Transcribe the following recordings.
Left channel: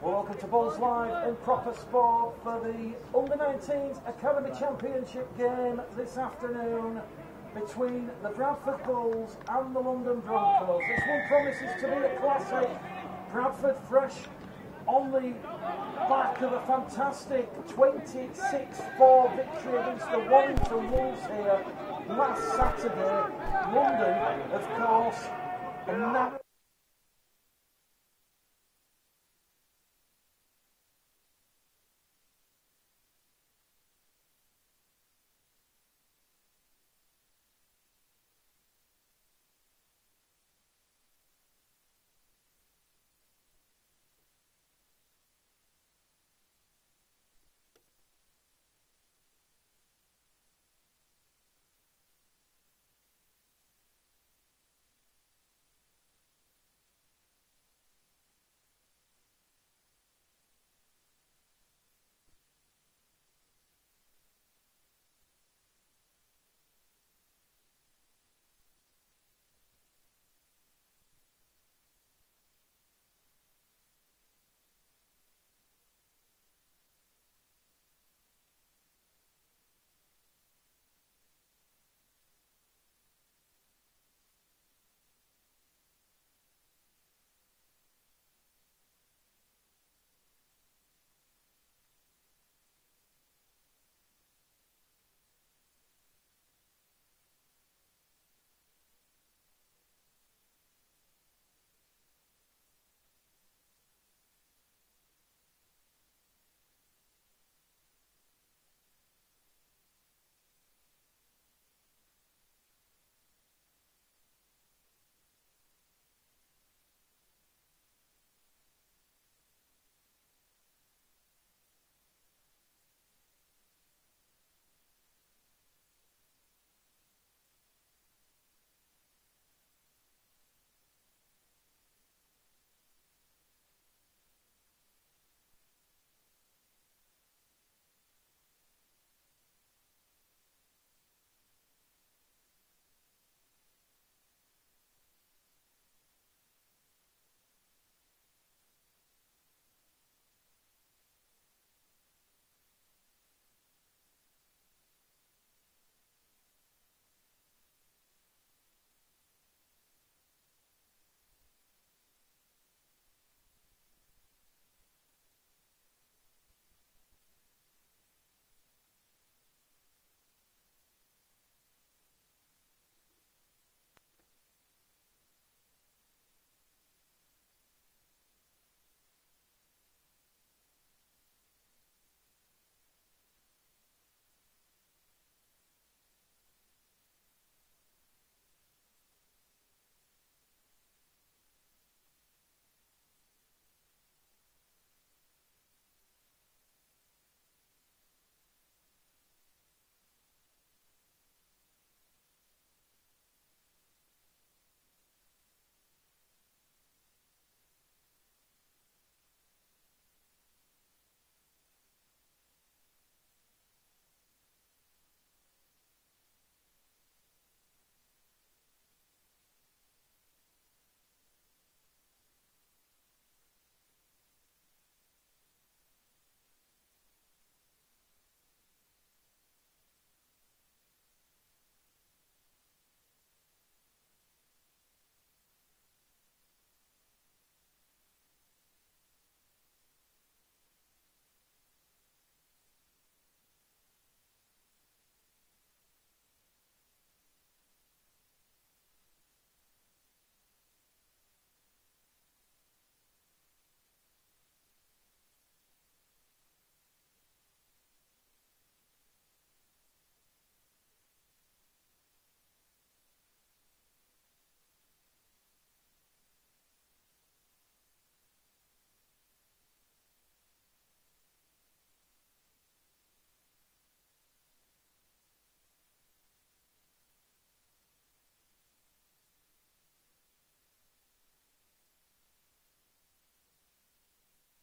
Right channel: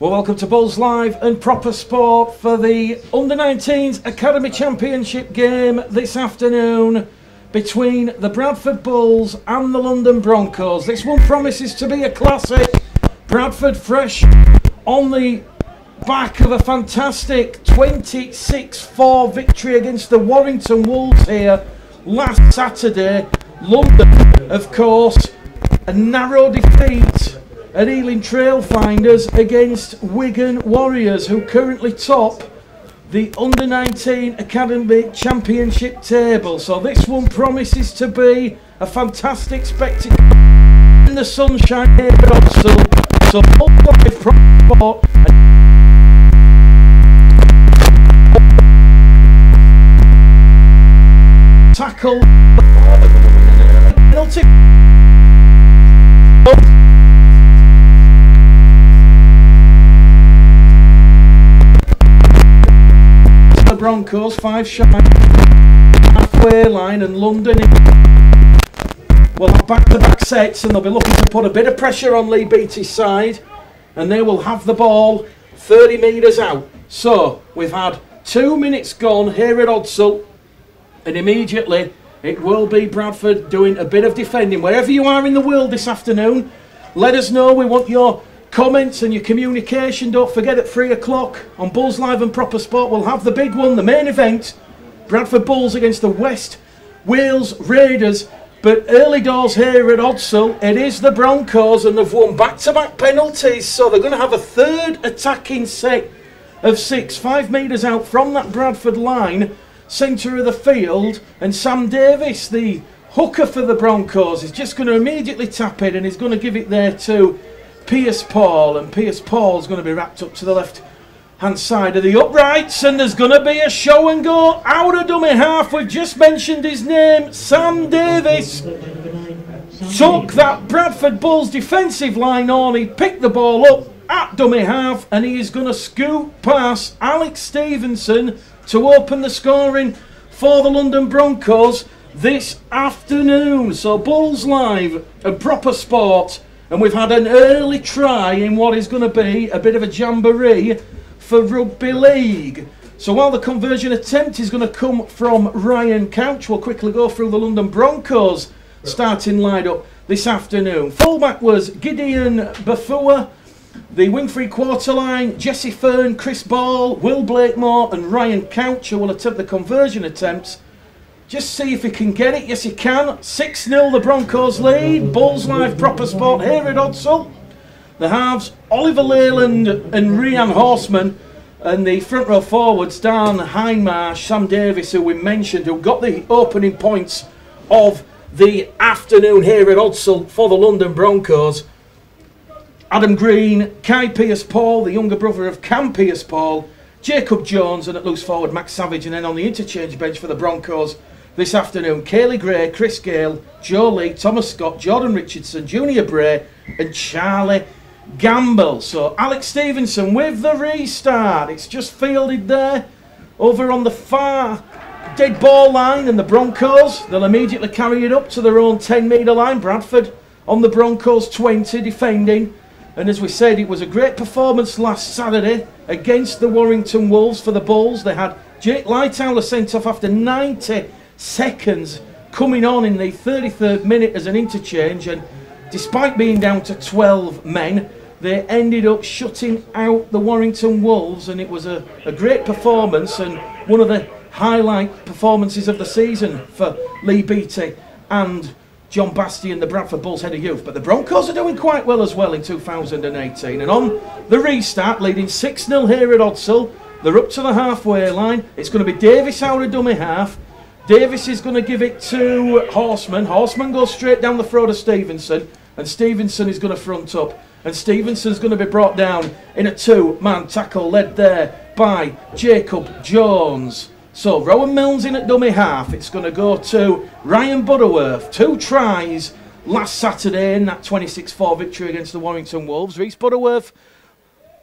Well, welcome to Bulls Live and Proper Sport for the Under-19s Academy Championship game this afternoon between the Bradford Bulls and the London Broncos. This one promises to be a classic. Bradford fresh on the back of a fantastic 26-4 victory against the Warrington Wolves here last Saturday. London, of course, a narrow defeat at Ealing Trailfinders against Wigan Warriors, who currently top the Under-19 Academy Championship table. So this one promises to be a fantastic spectacle in the sunshine here at Odsal. So Bulls Live Proper Sport tackle penalty. The Broncos 5 shy halfway line, and London will have back-to-back sets, and they'll be looking to put a bit of pressure on Lee Beattie's side, and they will have the ball 30 metres out. So we've had 2 minutes gone here at Odsal, and immediately it will be Bradford doing a bit of defending. Wherever you are in the world this afternoon, let us know. We want your comments and your communication. Don't forget, at 3 o'clock on Bulls Live and Proper Sport, we'll have the big one, the main event. Bradford Bulls against the West Wales Raiders. But early doors here at Odsal, it is the Broncos, and they've won back-to-back penalties. So they're going to have a third attacking set of 6, 5 metres out from that Bradford line, centre of the field. And Sam Davis, the hooker for the Broncos, is just going to immediately tap it, and he's going to give it there to Pierce Paul, and Pierce Paul's going to be wrapped up to the left-hand side of the uprights, and there's going to be a show and go out of dummy half. We've just mentioned his name. Sam Davis took that Bradford Bulls defensive line on. He picked the ball up at dummy half, and he is going to scoop past Alex Stevenson to open the scoring for the London Broncos this afternoon. So Bulls Live and Proper Sport, and we've had an early try in what is going to be a bit of a jamboree for rugby league. So while the conversion attempt is going to come from Ryan Couch, we'll quickly go through the London Broncos starting lineup this afternoon. Fullback was Gideon Bafua. The wing three-quarter line, Jesse Fern, Chris Ball, Will Blakemore and Ryan Couch, who will attempt the conversion attempts. Just see if he can get it. Yes, he can. 6-0 the Broncos lead. Bulls Live Proper Sport here at Odsal. The halves, Oliver Leyland and Rian Horseman. And the front row forwards, Dan Hindmarsh, Sam Davis, who we mentioned, who got the opening points of the afternoon here at Odsal for the London Broncos. Adam Green, Kai Pierce-Paul, the younger brother of Cam Pierce-Paul, Jacob Jones, and at loose forward, Max Savage. And then on the interchange bench for the Broncos this afternoon, Kaylee Gray, Chris Gale, Joe Lee, Thomas Scott, Jordan Richardson, Junior Bray and Charlie Gamble. So Alex Stevenson with the restart. It's just fielded there over on the far dead ball line, and the Broncos, they'll immediately carry it up to their own 10-metre line. Bradford on the Broncos 20 defending. And as we said, it was a great performance last Saturday against the Warrington Wolves for the Bulls. They had Jake Lightower sent off after 90 seconds, coming on in the 33rd minute as an interchange, and despite being down to 12 men, they ended up shutting out the Warrington Wolves, and it was a great performance and one of the highlight performances of the season for Lee Beattie and John Bastian, the Bradford Bulls head of youth. But the Broncos are doing quite well as well in 2018, and on the restart, leading 6-0 here at Odsal. They're up to the halfway line. It's going to be Davis out of dummy half. Davis is going to give it to Horseman. Horseman goes straight down the throat of Stevenson, and Stevenson is going to front up. And Stevenson's going to be brought down in a 2-man tackle led there by Jacob Jones. So Rowan Milnes in at dummy half. It's going to go to Ryan Butterworth. 2 tries last Saturday in that 26-4 victory against the Warrington Wolves. Reese Butterworth,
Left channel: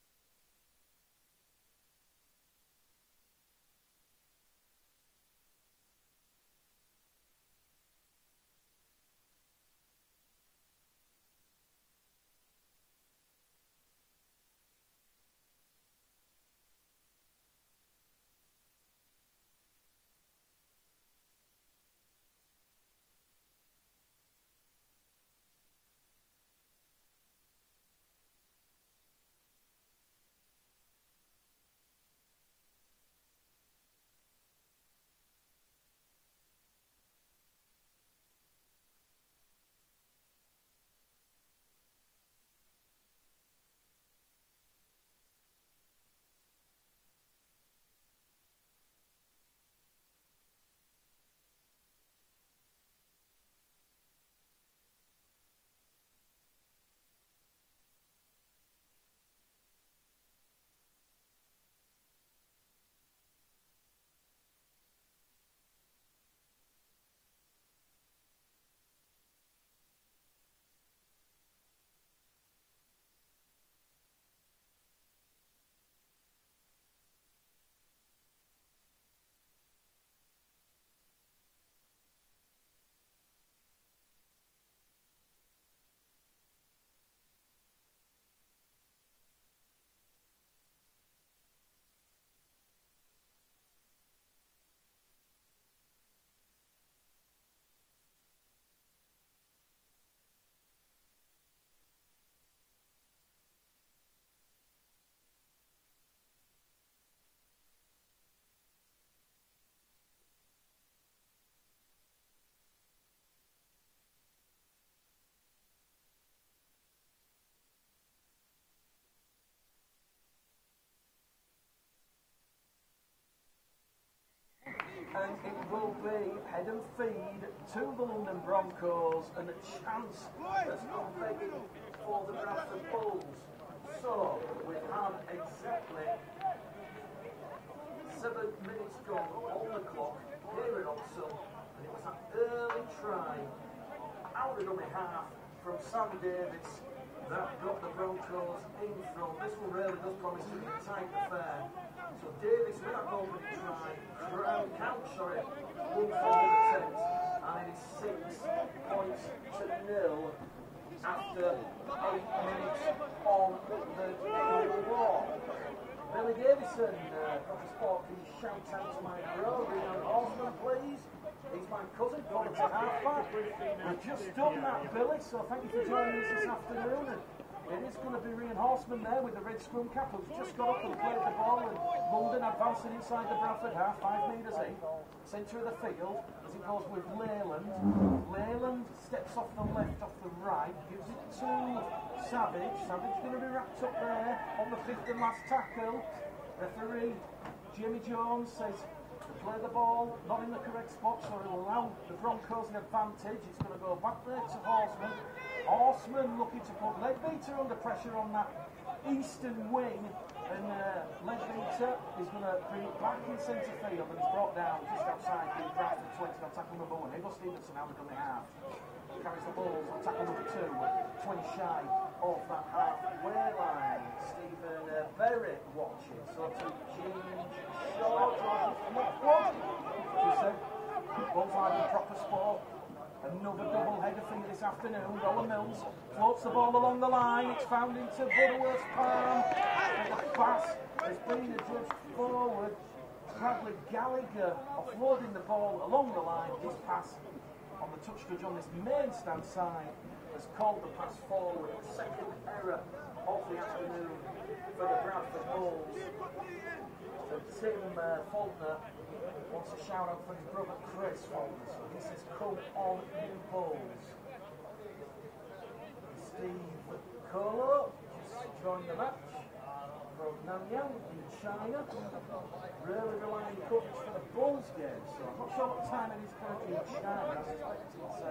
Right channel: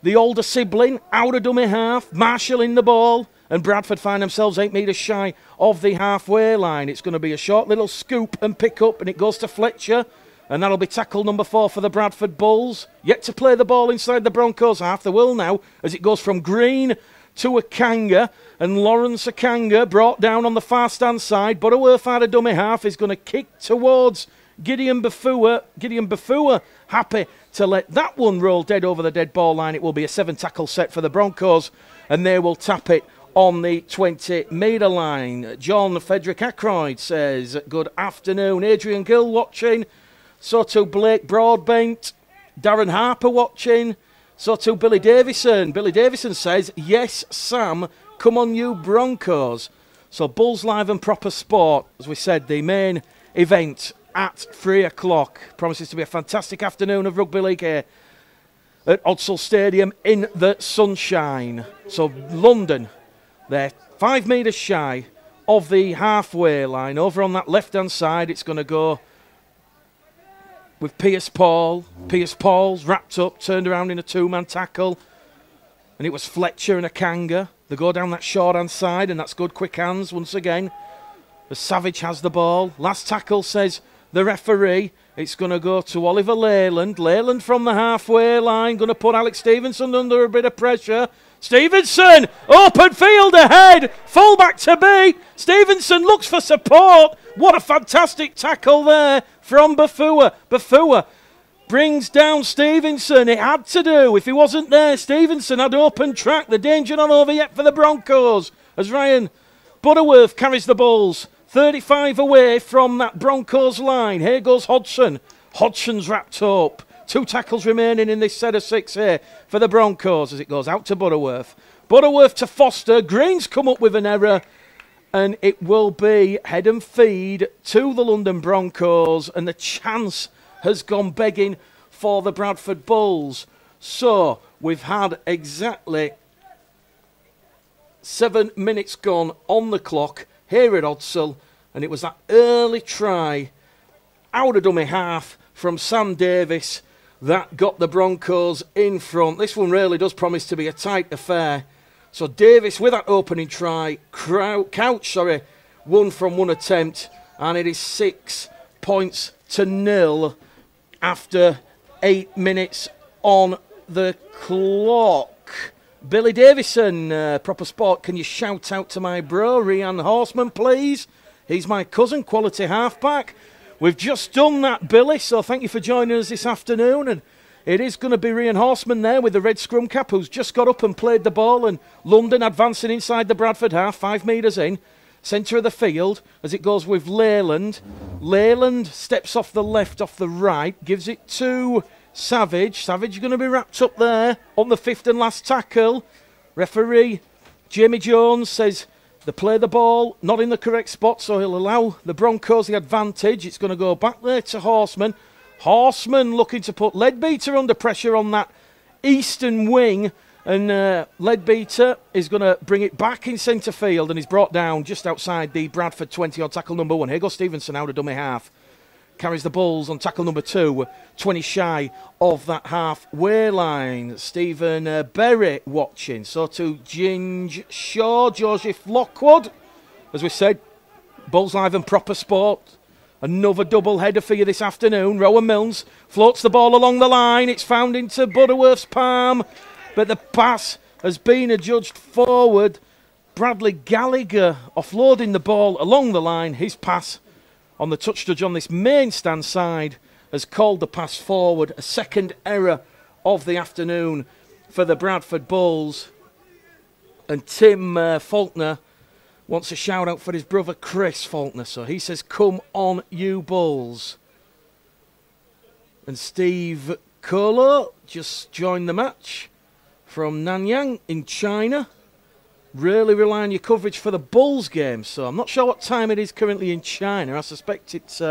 the older sibling, out of dummy half, marshalling the ball. And Bradford find themselves 8 metres shy of the halfway line. It's going to be a short little scoop and pick up, and it goes to Fletcher. And that'll be tackle number 4 for the Bradford Bulls. Yet to play the ball inside the Broncos half. They will now, as it goes from Green to Akanga. And Lawrence Akanga brought down on the far stand side. Butterworth out of dummy half is going to kick towards Gideon Bafua. Gideon Bafua happy to let that one roll dead over the dead ball line. It will be a 7-tackle set for the Broncos. And they will tap it on the 20-metre line. John Frederick Ackroyd says, good afternoon. Adrian Gill watching. So too Blake Broadbent. Darren Harper watching. So too Billy Davison. Billy Davison says, yes, Sam, come on you Broncos. So Bulls Live and Proper Sport, as we said, the main event at 3 o'clock. Promises to be a fantastic afternoon of rugby league here at Odsal Stadium in the sunshine. So London, they're 5 metres shy of the halfway line. Over on that left-hand side, it's going to go with Pierce Paul. Pierce Paul's wrapped up, turned around in a 2-man tackle. And it was Fletcher and Akanga. They go down that short-hand side, and that's good quick hands once again. The Savage has the ball. Last tackle, says the referee. It's going to go to Oliver Leyland. Leyland from the halfway line. Going to put Alex Stevenson under a bit of pressure. Stevenson! Open field ahead! Fullback to be. Stevenson looks for support. What a fantastic tackle there from Bafua. Bafua brings down Stevenson. It had to do. If he wasn't there, Stevenson had open track. The danger not over yet for the Broncos as Ryan Butterworth carries the Bulls 35 away from that Broncos line. Here goes Hodgson. Hodgson's wrapped up. 2 tackles remaining in this set of 6 here for the Broncos as it goes out to Butterworth. Butterworth to Foster. Green's come up with an error. And it will be head and feed to the London Broncos. And the chance has gone begging for the Bradford Bulls. So we've had exactly 7 minutes gone on the clock here at Odsal. And it was that early try out of dummy half from Sam Davis that got the Broncos in front. This one really does promise to be a tight affair. So Davis with that opening try, Couch, won from 1 attempt, and it is 6-0 after 8 minutes on the clock. Billy Davison, Proper Sport, can you shout out to my bro, Rian Horseman, please? He's my cousin, quality halfback. We've just done that, Billy, so thank you for joining us this afternoon. And it is going to be Rian Horseman there with the red scrum cap who's just got up and played the ball. And London advancing inside the Bradford half, 5 metres in. Centre of the field as it goes with Leyland. Leyland steps off the left, off the right, gives it to Savage. Savage going to be wrapped up there on the 5th and last tackle. Referee Jamie Jones says they play the ball not in the correct spot, so he'll allow the Broncos the advantage. It's going to go back there to Horseman. Horseman looking to put Leadbeater under pressure on that eastern wing. And Leadbeater is going to bring it back in centre field, and he's brought down just outside the Bradford 20 on tackle number 1. Here goes Stevenson out of dummy half. Carries the Bulls on tackle number 2, 20 shy of that halfway line. Stephen Berry watching. So to Ginge Shaw, Joseph Lockwood. As we said, Bulls Live and Proper Sport. Another double header for you this afternoon. Rowan Milnes floats the ball along the line. It's found into Butterworth's palm, but the pass has been adjudged forward. Bradley Gallagher offloading the ball along the line. His pass on the touch judge on this main stand side has called the pass forward. A second error of the afternoon for the Bradford Bulls. And Tim Faulkner wants a shout out for his brother Chris Faulkner. So he says, come on you Bulls. And Steve Kolo just joined the match from Nanyang in China. Really rely on your coverage for the Bulls game. So I'm not sure what time it is currently in China. I suspect it's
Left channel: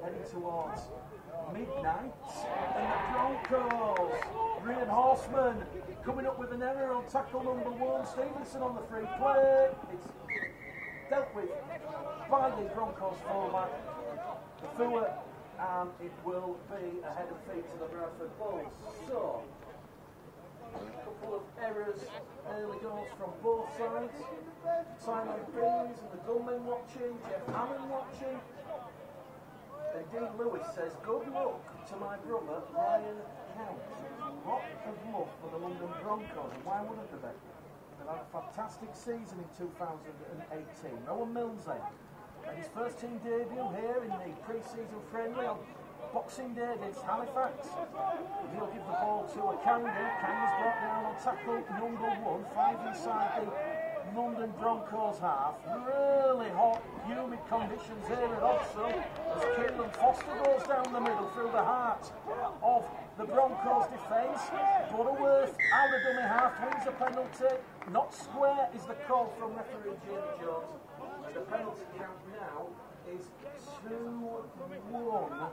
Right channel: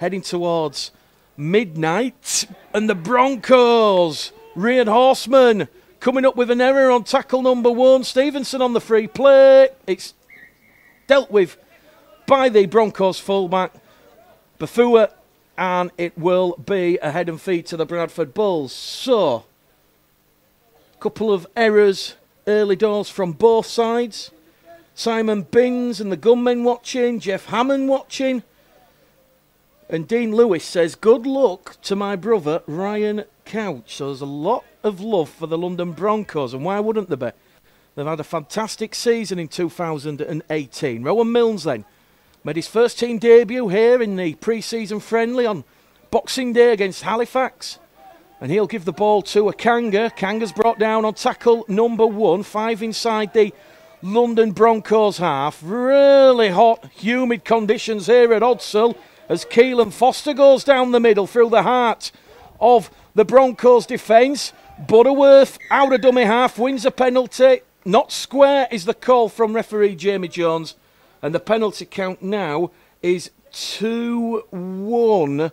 heading towards midnight. And the Broncos, Rian Horseman coming up with an error on tackle number 1. Stevenson on the free play. It's dealt with by the Broncos fullback, Bafua, and it will be a head and feed to the Bradford Bulls. So, a couple of errors early doors from both sides. Simon Binns and the gunmen watching, Jeff Hammond watching. And Dean Lewis says, good luck to my brother Ryan Couch. So there's a lot of love for the London Broncos, and why wouldn't there be? They've had a fantastic season in 2018. Rowan Milnes then made his first team debut here in the pre-season friendly on Boxing Day against Halifax. And he'll give the ball to Akanga. Kanga's brought down on tackle number 1. 5 inside the London Broncos half. Really hot, humid conditions here at Odsal as Keelan Foster goes down the middle through the heart of the Broncos defence. Butterworth, out of dummy half, wins a penalty. Not square is the call from referee Jamie Jones. And the penalty count now is 2-1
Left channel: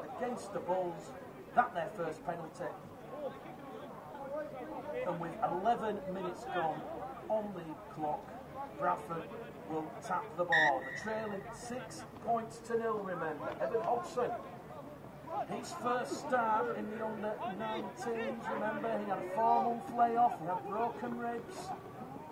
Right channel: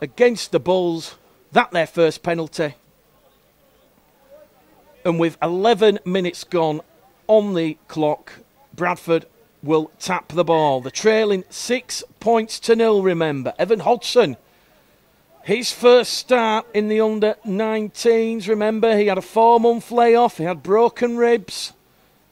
against the Bulls. That their first penalty. And with 11 minutes gone on the clock, Bradford will tap the ball. They're trailing 6 points to 0, remember. Evan Hodgson, his first start in the under-19s, remember, he had a 4-month layoff, he had broken ribs.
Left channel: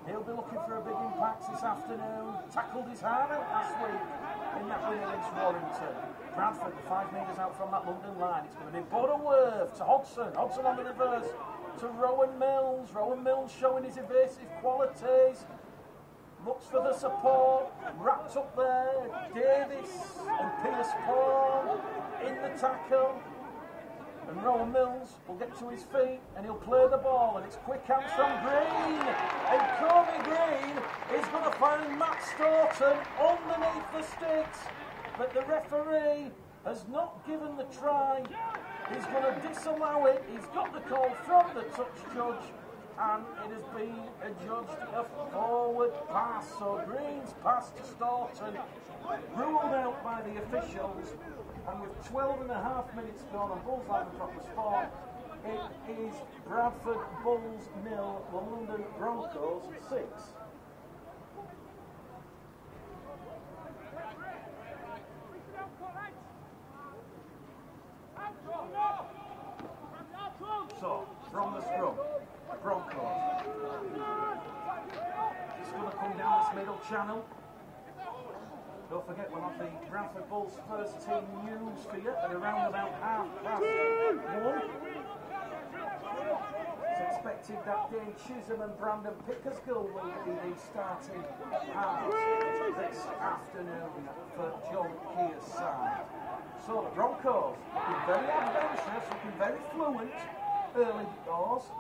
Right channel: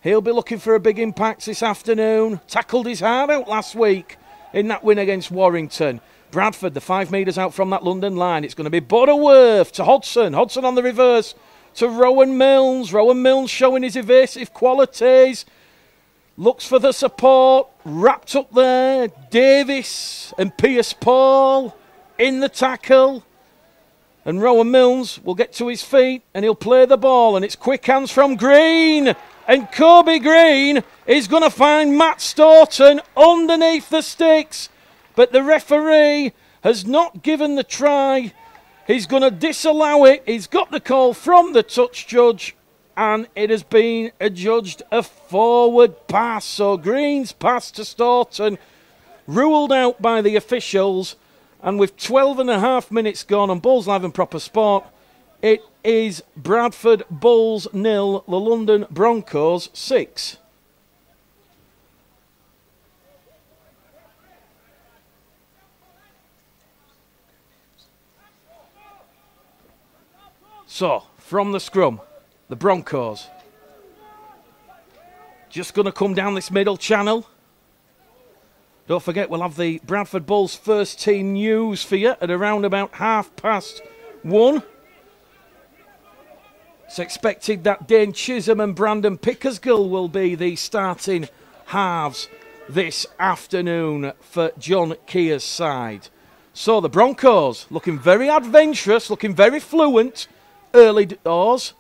He'll be looking for a big impact this afternoon. Tackled his heart out last week in that win against Warrington. Bradford, the 5 metres out from that London line. It's going to be Butterworth to Hodgson. Hodgson on the reverse to Rowan Milnes. Rowan Milnes showing his evasive qualities. Looks for the support. Wrapped up there. Davis and Pierce-Paul in the tackle. And Rowan Milnes will get to his feet and he'll play the ball. And it's quick hands from Green. And Kobe Green is going to find Matt Staunton underneath the sticks. But the referee has not given the try. He's going to disallow it. He's got the call from the touch judge. And it has been adjudged a forward pass. So Green's pass to Staunton ruled out by the officials. And with 12.5 minutes gone on Bulls Live and Proper Sport, it is Bradford Bulls 0, the London Broncos 6. So, from the scrum, the Broncos just going to come down this middle channel. Don't forget, we'll have the Bradford Bulls first team news for you at around about 1:30. It's expected that Dane Chisholm and Brandon Pickersgill will be the starting halves this afternoon for John Keir's side. So the Broncos looking very adventurous, looking very fluent early doors.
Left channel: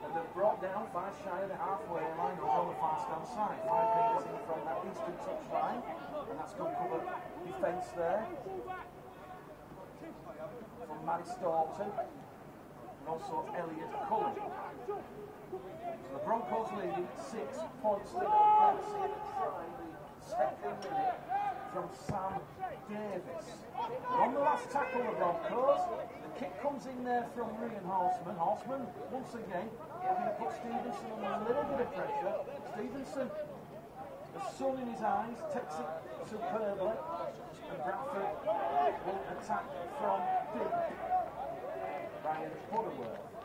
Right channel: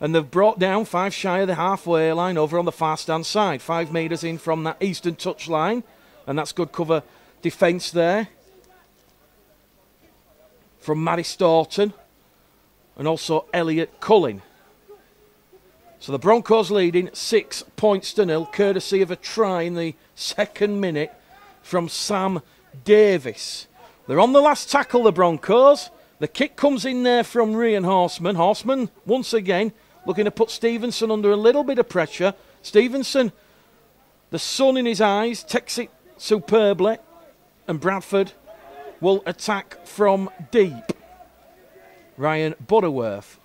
And they've brought down 5 shy of the halfway line over on the far stand side. 5 metres in from that eastern touch line. And that's good cover defence there from Matty Staunton and also Elliot Cullen. So the Broncos leading 6 points to 0, courtesy of a try in the second minute from Sam Davis. They're on the last tackle, the Broncos. The kick comes in there from Ryan Horseman. Horseman, once again, looking to put Stevenson under a little bit of pressure. Stevenson, the sun in his eyes, takes it superbly. And Bradford will attack from deep. Ryan Butterworth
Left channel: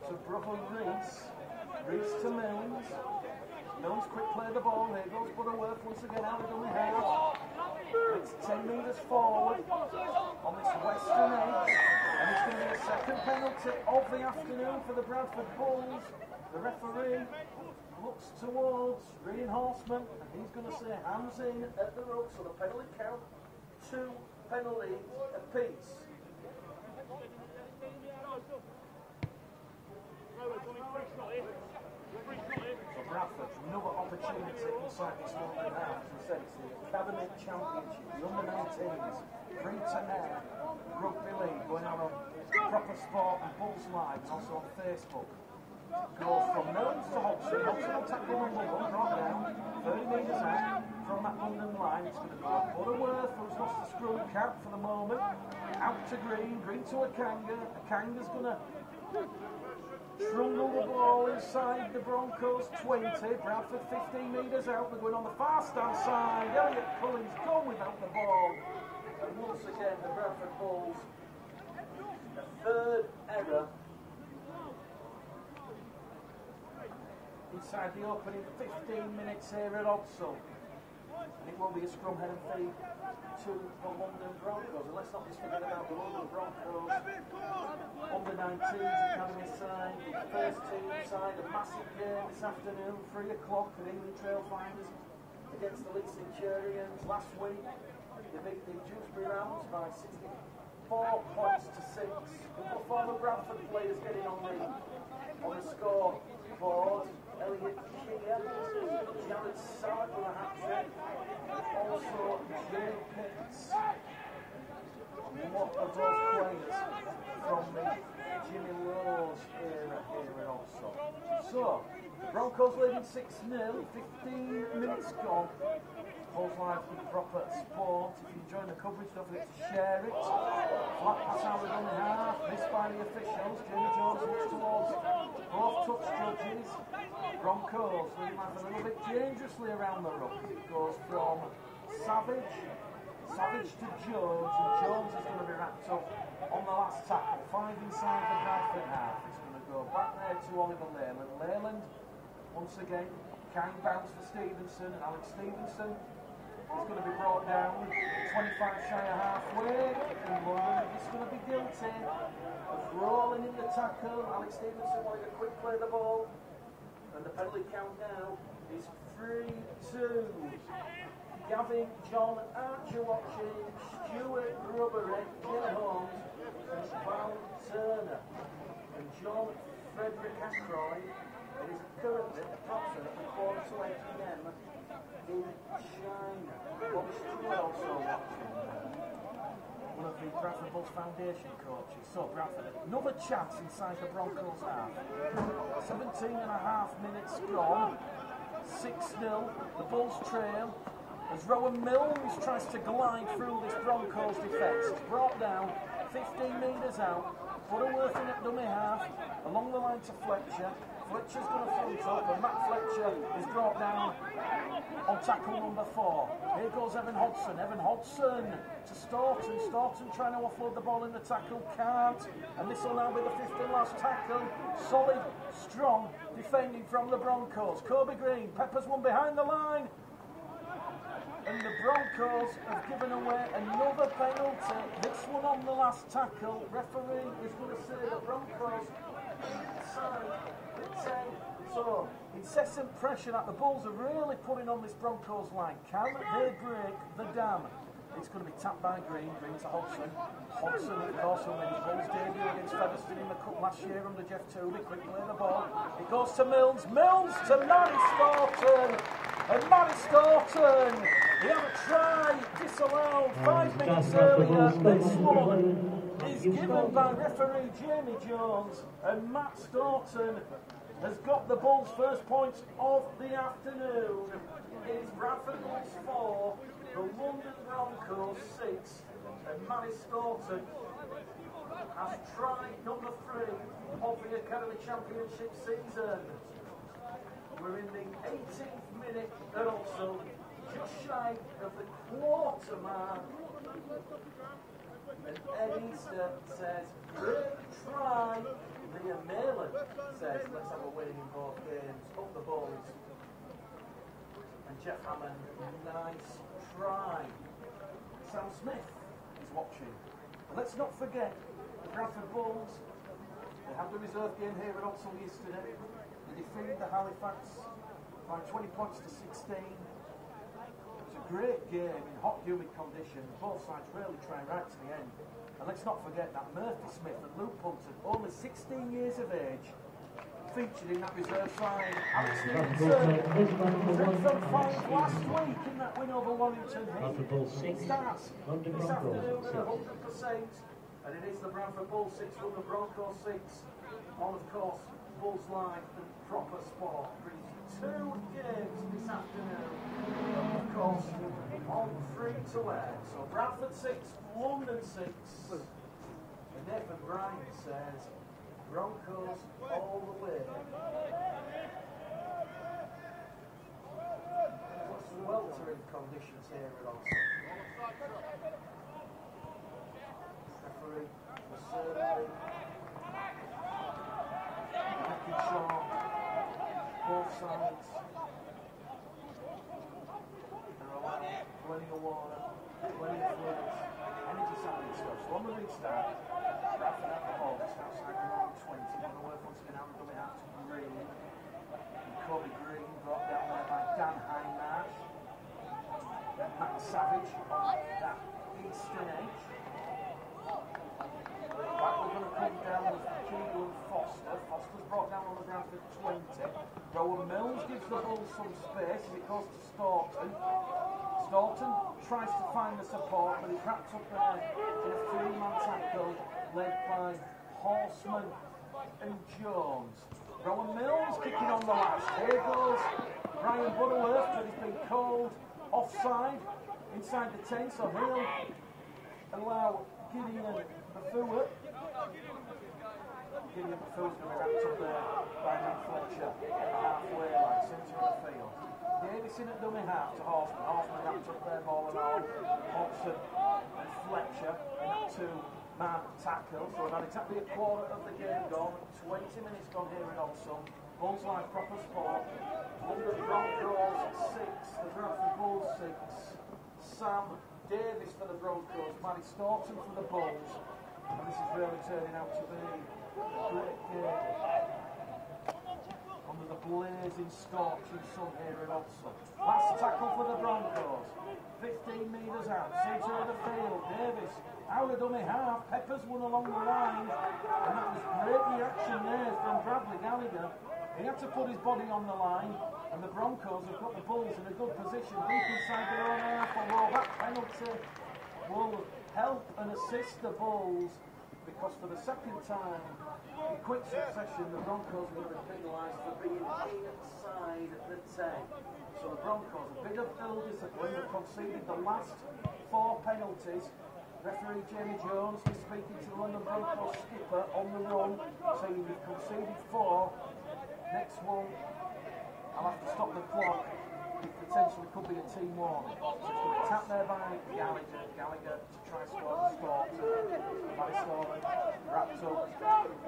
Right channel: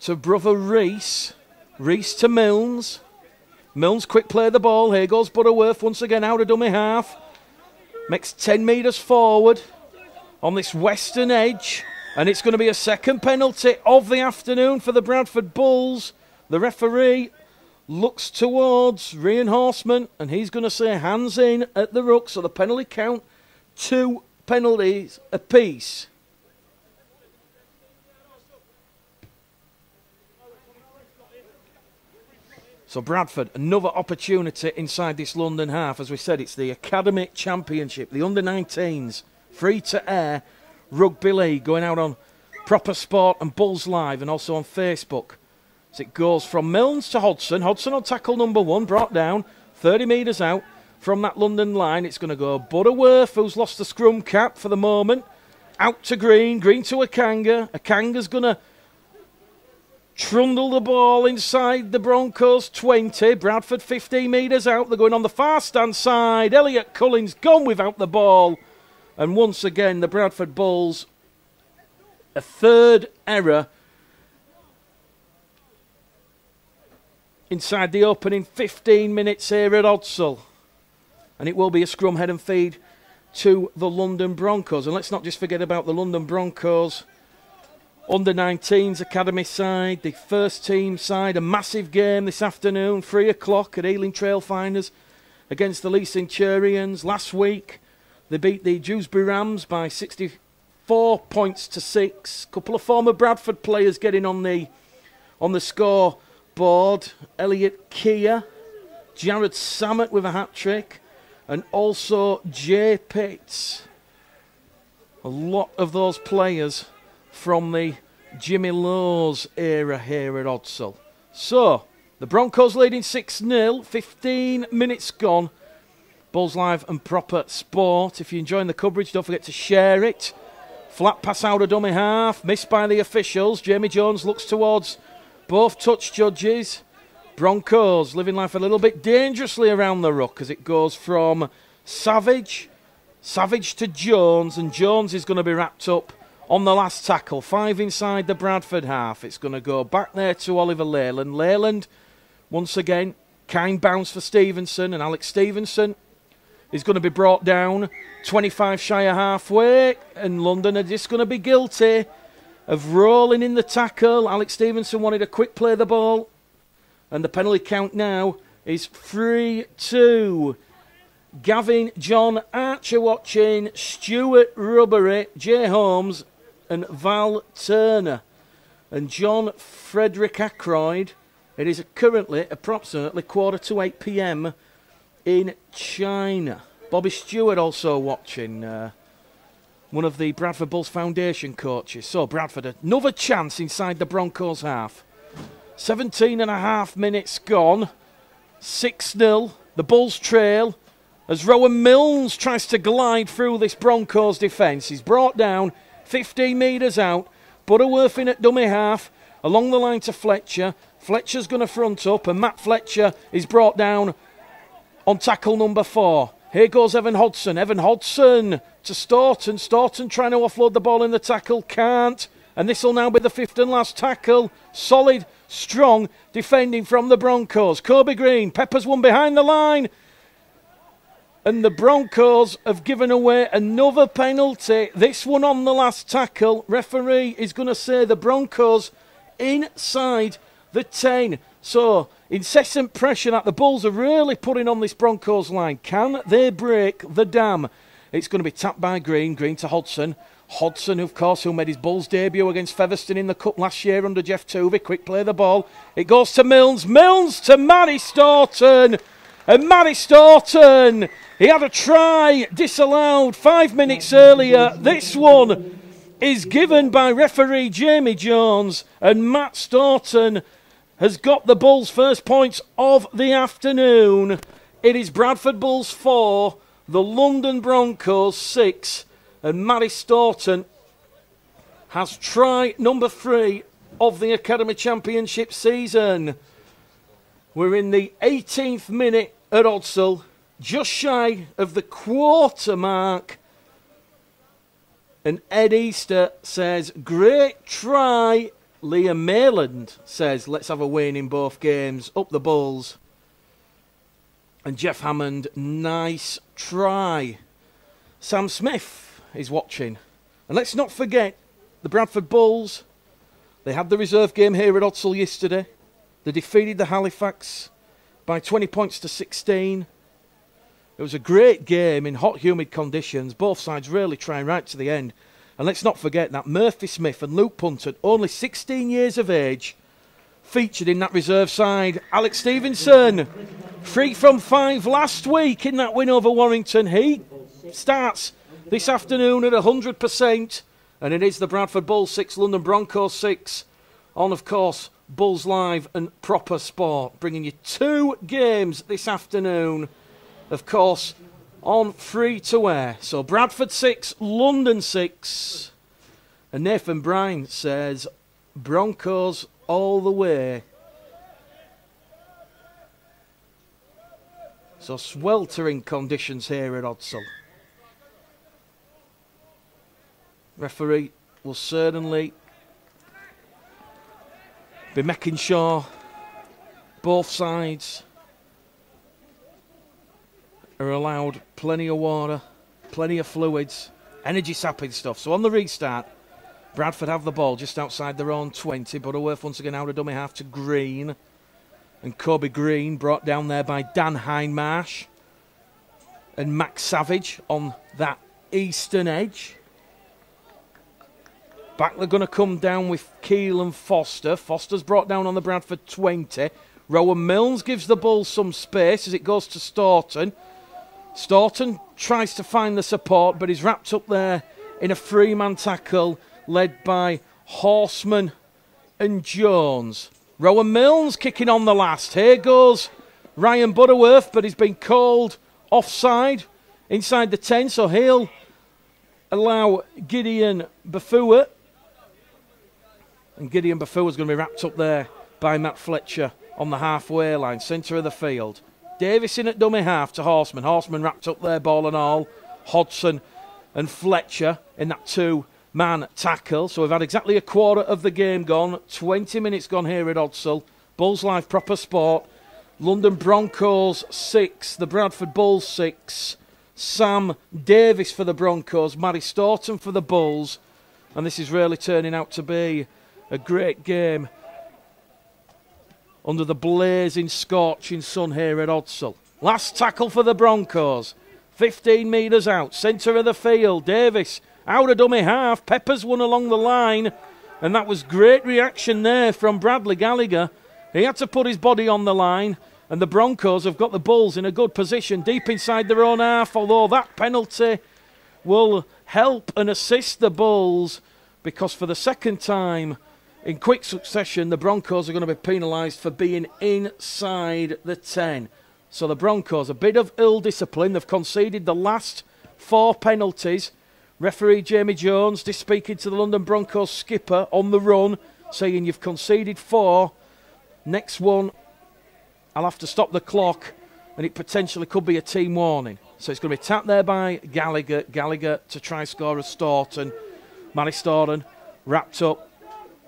to brother Reese. Reese to Milnes. Milnes quick play the ball. Here goes Butterworth once again out of dummy half. Makes 10 metres forward on this western edge. And it's going to be a second penalty of the afternoon for the Bradford Bulls. The referee looks towards Ryan Horseman and he's going to say hands in at the ruck. So the penalty count, 2 penalties apiece. So Bradford, another opportunity inside this London half. As we said, it's the Academy Championship, the under-19s, free-to-air rugby league, going out on Proper Sport and Bulls Live and also on Facebook. As it goes from Milnes to Hodgson. Hodgson on tackle number 1, brought down 30 metres out from that London line. It's going to go Butterworth, who's lost the scrum cap for the moment. Out to Green, Green to Akanga. Akanga's going to trundle the ball inside the Broncos 20. Bradford 15 metres out. They're going on the far stand side. Elliot Cullen's gone without the ball. And once again, the Bradford Bulls, a third error inside the opening 15 minutes here at Odsal. And it will be a scrum head and feed to the London Broncos. And let's not just forget about the London Broncos under-19s academy side, the first team side. A massive game this afternoon, 3 o'clock at Ealing Trailfinders against the Leigh Centurions. Last week they beat the Dewsbury Rams by 64 points to 6. A couple of former Bradford players getting on the scoreboard. Elliot Keir, Jared Samet with a hat-trick, and also Jay Pitts. A lot of those players from the Jimmy Lowes era here at Odsal. So, the Broncos leading 6-0, 15 minutes gone. Bulls Live and Proper Sport. If you're enjoying the coverage, don't forget to share it. Flat pass out of dummy half, missed by the officials. Jamie Jones looks towards both touch judges. Broncos living life a little bit dangerously around the ruck as it goes from Savage to Jones, and Jones is going to be wrapped up on the last tackle. 5 inside the Bradford half. It's going to go back there to Oliver Leyland. Leyland, once again, kind bounce for Stevenson, and Alex Stevenson is going to be brought down 25 shy of halfway, and London are just going to be guilty of rolling in the tackle. Alex Stevenson wanted a quick play the ball, and the penalty count now is 3-2. Gavin John Archer watching, Stuart Rubbery, Jay Holmes and Val Turner, and John Frederick Ackroyd. It is currently approximately 7:45 p.m. in China. Bobby Stewart also watching, one of the Bradford Bulls Foundation coaches. So Bradford, another chance inside the Broncos half. 17 and a half minutes gone. 6-0. The Bulls trail as Rowan Milnes tries to glide through this Broncos defence. He's brought down 15 metres out. Butterworth in at dummy half. Along the line to Fletcher. Fletcher's going to front up, and Matt Fletcher is brought down on tackle number 4. Here goes Evan Hodson. Evan Hodson to Staunton. Staunton trying to offload the ball in the tackle. Can't. And this will now be the 5th and last tackle. Solid, strong defending from the Broncos. Kobe Green peppers one behind the line. And the Broncos have given away another penalty. This one on the last tackle. Referee is going to say the Broncos inside the 10. So, incessant pressure that the Bulls are really putting on this Broncos line. Can they break the dam? It's going to be tapped by Green. Green to Hodson. Hodson, of course, who made his Bulls debut against Featherstone in the Cup last year under Jeff Tuvey. Quick play the ball. It goes to Milnes. Milnes to Matty Staunton. And Matty Staunton, he had a try disallowed 5 minutes earlier. This one is given by referee Jamie Jones, and Matt Staunton has got the Bulls' first points of the afternoon. It is Bradford Bulls 4, the London Broncos 6, and Matty Staunton has try number 3 of the Academy Championship season. We're in the 18th minute at Odsal, just shy of the quarter mark. And Ed Easter says, great try. Liam Mayland says, let's have a win in both games. Up the Bulls. And Jeff Hammond, nice try. Sam Smith is watching. And let's not forget the Bradford Bulls. They had the reserve game here at Odsal yesterday. They defeated the Halifax by 20 points to 16. It was a great game in hot, humid conditions. Both sides really trying right to the end. And let's not forget that Murphy Smith and Luke Punton, only 16 years of age, featured in that reserve side. Alex Stevenson, 3 from 5 last week in that win over Warrington. He starts this afternoon at 100%. And it is the Bradford Bulls 6, London Broncos 6, on, of course, Bulls Live and Proper Sport, bringing you 2 games this afternoon, of course, on free to air. So Bradford 6, London 6, and Nathan Bryan says Broncos all the way. So sweltering conditions here at Odsal. Referee will certainly be making sure both sides are allowed plenty of water, plenty of fluids, energy-sapping stuff. So on the restart, Bradford have the ball just outside their own 20. Butterworth once again out of dummy half to Green. And Kobe Green brought down there by Dan Hindmarsh. And Max Savage on that eastern edge. Back they're going to come down with Keelan Foster. Foster's brought down on the Bradford 20. Rowan Milnes gives the ball some space as it goes to Staunton. Staunton tries to find the support, but he's wrapped up there in a three-man tackle led by Horseman and Jones. Rowan Milnes kicking on the last. Here goes Ryan Butterworth, but he's been called offside inside the 10, so he'll allow Gideon Bafua. And Gideon Bafua is going to be wrapped up there by Matt Fletcher on the halfway line, centre of the field. Davis in at dummy half to Horseman. Horseman wrapped up there, ball and all. Hodgson and Fletcher in that two-man tackle. So we've had exactly a quarter of the game gone. 20 minutes gone here at Odsal. Bulls Live proper sport. London Broncos 6, the Bradford Bulls 6. Sam Davis for the Broncos, Matty Staunton for the Bulls. And this is really turning out to be a great game under the blazing, scorching sun here at Odsal. Last tackle for the Broncos. 15 metres out, centre of the field. Davis out of dummy half. Peppers won along the line. And that was great reaction there from Bradley Gallagher. He had to put his body on the line. And the Broncos have got the Bulls in a good position, deep inside their own half. Although that penalty will help and assist the Bulls, because for the second time in quick succession, the Broncos are going to be penalised for being inside the 10. So the Broncos, a bit of ill discipline. They've conceded the last 4 penalties. Referee Jamie Jones just speaking to the London Broncos skipper on the run, saying you've conceded 4. Next one, I'll have to stop the clock, and it potentially could be a team warning. So it's going to be tapped there by Gallagher. Gallagher to try score a Staunton. Matty Staunton wrapped up.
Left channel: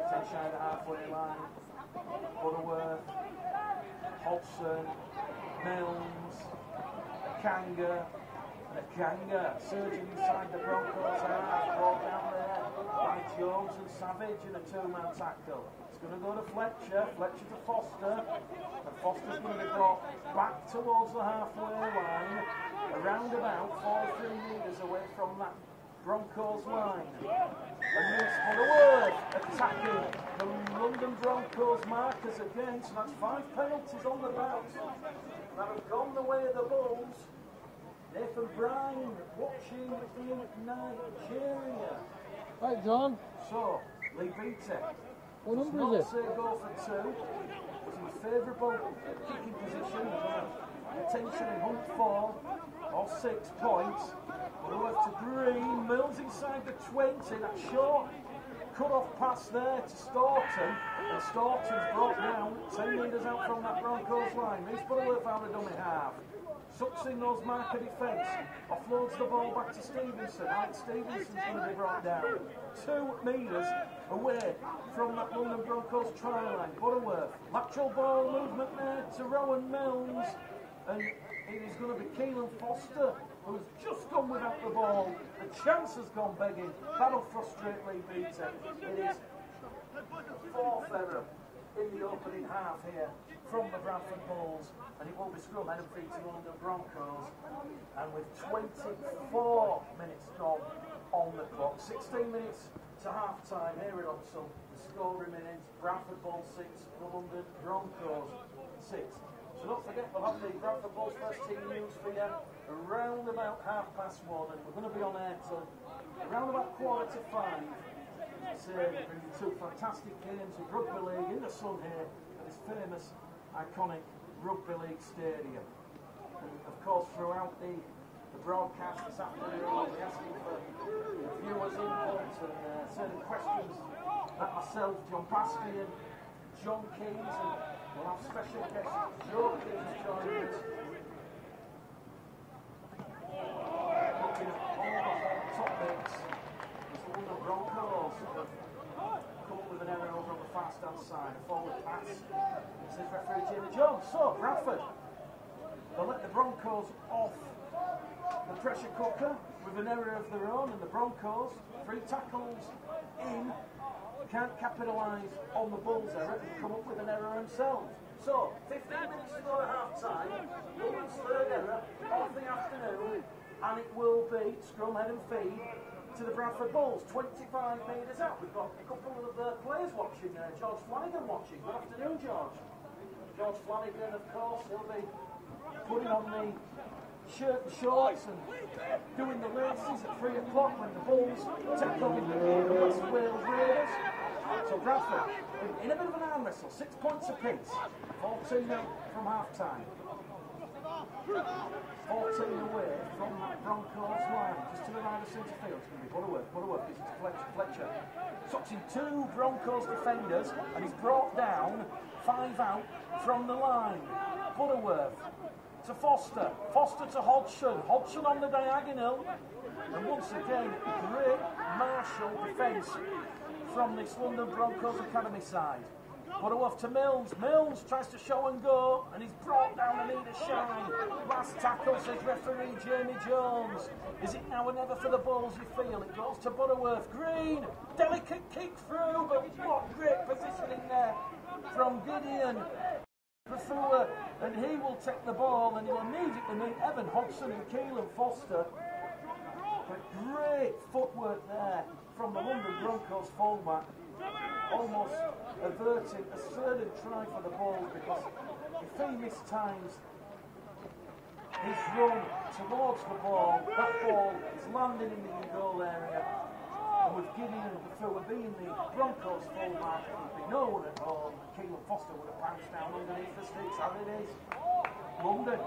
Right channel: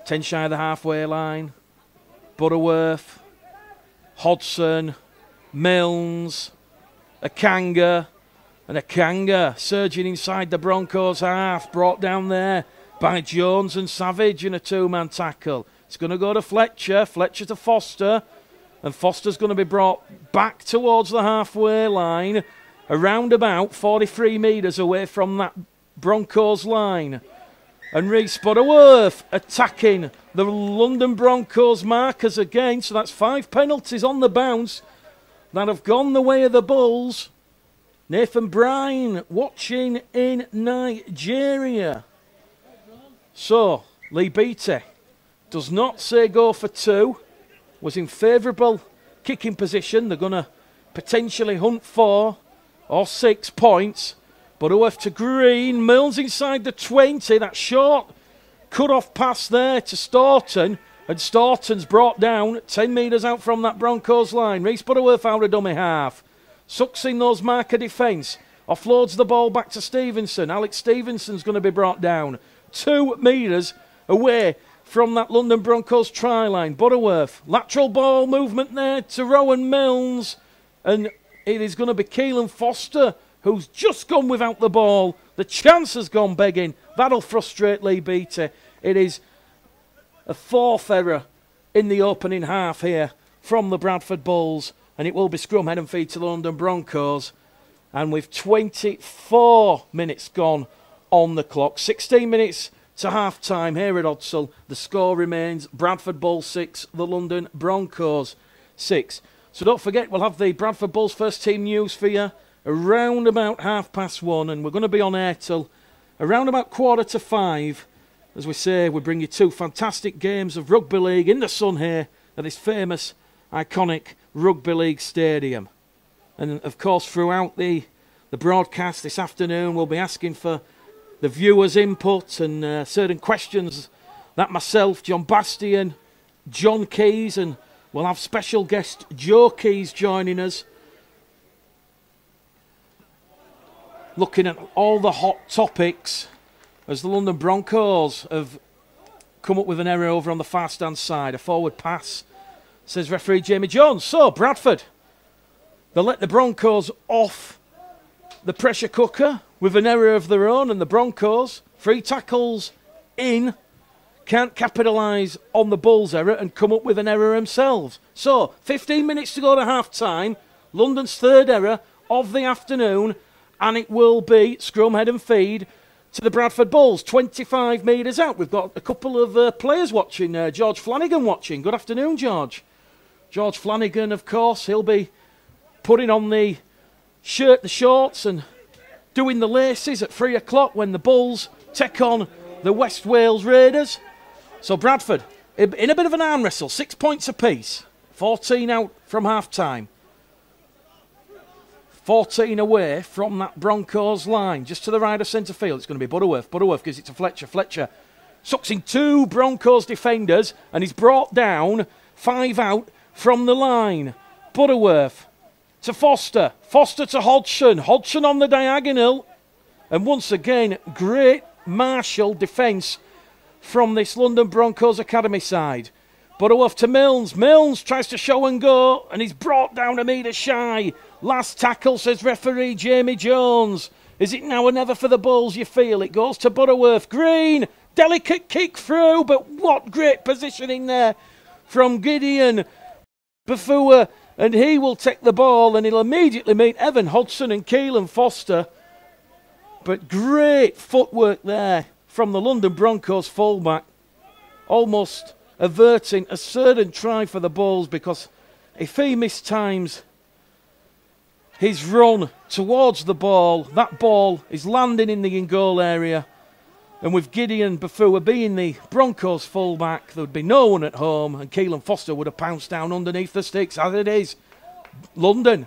10 shy of the halfway line. Butterworth, Hodgson, Milnes, Akanga, and Akanga surging inside the Broncos half, brought down there by Jones and Savage in a two-man tackle. It's going to go to Fletcher, Fletcher to Foster, and Foster's going to be brought back towards the halfway line, around about 43 metres away from that Broncos line. And Reece Butterworth attacking the London Broncos markers again. So that's 5 penalties on the bounce that have gone the way of the Bulls. Nathan Bryan watching in Nigeria. Right, John. So Lee Beattie does not say go for 2. Was in favourable kicking position. They're going to potentially hunt 4 or 6 points. Butterworth to Green, Milnes inside the 20, that short cut-off pass there to Staunton, and Staunton's brought down 10 metres out from that Broncos line. Reece Butterworth out of dummy half, sucks in those marker defence, offloads the ball back to Stevenson. Alex Stevenson's going to be brought down 2 metres away from that London Broncos try line. Butterworth, lateral ball movement there to Rowan Milnes, and it is going to be Keelan Foster who's just gone without the ball. The chance has gone begging. That'll frustrate Lee Beattie. It is a 4th error in the opening half here from the Bradford Bulls, and it will be scrum head and feed to the London Broncos. And with 24 minutes gone on the clock, 16 minutes to half-time here at Odsal, the score remains Bradford Bulls 6, the London Broncos 6. So don't forget, we'll have the Bradford Bulls first team news for you around about 1:30, and we're going to be on air till around about 4:45. As we say, we bring you 2 fantastic games of rugby league in the sun here at this famous, iconic rugby league stadium. And of course, throughout the broadcast this afternoon, we'll be asking for the viewers' input and certain questions that myself, John Bastian, John Keys, and we'll have special guest Joe Keys joining us, looking at all the hot topics as the London Broncos have come up with an error over on the far stand side. A forward pass, says referee Jamie Jones. So Bradford, they'll let the Broncos off the pressure cooker. with an error of their own, and the Broncos, 3 tackles in, can't capitalise on the Bulls' error and come up with an error themselves. So, 15 minutes to go to half-time, London's 3rd error of the afternoon, and it will be scrum, head and feed to the Bradford Bulls, 25 metres out. We've got a couple of players watching, George Flanagan watching. Good afternoon, George. George Flanagan, of course, he'll be putting on the shirt, the shorts, and doing the laces at 3 o'clock when the Bulls take on the West Wales Raiders. So Bradford, in a bit of an arm wrestle, 6 points apiece, 14 out from half-time. 14 away from that Broncos line, just to the right of centre field. It's going to be Butterworth. Butterworth gives it to Fletcher. Fletcher sucks in 2 Broncos defenders, and he's brought down 5 out from the line. Butterworth to Foster. Foster to Hodgson. Hodgson on the diagonal. And once again, great martial defence from this London Broncos academy side. Butterworth to Milnes. Milnes tries to show and go, and he's brought down a metre shy. Last tackle, says referee Jamie Jones. Is it now or never for the Bulls, you feel? It goes to Butterworth. Green, delicate kick through, but what great positioning there from Gideon Bafua, and he will take the ball, and he'll immediately meet Evan Hodgson and Keelan Foster. But great footwork there from the London Broncos fullback, almost averting a certain try for the Bulls, because if he mistimes his run towards the ball, that ball is landing in the in-goal area, and with Gideon Bafua being the Broncos fullback, there would be no one at home, and Keelan Foster would have pounced down underneath the sticks. As it is, London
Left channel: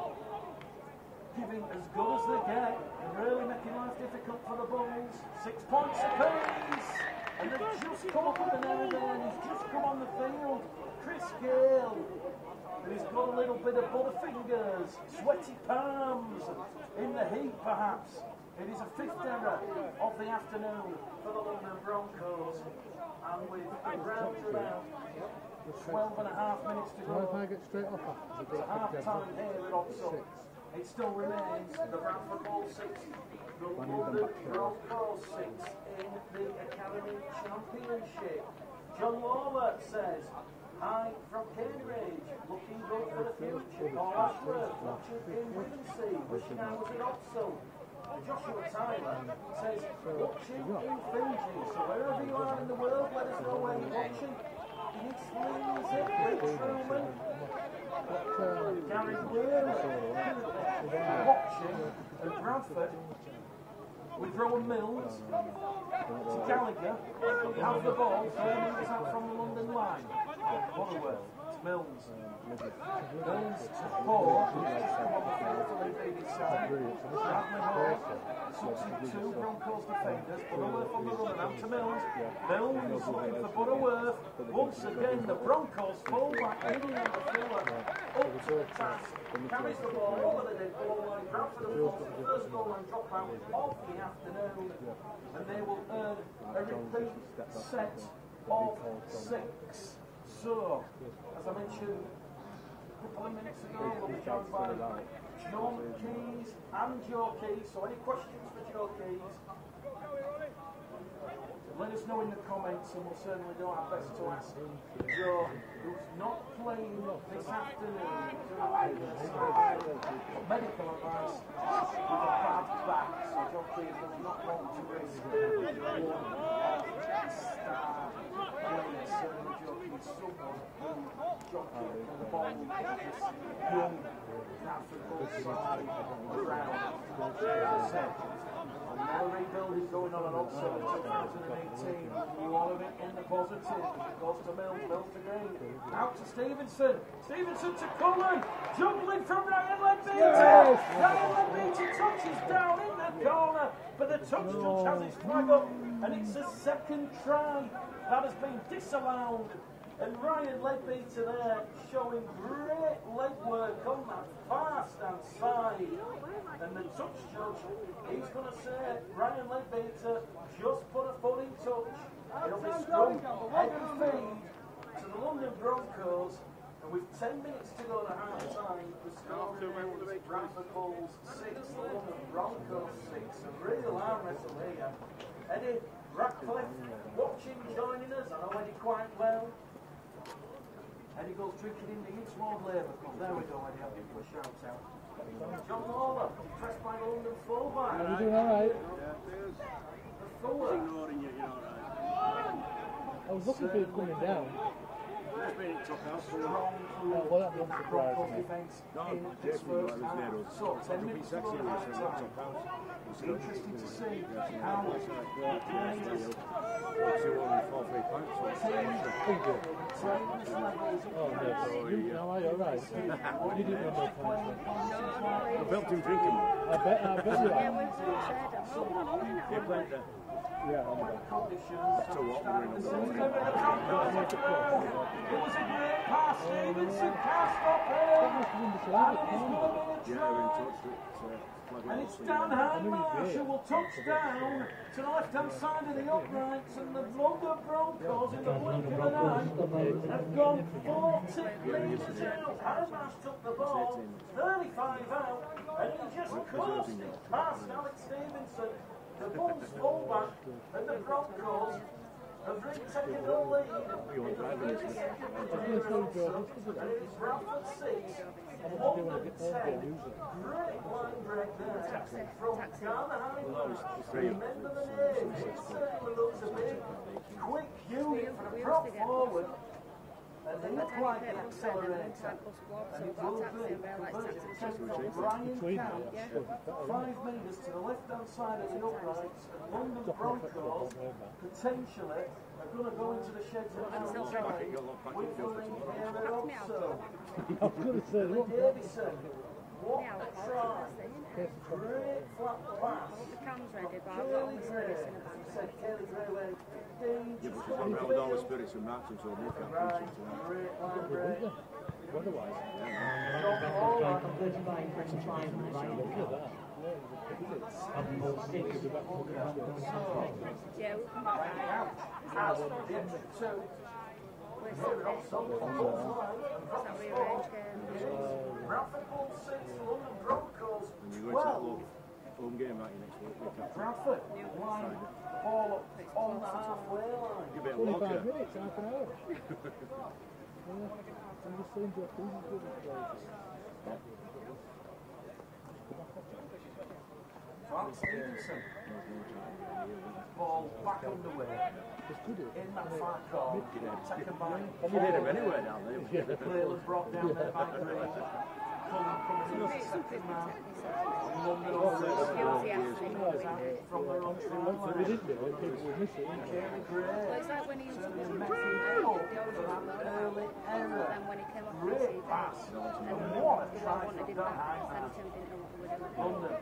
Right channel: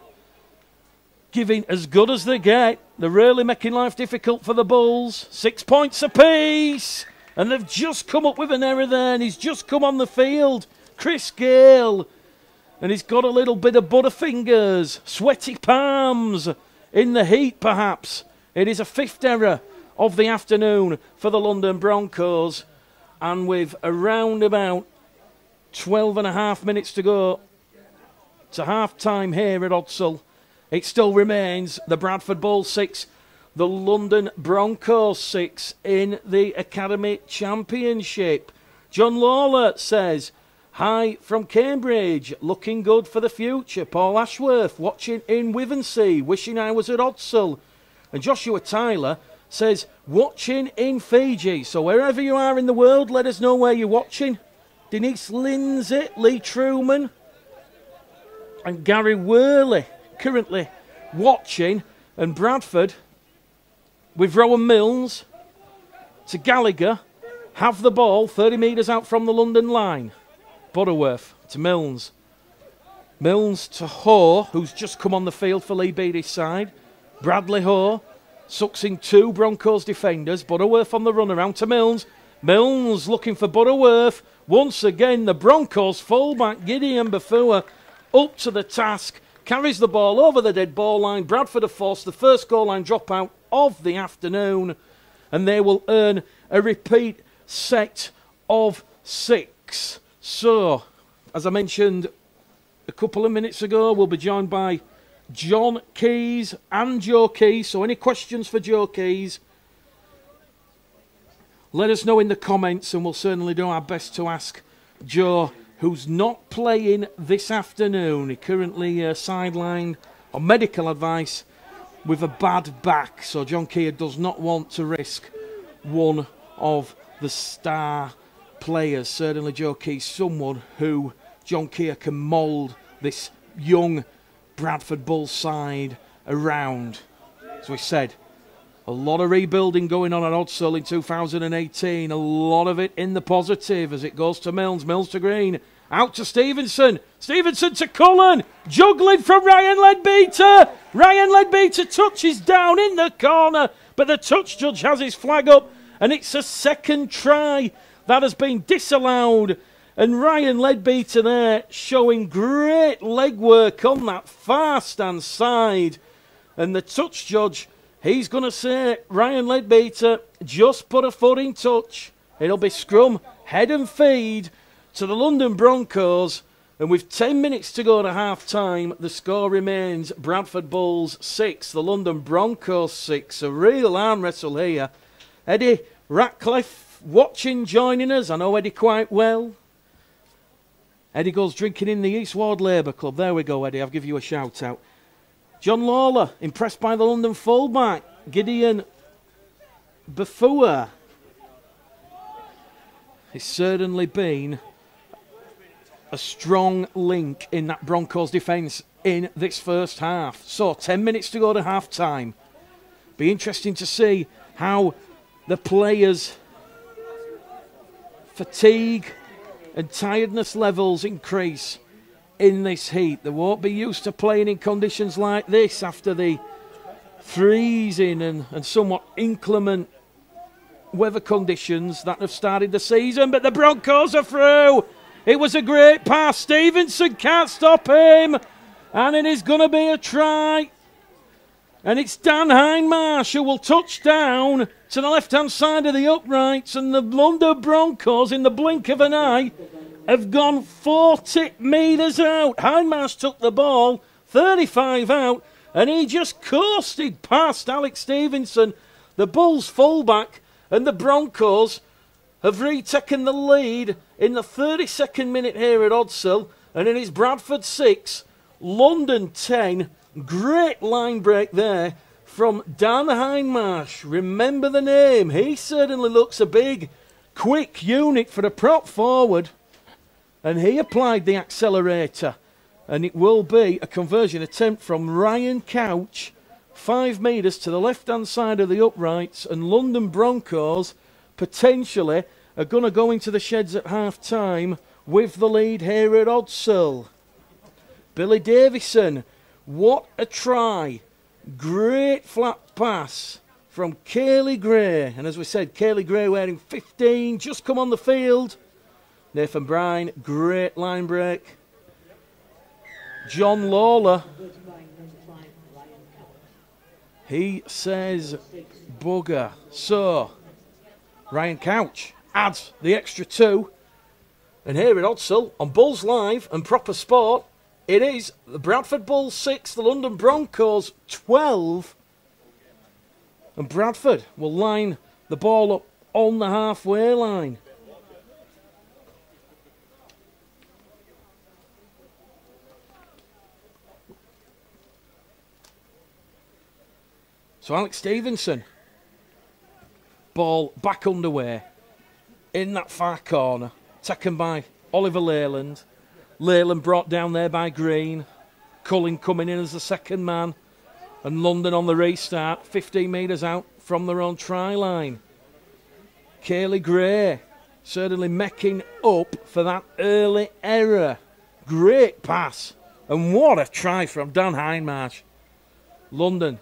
giving as good as they get. They're really making life difficult for the Bulls. 6 points apiece. And they've just come up with an error there, and he's just come on the field. Chris Gale. And he's got a little bit of butterfingers, sweaty palms in the heat perhaps. It is a 5th error of the afternoon for the London Broncos. And with around about 12 and a half minutes to go to half-time here at Odsal, it still remains the Bradford Bulls 6, the London Broncos 6 in the Academy Championship. John Lawler says, hi from Cambridge, looking good for the future. Paul Ashworth watching in Wivensea, wishing I was at Odsal. And Joshua Tyler says, watching in Fiji. So wherever you are in the world, let us know where you're watching. Denise Lindsay, Lee Truman, and Gary Worley currently watching. And Bradford, with Rowan Milnes to Gallagher, have the ball 30 metres out from the London line. Butterworth to Milnes. Milnes to Ho, who's just come on the field for Lee Beattie's side. Bradley Ho sucks in 2 Broncos defenders. Butterworth on the run around to Milnes. Milnes looking for Butterworth. Once again, the Broncos fullback Gideon Bafua up to the task. Carries the ball over the dead ball line. Bradford have forced the first goal line dropout of the afternoon, and they will earn a repeat set of 6. So, as I mentioned a couple of minutes ago, we'll be joined by John Keys and Joe Keys. So any questions for Joe Keys, let us know in the comments, and we'll certainly do our best to ask Joe, who's not playing this afternoon. He currently sidelined on medical advice with a bad back. So John Keir does not want to risk one of the star players. Certainly Joe Keir's someone who John Keir can mould this young Bradford Bulls side around. As we said, a lot of rebuilding going on at Odsal in 2018. A lot of it in the positive as it goes to Milnes. Milnes to Green. Out to Stevenson. Stevenson to Cullen. Juggling from Ryan Leadbeater. Ryan Leadbeater touches down in the corner, but the touch judge has his flag up, and it's a second try that has been disallowed. And Ryan Leadbeater there showing great legwork on that far stand side. And the touch judge, he's going to say, Ryan Leadbeater just put a foot in touch. It'll be scrum, head and feed to the London Broncos. And with 10 minutes to go to half-time, the score remains Bradford Bulls 6, the London Broncos 6. A real arm wrestle here. Eddie Ratcliffe watching, joining us. I know Eddie quite well. Eddie goes drinking in the East Ward Labour Club. There we go, Eddie. I'll give you a shout-out. John Lawler, impressed by the London fullback. Gideon Bafua. He's certainly been a strong link in that Broncos defence in this first half. So 10 minutes to go to half time. Be interesting to see how the players' fatigue and tiredness levels increase in this heat. They won't be used to playing in conditions like this after the freezing and somewhat inclement weather conditions that have started the season. But the Broncos are through. It was a great pass. Stevenson can't stop him. And it is going to be a try. And it's Dan Hindmarsh who will touch down to the left-hand side of the uprights. And the London Broncos, in the blink of an eye, have gone 40 metres out. Hindmarsh took the ball, 35 out, and he just coasted past Alex Stevenson, the Bulls fullback, and the Broncos have retaken the lead in the 32nd minute here at Odsal, and it is Bradford 6, London 10. Great line break there from Dan Hindmarsh. Remember the name. He certainly looks a big, quick unit for a prop forward, and he applied the accelerator, and it will be a conversion attempt from Ryan Couch, 5 metres to the left-hand side of the uprights, and London Broncos potentially are going to go into the sheds at half-time with the lead here at Odsal. Billy Davison, what a try. Great flat pass from Cayley Gray. And as we said, Cayley Gray wearing 15, just come on the field. Nathan Bryan, great line break. John Lawler, he says bugger. So Ryan Couch adds the extra 2. And here at Odsal, on Bulls Live and Proper Sport, it is the Bradford Bulls 6, the London Broncos 12. And Bradford will line the ball up on the halfway line. So Alex Stevenson, ball back underway in that far corner, taken by Oliver Leyland. Leyland brought down there by Green. Cullen coming in as the second man. And London on the restart, 15 metres out from their own try line. Cayley Gray certainly making up for that early error. Great pass. And what a try from Dan Hindmarsh. London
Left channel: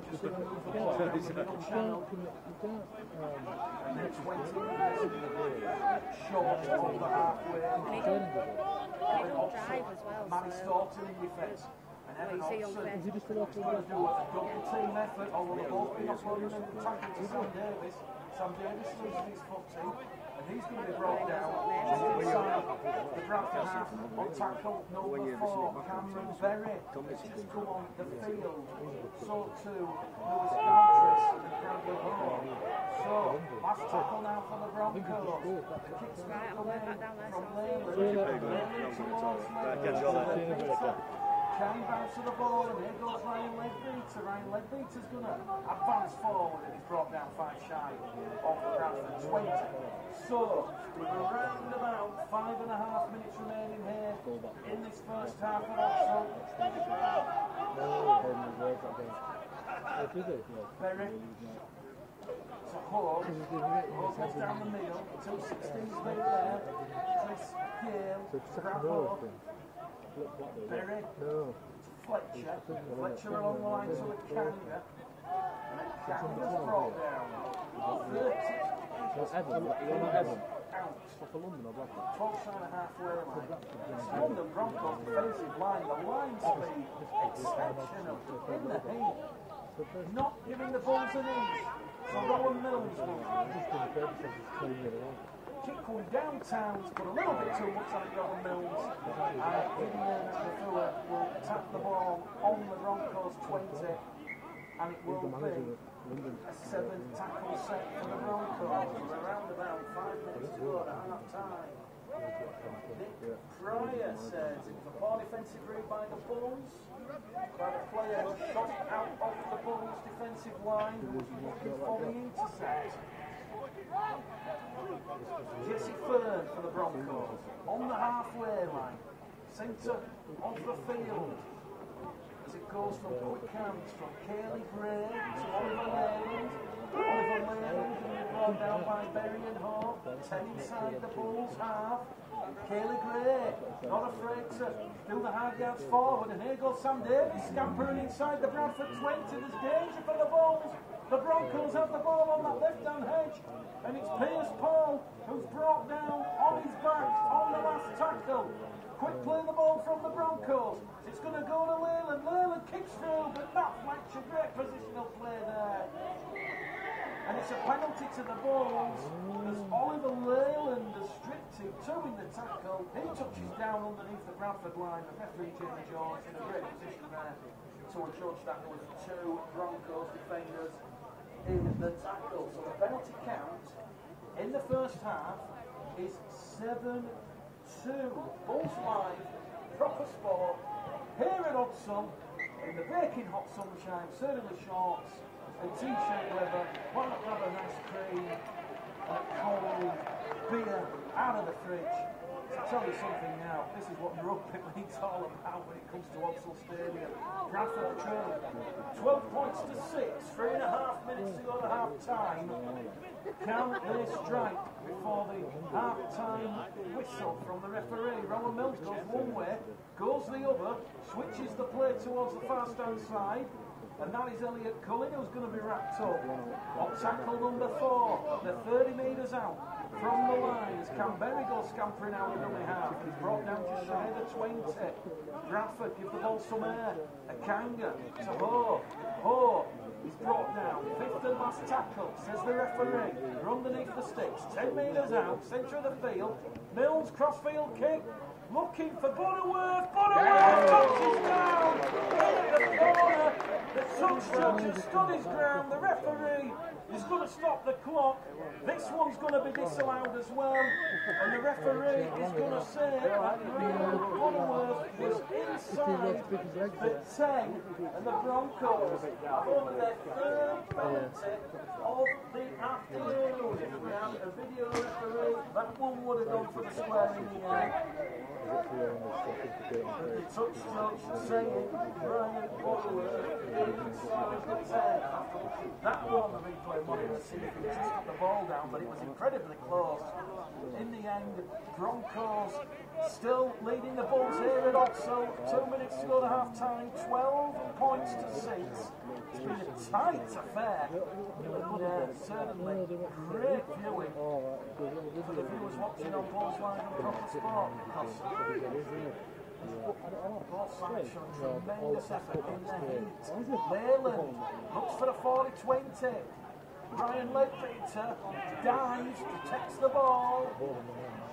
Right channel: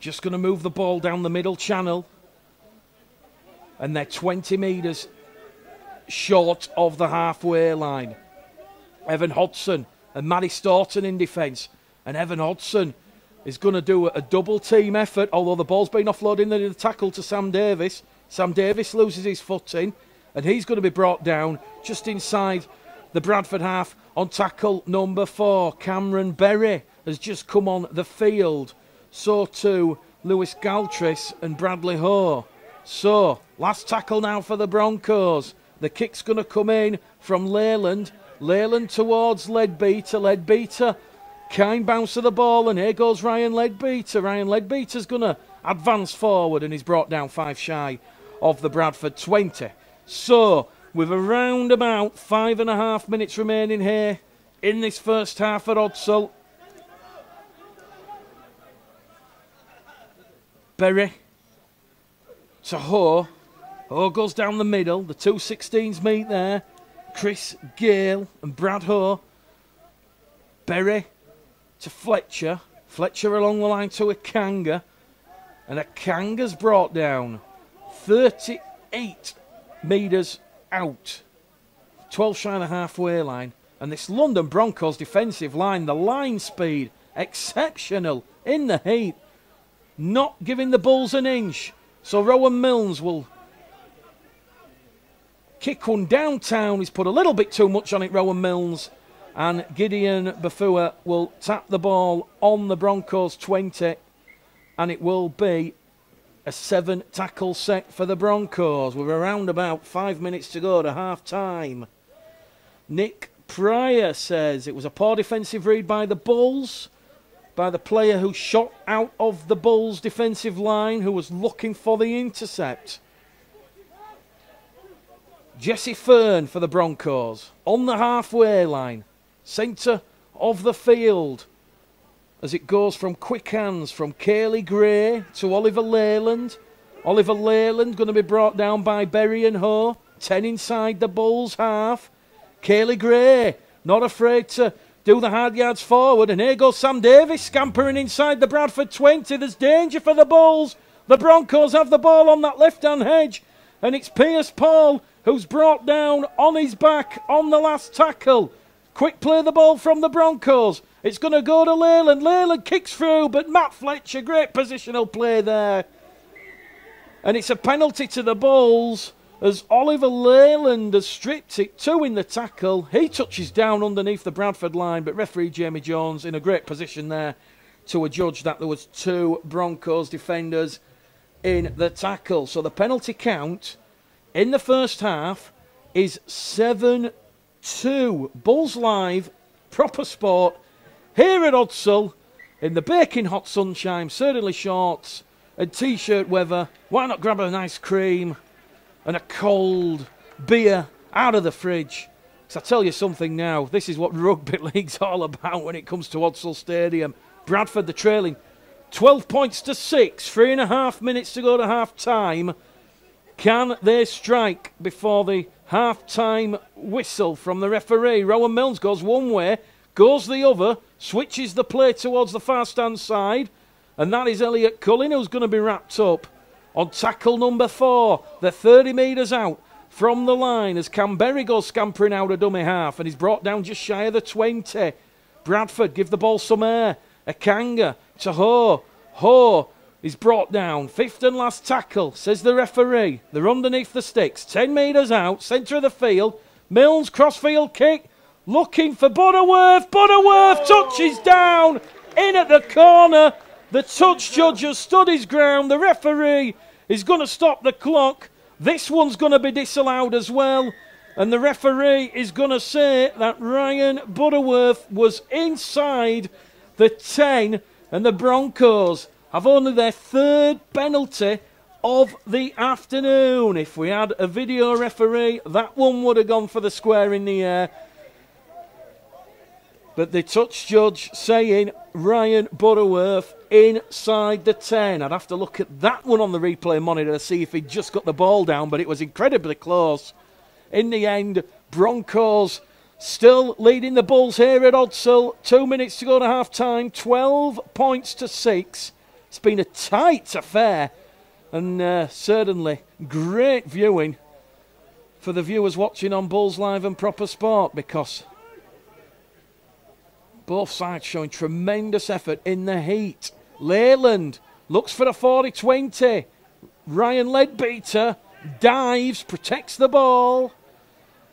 just going to move the ball down the middle channel. And they're 20 metres short of the halfway line. Evan Hodson and Matty Staunton in defence. And Evan Hodson is going to do a double team effort, although the ball's been offloaded in the tackle to Sam Davis. Sam Davis loses his footing, and he's going to be brought down just inside the Bradford half on tackle number 4. Cameron Berry has just come on the field. So too Lewis Galtris and Bradley Ho. So, last tackle now for the Broncos. The kick's going to come in from Leyland. Leyland towards Leadbeater. Leadbeater, kind bounce of the ball, and here goes Ryan Leadbeater. Ryan Leadbeater's going to advance forward, and he's brought down 5 shy of the Bradford 20. So, with around about 5.5 minutes remaining here in this first half at Odsal. Berry to Ho. Ho goes down the middle. The 2 16s meet there. Chris Gale and Brad Ho. Berry to Fletcher. Fletcher along the line to Akanga. And Akanga's brought down 38 metres out. 12 shy of the halfway line. And this London Broncos defensive line, the line speed, exceptional in the heat. Not giving the Bulls an inch. So Rowan Milnes will kick one downtown. He's put a little bit too much on it, Rowan Milnes. And Gideon Bafua will tap the ball on the Broncos 20, and it will be a 7-tackle set for the Broncos. We're around about 5 minutes to go to half-time. Nick Pryor says it was a poor defensive read by the Bulls, by the player who shot out of the Bulls' defensive line, who was looking for the intercept. Jesse Fern for the Broncos on the halfway line, centre of the field, as it goes from quick hands from Cayley Gray to Oliver Leyland. Oliver Leyland going to be brought down by Berry and Ho. 10 inside the Bulls half. Cayley Gray not afraid to do the hard yards forward, and here goes Sam Davis scampering inside the Bradford 20. There's danger for the Bulls. The Broncos have the ball on that left-hand edge, and it's Pierce Paul who's brought down on his back on the last tackle. Quick play the ball from the Broncos. It's going to go to Leyland. Leyland kicks through, but Matt Fletcher, great positional play there. And it's a penalty to the Bulls as Oliver Leyland has stripped it. 2 in the tackle. He touches down underneath the Bradford line, but referee Jamie Jones in a great position there to adjudge that there was 2 Broncos defenders in the tackle. So the penalty count in the first half is 7-2. Bulls Live, proper sport, here at Odsal, in the baking hot sunshine, certainly shorts and t-shirt weather. Why not grab a nice cream and a cold beer out of the fridge? Because I tell you something now, this is what rugby league's all about when it comes to Odsal Stadium. Bradford, the trailing 12 points to 6, 3.5 minutes to go to half-time. Can they strike before the half-time whistle from the referee? Rowan Mills goes one way, goes the other, switches the play towards the far-stand side, and that is Elliot Cullen who's going to be wrapped up on tackle number 4. They're 30 metres out from the line as Canberry goes scampering out a dummy half, and he's brought down just shy of the 20. Bradford give the ball some air. Akanga to Ho. Ho is brought down. 5th and last tackle, says the referee. They're underneath the sticks. 10 metres out, centre of the field. Mills, crossfield kick, looking for Butterworth. Butterworth touches down, in at the corner. The touch judge has stood his ground. The referee is going to stop the clock. This one's going to be disallowed as well. And the referee is going to say that Ryan Butterworth was inside the 10, and the Broncos have only their 3rd penalty of the afternoon. If we had a video referee, that one would have gone for the square in the air. But the touch judge saying Ryan Butterworth inside the 10. I'd have to look at that one on the replay monitor to see if he'd just got the ball down, but it was incredibly close. In the end, Broncos still leading the Bulls here at Odsal. 2 minutes to go to half-time, 12 points to 6. It's been a tight affair, and certainly great viewing for the viewers watching on Bulls Live and Proper Sport, because both sides showing tremendous effort in the heat. Leyland looks for the 40-20. Ryan Leadbeater dives, protects the ball,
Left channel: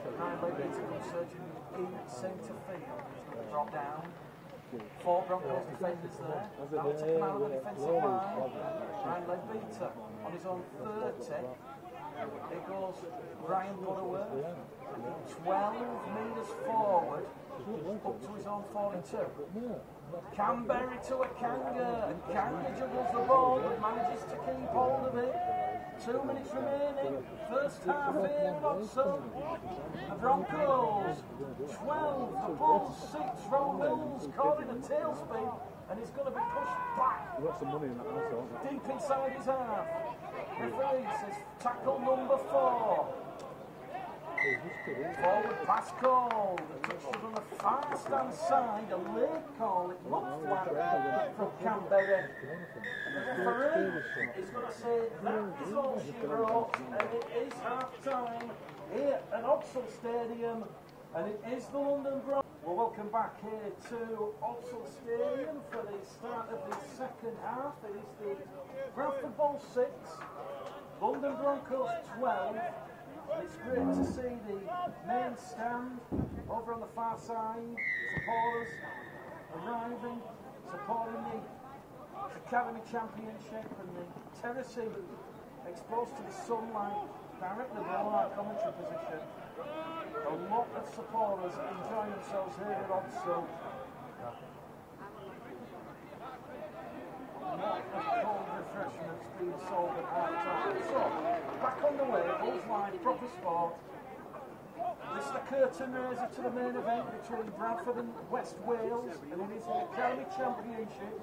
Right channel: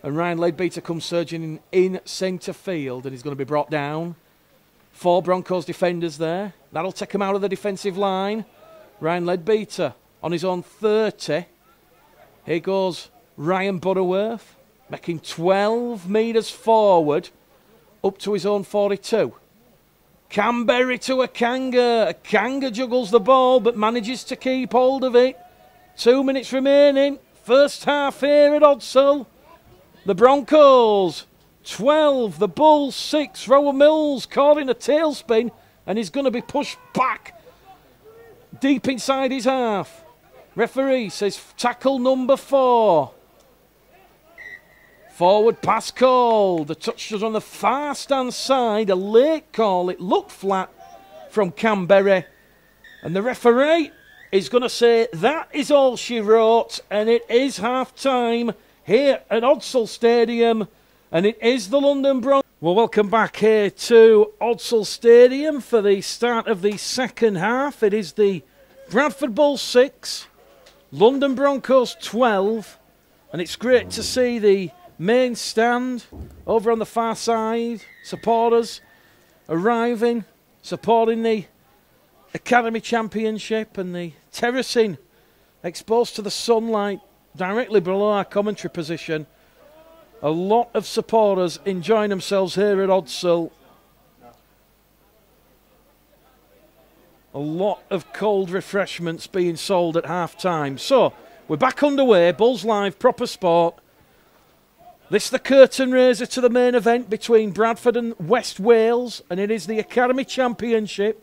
and Ryan Leadbeater comes surging in centre field, and he's going to be brought down. 4 Broncos defenders there. That'll take him out of the defensive line. Ryan Leadbeater on his own 30. Here goes Ryan Butterworth, making 12 metres forward up to his own 42. Canberry to Akanga. Akanga juggles the ball but manages to keep hold of it. 2 minutes remaining. First half here at Odsal. The Broncos 12, the Bulls 6. Rowan Mills caught in a tailspin, and he's going to be pushed back deep inside his half. Referee says tackle number 4. Forward pass call. The touch was on the far stand side. A late call. It looked flat from Canberry. And the referee is going to say that is all she wrote. And it is half-time here at Odsal Stadium. And it is the London Broncos. Well, welcome back here to Odsal Stadium for the start of the second half. It is the Bradford Bulls 6, London Broncos 12. And it's great to see the main stand over on the far side. Supporters arriving, supporting the Academy Championship, and the terracing exposed to the sunlight directly below our commentary position. A lot of supporters enjoying themselves here at Odsal. A lot of cold refreshments being sold at half-time. So, we're back underway. Bulls Live, proper sport. This is the curtain raiser to the main event between Bradford and West Wales, and it is the Academy Championship.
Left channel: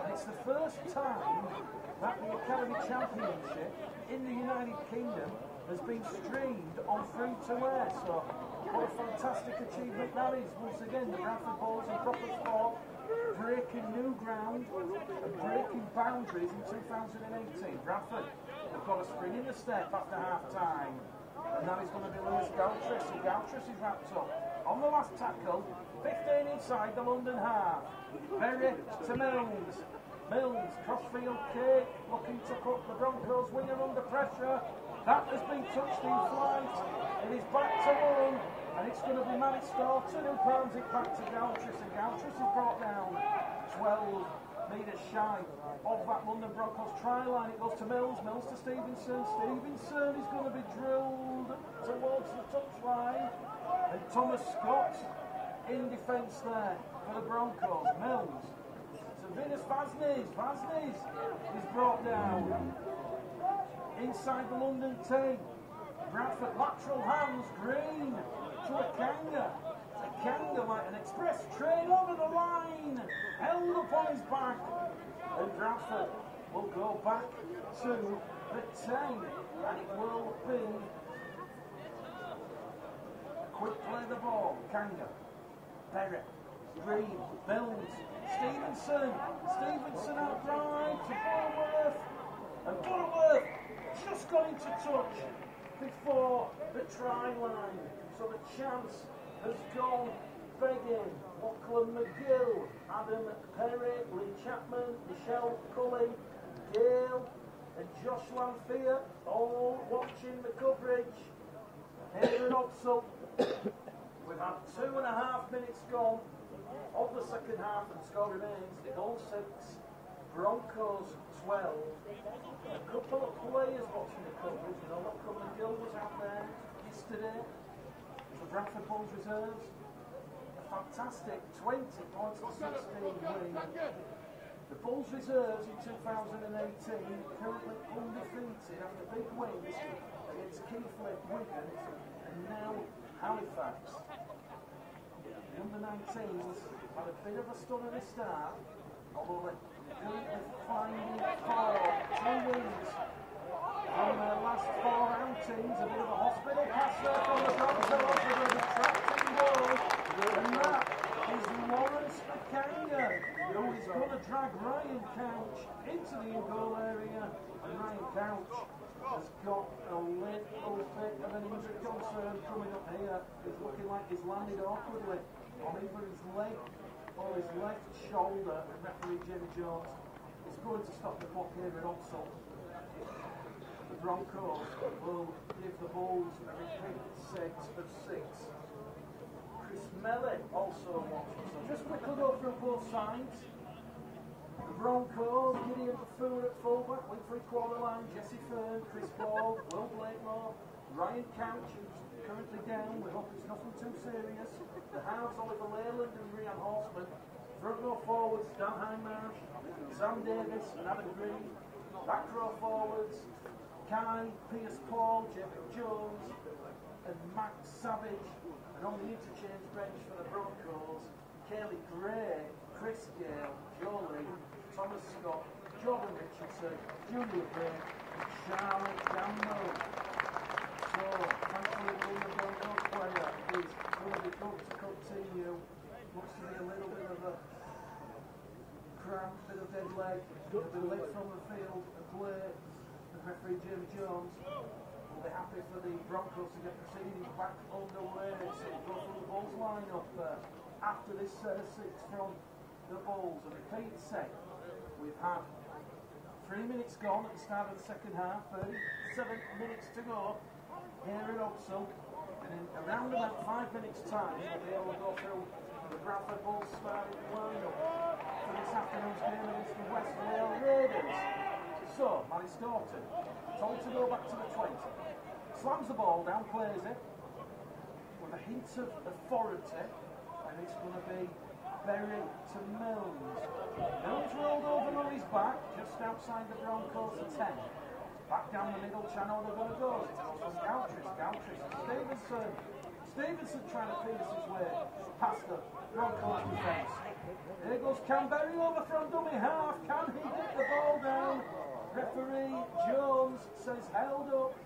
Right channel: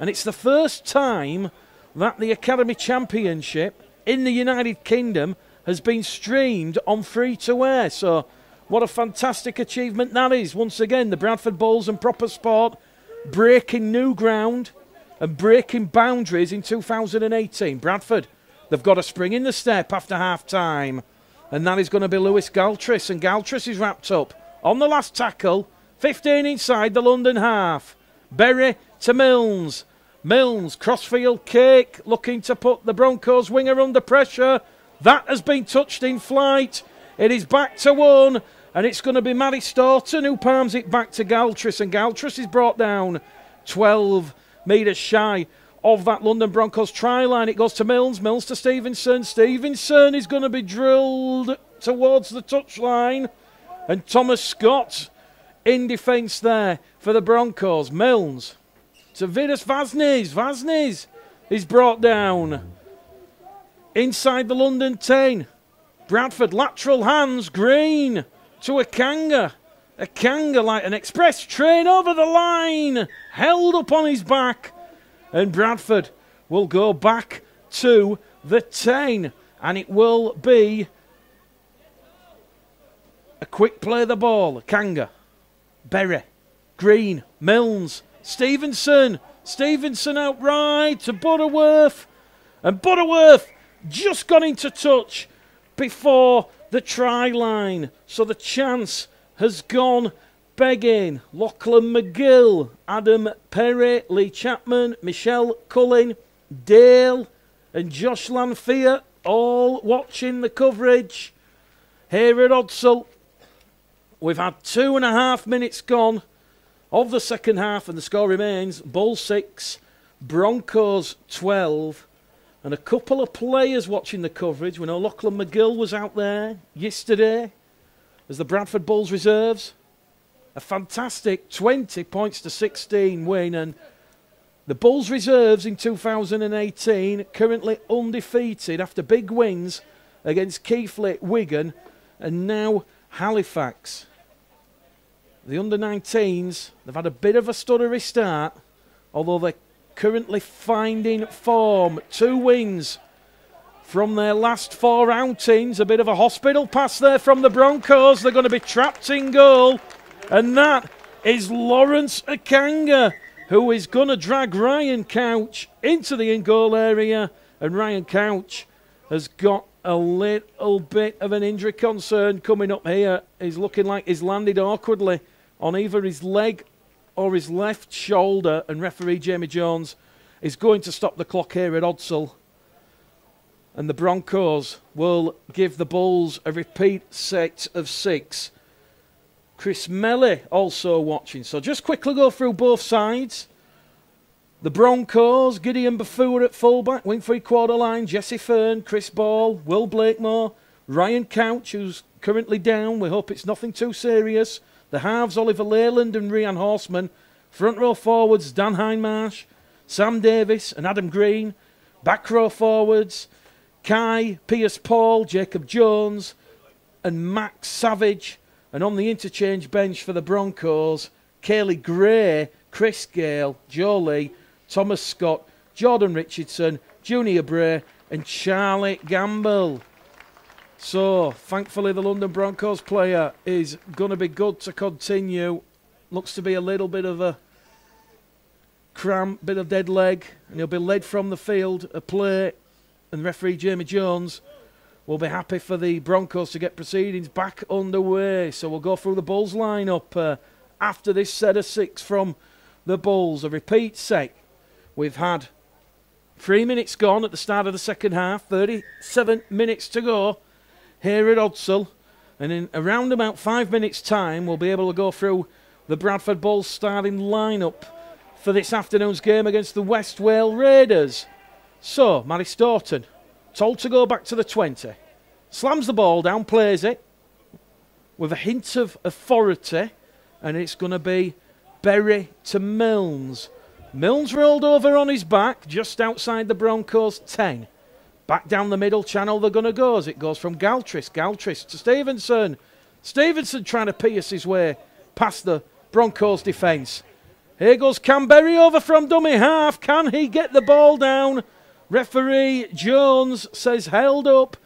And it's the first time that the Academy Championship in the United Kingdom has been streamed on free-to-air. So, what a fantastic achievement that is. Once again, the Bradford Bulls and proper sport breaking new ground and breaking boundaries in 2018. Bradford, they've got a spring in the step after half-time, and that is going to be Lewis Galtris, and Galtris is wrapped up on the last tackle, 15 inside the London half. Berry to Milnes. Milnes, crossfield kick, looking to put the Broncos winger under pressure. That has been touched in flight. It is back to one, and it's going to be Matty Staunton who palms it back to Galtris, and Galtris is brought down 12 metres shy of that London Broncos try line. It goes to Milnes, Milnes to Stevenson. Stevenson is going to be drilled towards the touchline, and Thomas Scott in defence there for the Broncos. Milnes to Vidas Vaznes. Vaznes is brought down inside the London 10. Bradford lateral hands, Green to Akanga. Akanga like an express train over the line, held up on his back, and Bradford will go back to the 10, and it will be a quick play of the ball. Akanga, Berry, Green, Milnes, Stevenson. Stevenson outright to Butterworth, and Butterworth just got into touch before the try line, so the chance has gone begging. Lachlan McGill, Adam Perry, Lee Chapman, Michelle Cullen, Dale and Josh Lanfear all watching the coverage here at Odsal. We've had 2.5 minutes gone of the second half, and the score remains Bulls 6, Broncos 12. And a couple of players watching the coverage. We know Lachlan McGill was out there yesterday as the Bradford Bulls reserves. A fantastic 20 points to 16 win, and the Bulls reserves in 2018 currently undefeated after big wins against Keighley, Wigan and now Halifax. The under-19s, they've had a bit of a stuttery start, although they're currently finding form. 2 wins from their last 4 outings. A bit of a hospital pass there from the Broncos. They're going to be trapped in goal, and that is Lawrence Akanga, who is going to drag Ryan Couch into the in-goal area, and Ryan Couch has got a little bit of an injury concern coming up here. He's looking like he's landed awkwardly on either his leg or his left shoulder, and referee Jamie Jones is going to stop the clock here at Odsal, and the Broncos will give the Bulls a repeat set of 6. Chris Melly also watching. So just quickly go through both sides. The Broncos, Gideon Baffour at fullback, wing 3/4 line, Jesse Fern, Chris Ball, Will Blakemore, Ryan Couch, who's currently down. We hope it's nothing too serious. The halves, Oliver Leyland and Rhian Horseman. Front row forwards, Dan Hindmarsh, Sam Davis and Adam Green. Back row forwards, Kai, Pierce Paul, Jacob Jones and Max Savage. And on the interchange bench for the Broncos, Kaylee Gray, Chris Gale, Joe Lee, Thomas Scott, Jordan Richardson, Junior Bray and Charlie Gamble. So, thankfully the London Broncos player is going to be good to continue. Looks to be a little bit of a cramp, bit of dead leg, and he'll be led from the field, a play, and referee Jamie Jones will be happy for the Broncos to get proceedings back underway. So we'll go through the Bulls lineup after this set of 6 from the Bulls. A repeat set. We've had 3 minutes gone at the start of the second half, 37 minutes to go here at Odsal. And in around about 5 minutes' time, we'll be able to go through the Bradford Bulls starting lineup for this afternoon's game against the West Wales Raiders. So, Matty Staunton, told to go back to the 20. Slams the ball down, plays it with a hint of authority, and it's going to be Berry to Milnes. Milnes rolled over on his back just outside the Broncos 10. Back down the middle channel they're going to go as it goes from Galtris to Stevenson. Stevenson trying to pierce his way past the Broncos defence. Here goes Canberry over from dummy half. Can he get the ball down? Referee Jones says held up.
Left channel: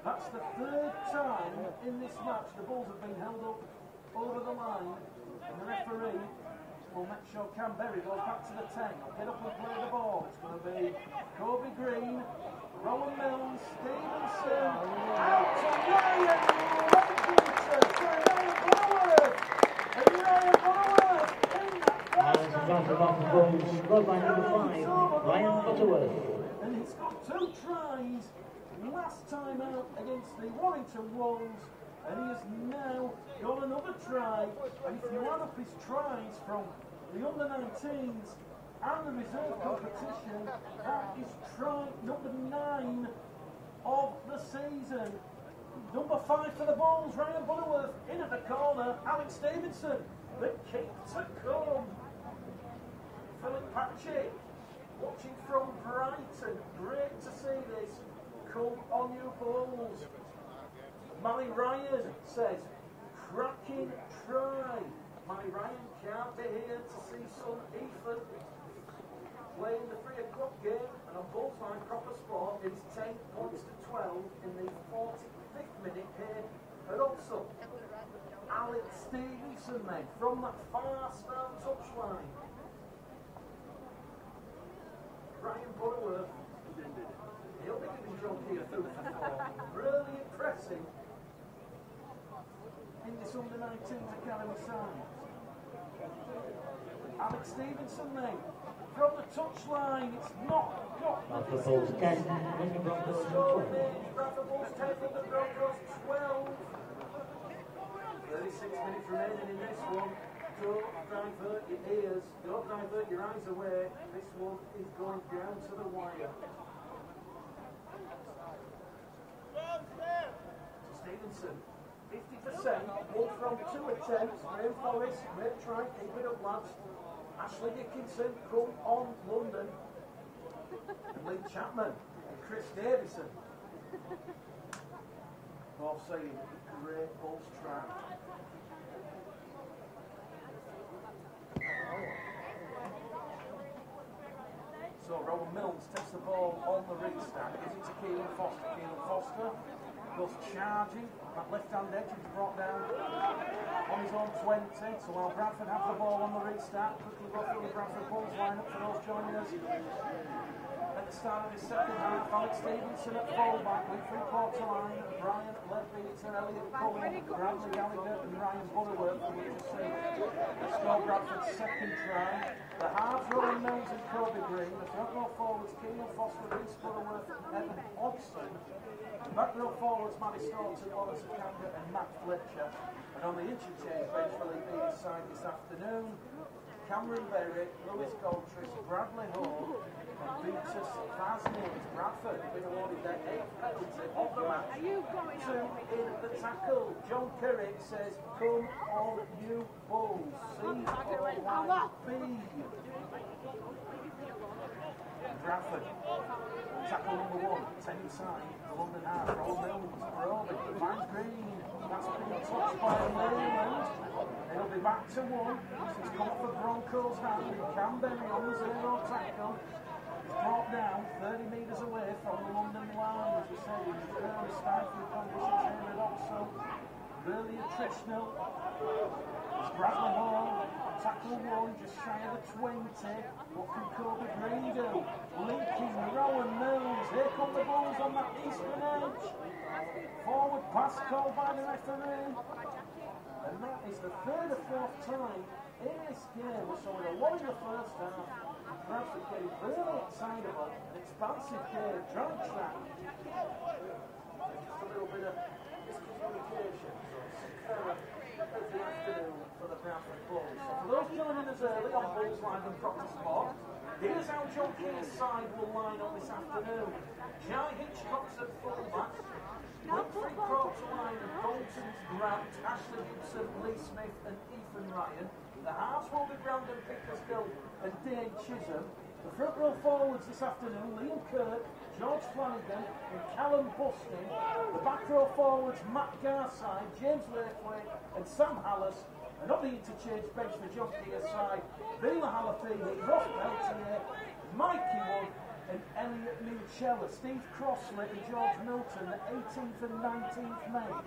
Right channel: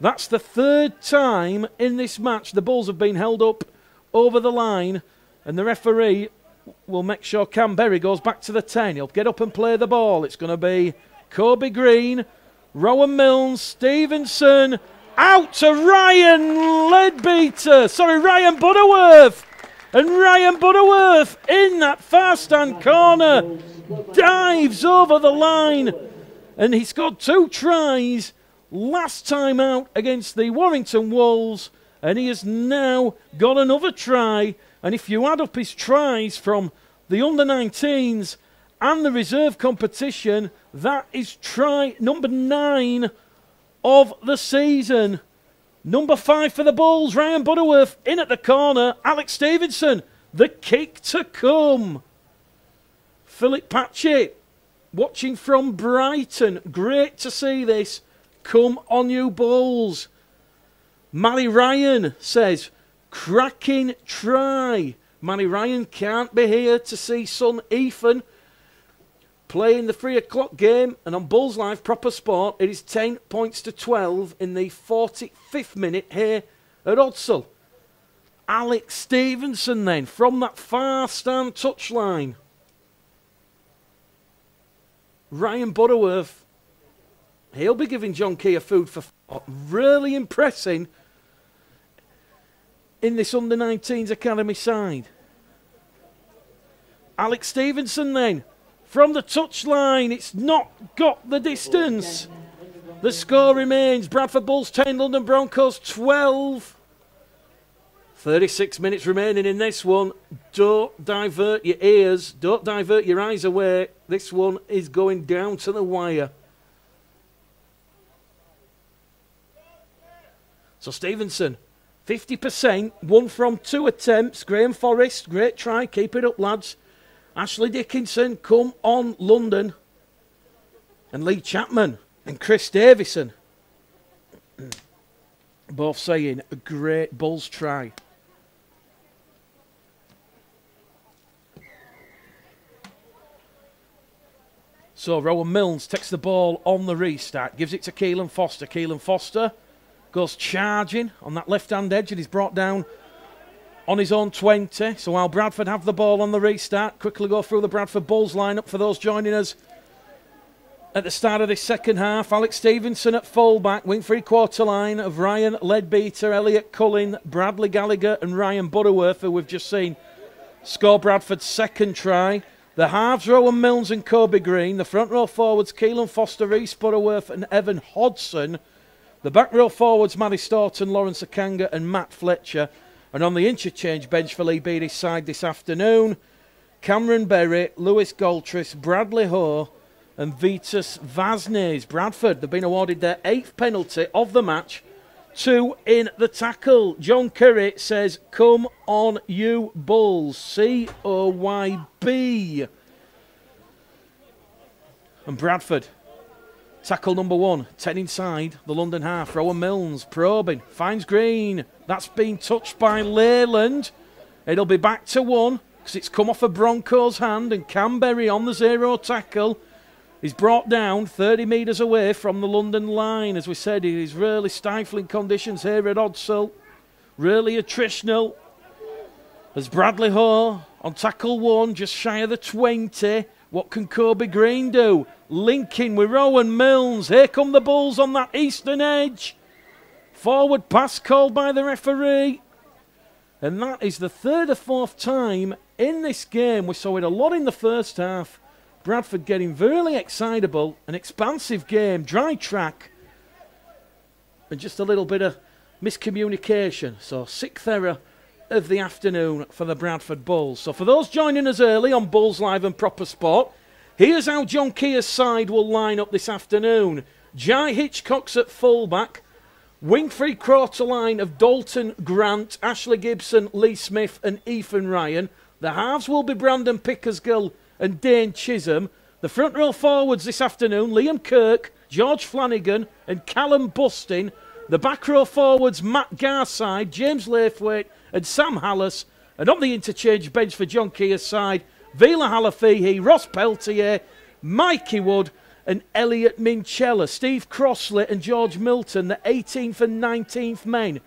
That's the third time in this match the Bulls have been held up over the line, and the referee will make sure Canberry goes back to the 10. He'll get up and play the ball. It's going to be Kobe Green, Rowan Milnes, Stevenson, out to Ryan Butterworth. And Ryan Butterworth in that far stand corner dives over the line, and he's got 2 tries last time out against the Warrington Wolves, and he has now got another try. And if you add up his tries from the under-19s and the reserve competition, that is try number 9 of the season. Number 5 for the Bulls, Ryan Butterworth in at the corner. Alex Stevenson, the kick to come. Philip Patchett watching from Brighton. Great to see this. Come on, you Bulls. Manny Ryan says, cracking try. Manny Ryan can't be here to see son Ethan playing the 3 o'clock game, and on Bulls Live Proper Sport, it is 10 points to 12 in the 45th minute here at Odsal. Alex Stevenson then from that far stand touchline. Ryan Butterworth, he'll be giving John Key a food for thought. Really impressing in this under-19s academy side. Alex Stevenson then from the touchline. It's not got the distance. The score remains Bradford Bulls 10, London Broncos 12. 36 minutes remaining in this one. Don't divert your ears. Don't divert your eyes away. This one is going down to the wire. So Stevenson, 50%, 1 from 2 attempts. Graham Forrest, great try. Keep it up, lads. Ashley Dickinson, come on, London. And Lee Chapman and Chris Davison. Both saying a great Bulls try. So Rowan Milnes takes the ball on the restart, gives it to Keelan Foster. Keelan Foster goes charging on that left-hand edge and he's brought down on his own 20. So while Bradford have the ball on the restart, quickly go through the Bradford Bulls lineup for those joining us at the start of this second half. Alex Stevenson at fullback, wing three-quarter line of Ryan Leadbeater, Elliot Cullen, Bradley Gallagher and Ryan Butterworth, who we've just seen score Bradford's second try. The halves, Rowan Milnes and Kobe Green. The front row forwards, Keelan Foster, Reece Butterworth and Evan Hodson. The back row forwards, Matty Staunton, Lawrence Akanga and Matt Fletcher. And on the interchange bench for Lee Beatty's side this afternoon, Cameron Berry, Lewis Galtris, Bradley Ho and Vitas Vaznes. Bradford, they've been awarded their 8th penalty of the match. 2 in the tackle. John Curry says, come on you Bulls. COYB. And Bradford, tackle number 1, 10 inside the London half. Rowan Milnes probing, finds Green. That's been touched by Leyland. It'll be back to 1 because it's come off a Broncos hand, and Canberry on the 0 tackle. He's brought down 30 metres away from the London line. As we said, it is really stifling conditions here at Odsal. Really attritional. As Bradley Ho on tackle 1, just shy of the 20. What can Kobe Green do? Linking with Rowan Milnes. Here come the Bulls on that eastern edge. Forward pass called by the referee. And that is the 3rd or 4th time in this game. We saw it a lot in the first half. Bradford getting really excitable, an expansive game, dry track, and just a little bit of miscommunication. So 6th error of the afternoon for the Bradford Bulls. So for those joining us early on Bulls Live and Proper Sport, here's how John Keir's side will line up this afternoon. Jai Hitchcock's at fullback. Wing-free quarter line of Dalton Grant, Ashley Gibson, Lee Smith and Ethan Ryan. The halves will be Brandon Pickersgill and Dane Chisholm. The front row forwards this afternoon, Liam Kirk, George Flanagan and Callum Bustin. The back row forwards, Matt Garside, James Laithwaite and Sam Hallis. And on the interchange bench for John Keir's side, Vila Halafihi, Ross Peltier, Mikey Wood and Elliot Minchella. Steve Crossley and George Milton, the 18th and 19th men.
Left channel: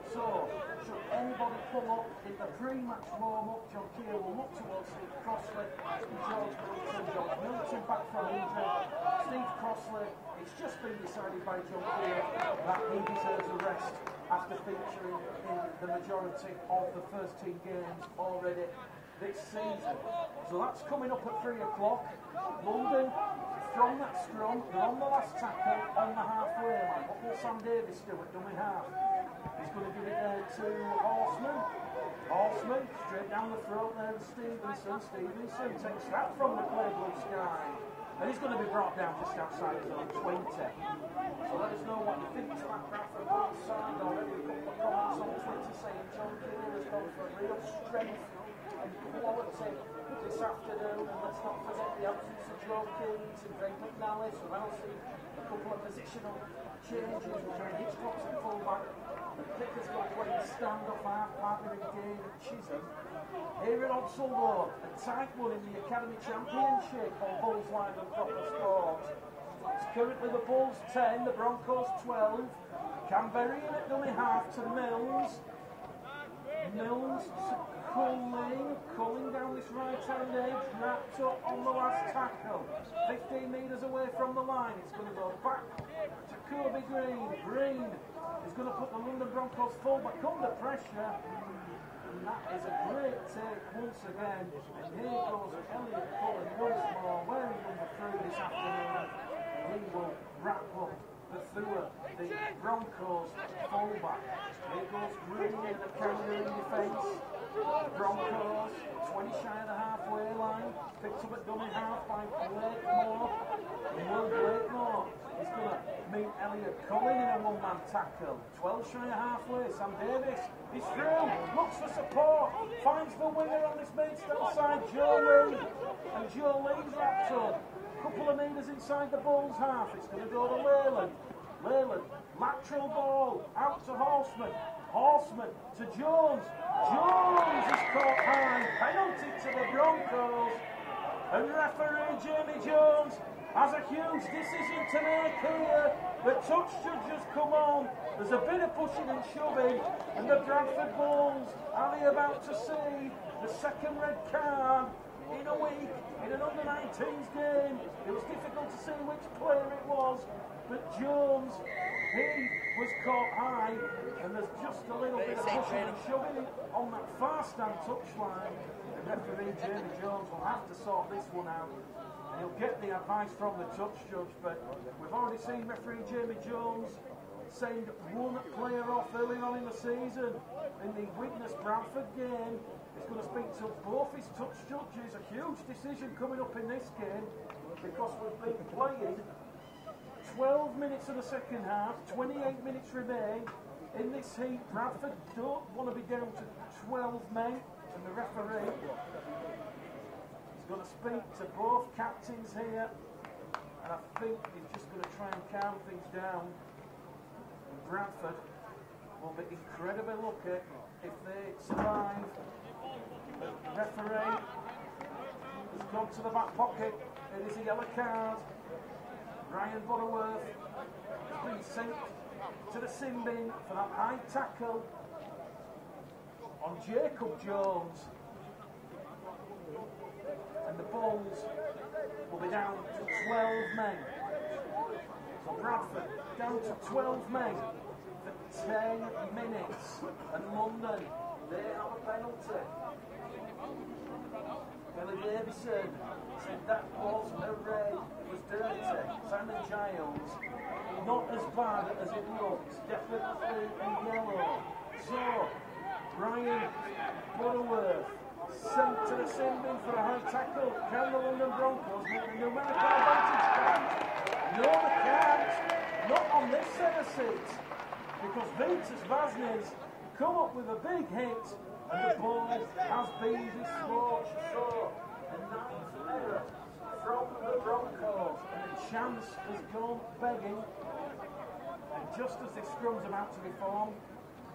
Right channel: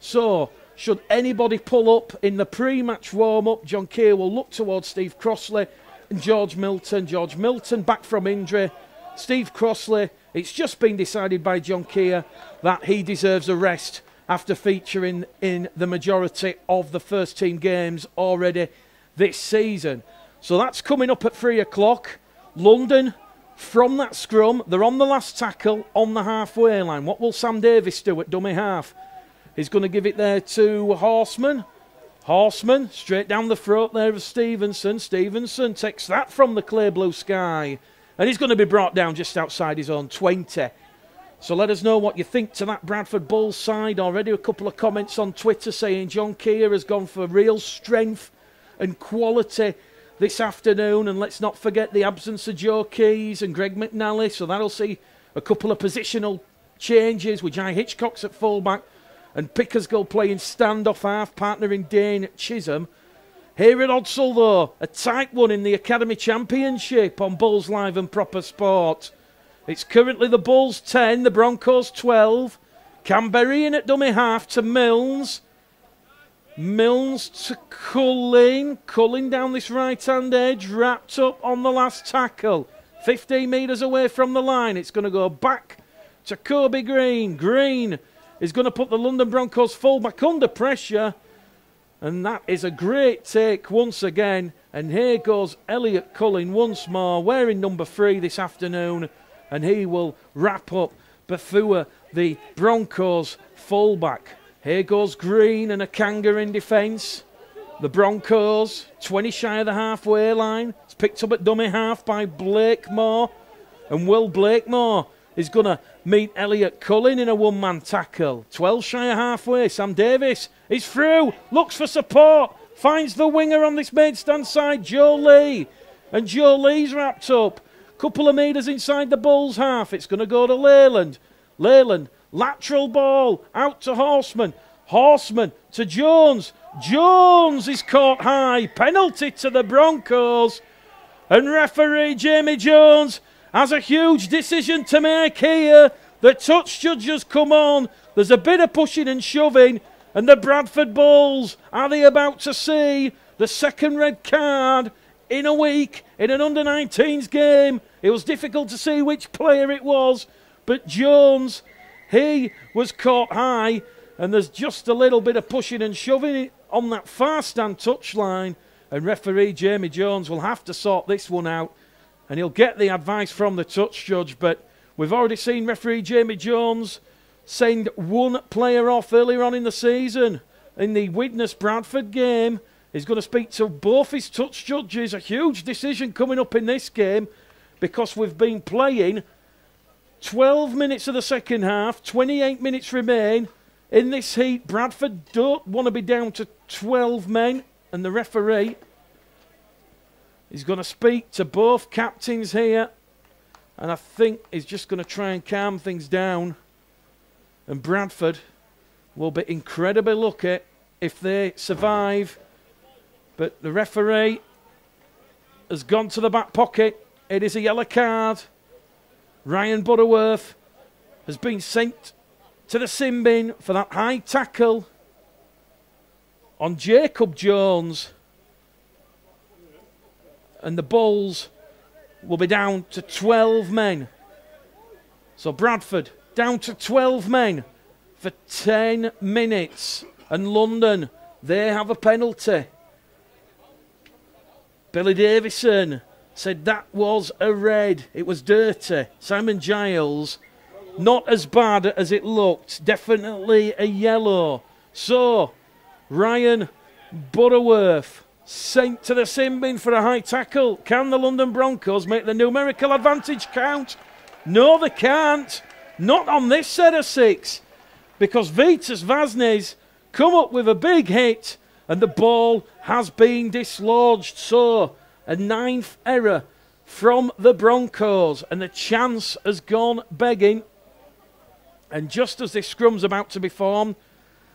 So, should anybody pull up in the pre-match warm-up, John Keir will look towards Steve Crossley and George Milton. George Milton back from injury. Steve Crossley, it's just been decided by John Keir that he deserves a rest after featuring in the majority of the first team games already this season. So that's coming up at 3 o'clock. London, from that scrum, they're on the last tackle on the halfway line. What will Sam Davis do at dummy half? He's going to give it there to Horseman. Horseman, straight down the throat there of Stevenson. Stevenson takes that from the clear blue sky. And he's going to be brought down just outside his own 20. So let us know what you think to that Bradford Bulls side. Already a couple of comments on Twitter saying John Keir has gone for real strength and quality this afternoon. And let's not forget the absence of Joe Keys and Greg McNally. So that'll see a couple of positional changes with Jai Hitchcock's at fullback and Pickersgill playing standoff half, partnering Dane Chisholm. Here at Odsal though, a tight one in the Academy Championship on Bulls Live and Proper Sport. It's currently the Bulls 10, the Broncos 12. Canberry in at dummy half to Milnes. Milnes to Culling. Culling down this right-hand edge, wrapped up on the last tackle. 15 metres away from the line. It's going to go back to Kobe Green. Green is going to put the London Broncos fullback under pressure. And that is a great take once again. And here goes Elliot Culling once more, wearing number 3 this afternoon. And he will wrap up Bethua, the Broncos fullback. Here goes Green and a Kanga in defence. The Broncos, 20 shy of the halfway line. It's picked up at dummy half by Blakemore. And Will Blakemore is going to meet Elliot Culling in a one-man tackle. 12 shy of halfway. Sam Davis is through, looks for support, finds the winger on this main stand side, Joe Lee. And Joe Lee's wrapped up. Couple of metres inside the Bulls half. It's going to go to Leyland. Leyland, lateral ball, out to Horseman. Horseman to Jones. Jones is caught high. Penalty to the Broncos. And referee Jamie Jones has a huge decision to make here. The touch judges come on. There's a bit of pushing and shoving. And the Bradford Bulls, are they about to see the second red card in a week in an under-19s game? It was difficult to see which player it was. But Jones, he was caught high. And there's just a little bit of pushing and shoving on that far stand touchline. And referee Jamie Jones will have to sort this one out. And he'll get the advice from the touch judge. But we've already seen referee Jamie Jones send one player off earlier on in the season. In the Widnes Bradford game, he's going to speak to both his touch judges. A huge decision coming up in this game because we've been playing 12 minutes of the second half, 28 minutes remain. In this heat, Bradford don't want to be down to 12 men. And the referee is going to speak to both captains here. And I think he's just going to try and calm things down. And Bradford will be incredibly lucky if they survive. But the referee has gone to the back pocket. It is a yellow card. Ryan Butterworth has been sent to the sin bin for that high tackle on Jacob Jones. And the Bulls will be down to 12 men. So Bradford down to 12 men for 10 minutes. And London, they have a penalty. Billy Davison said that was a red. It was dirty. Simon Giles not as bad as it looked. Definitely a yellow. So, Ryan Butterworth sent to the sin bin for a high tackle. Can the London Broncos make the numerical advantage count? No, they can't. Not on this set of 6. Because Vitas Vaznes come up with a big hit and the ball has been dislodged. So, a 9th error from the Broncos and the chance has gone begging. And just as this scrum's about to be formed,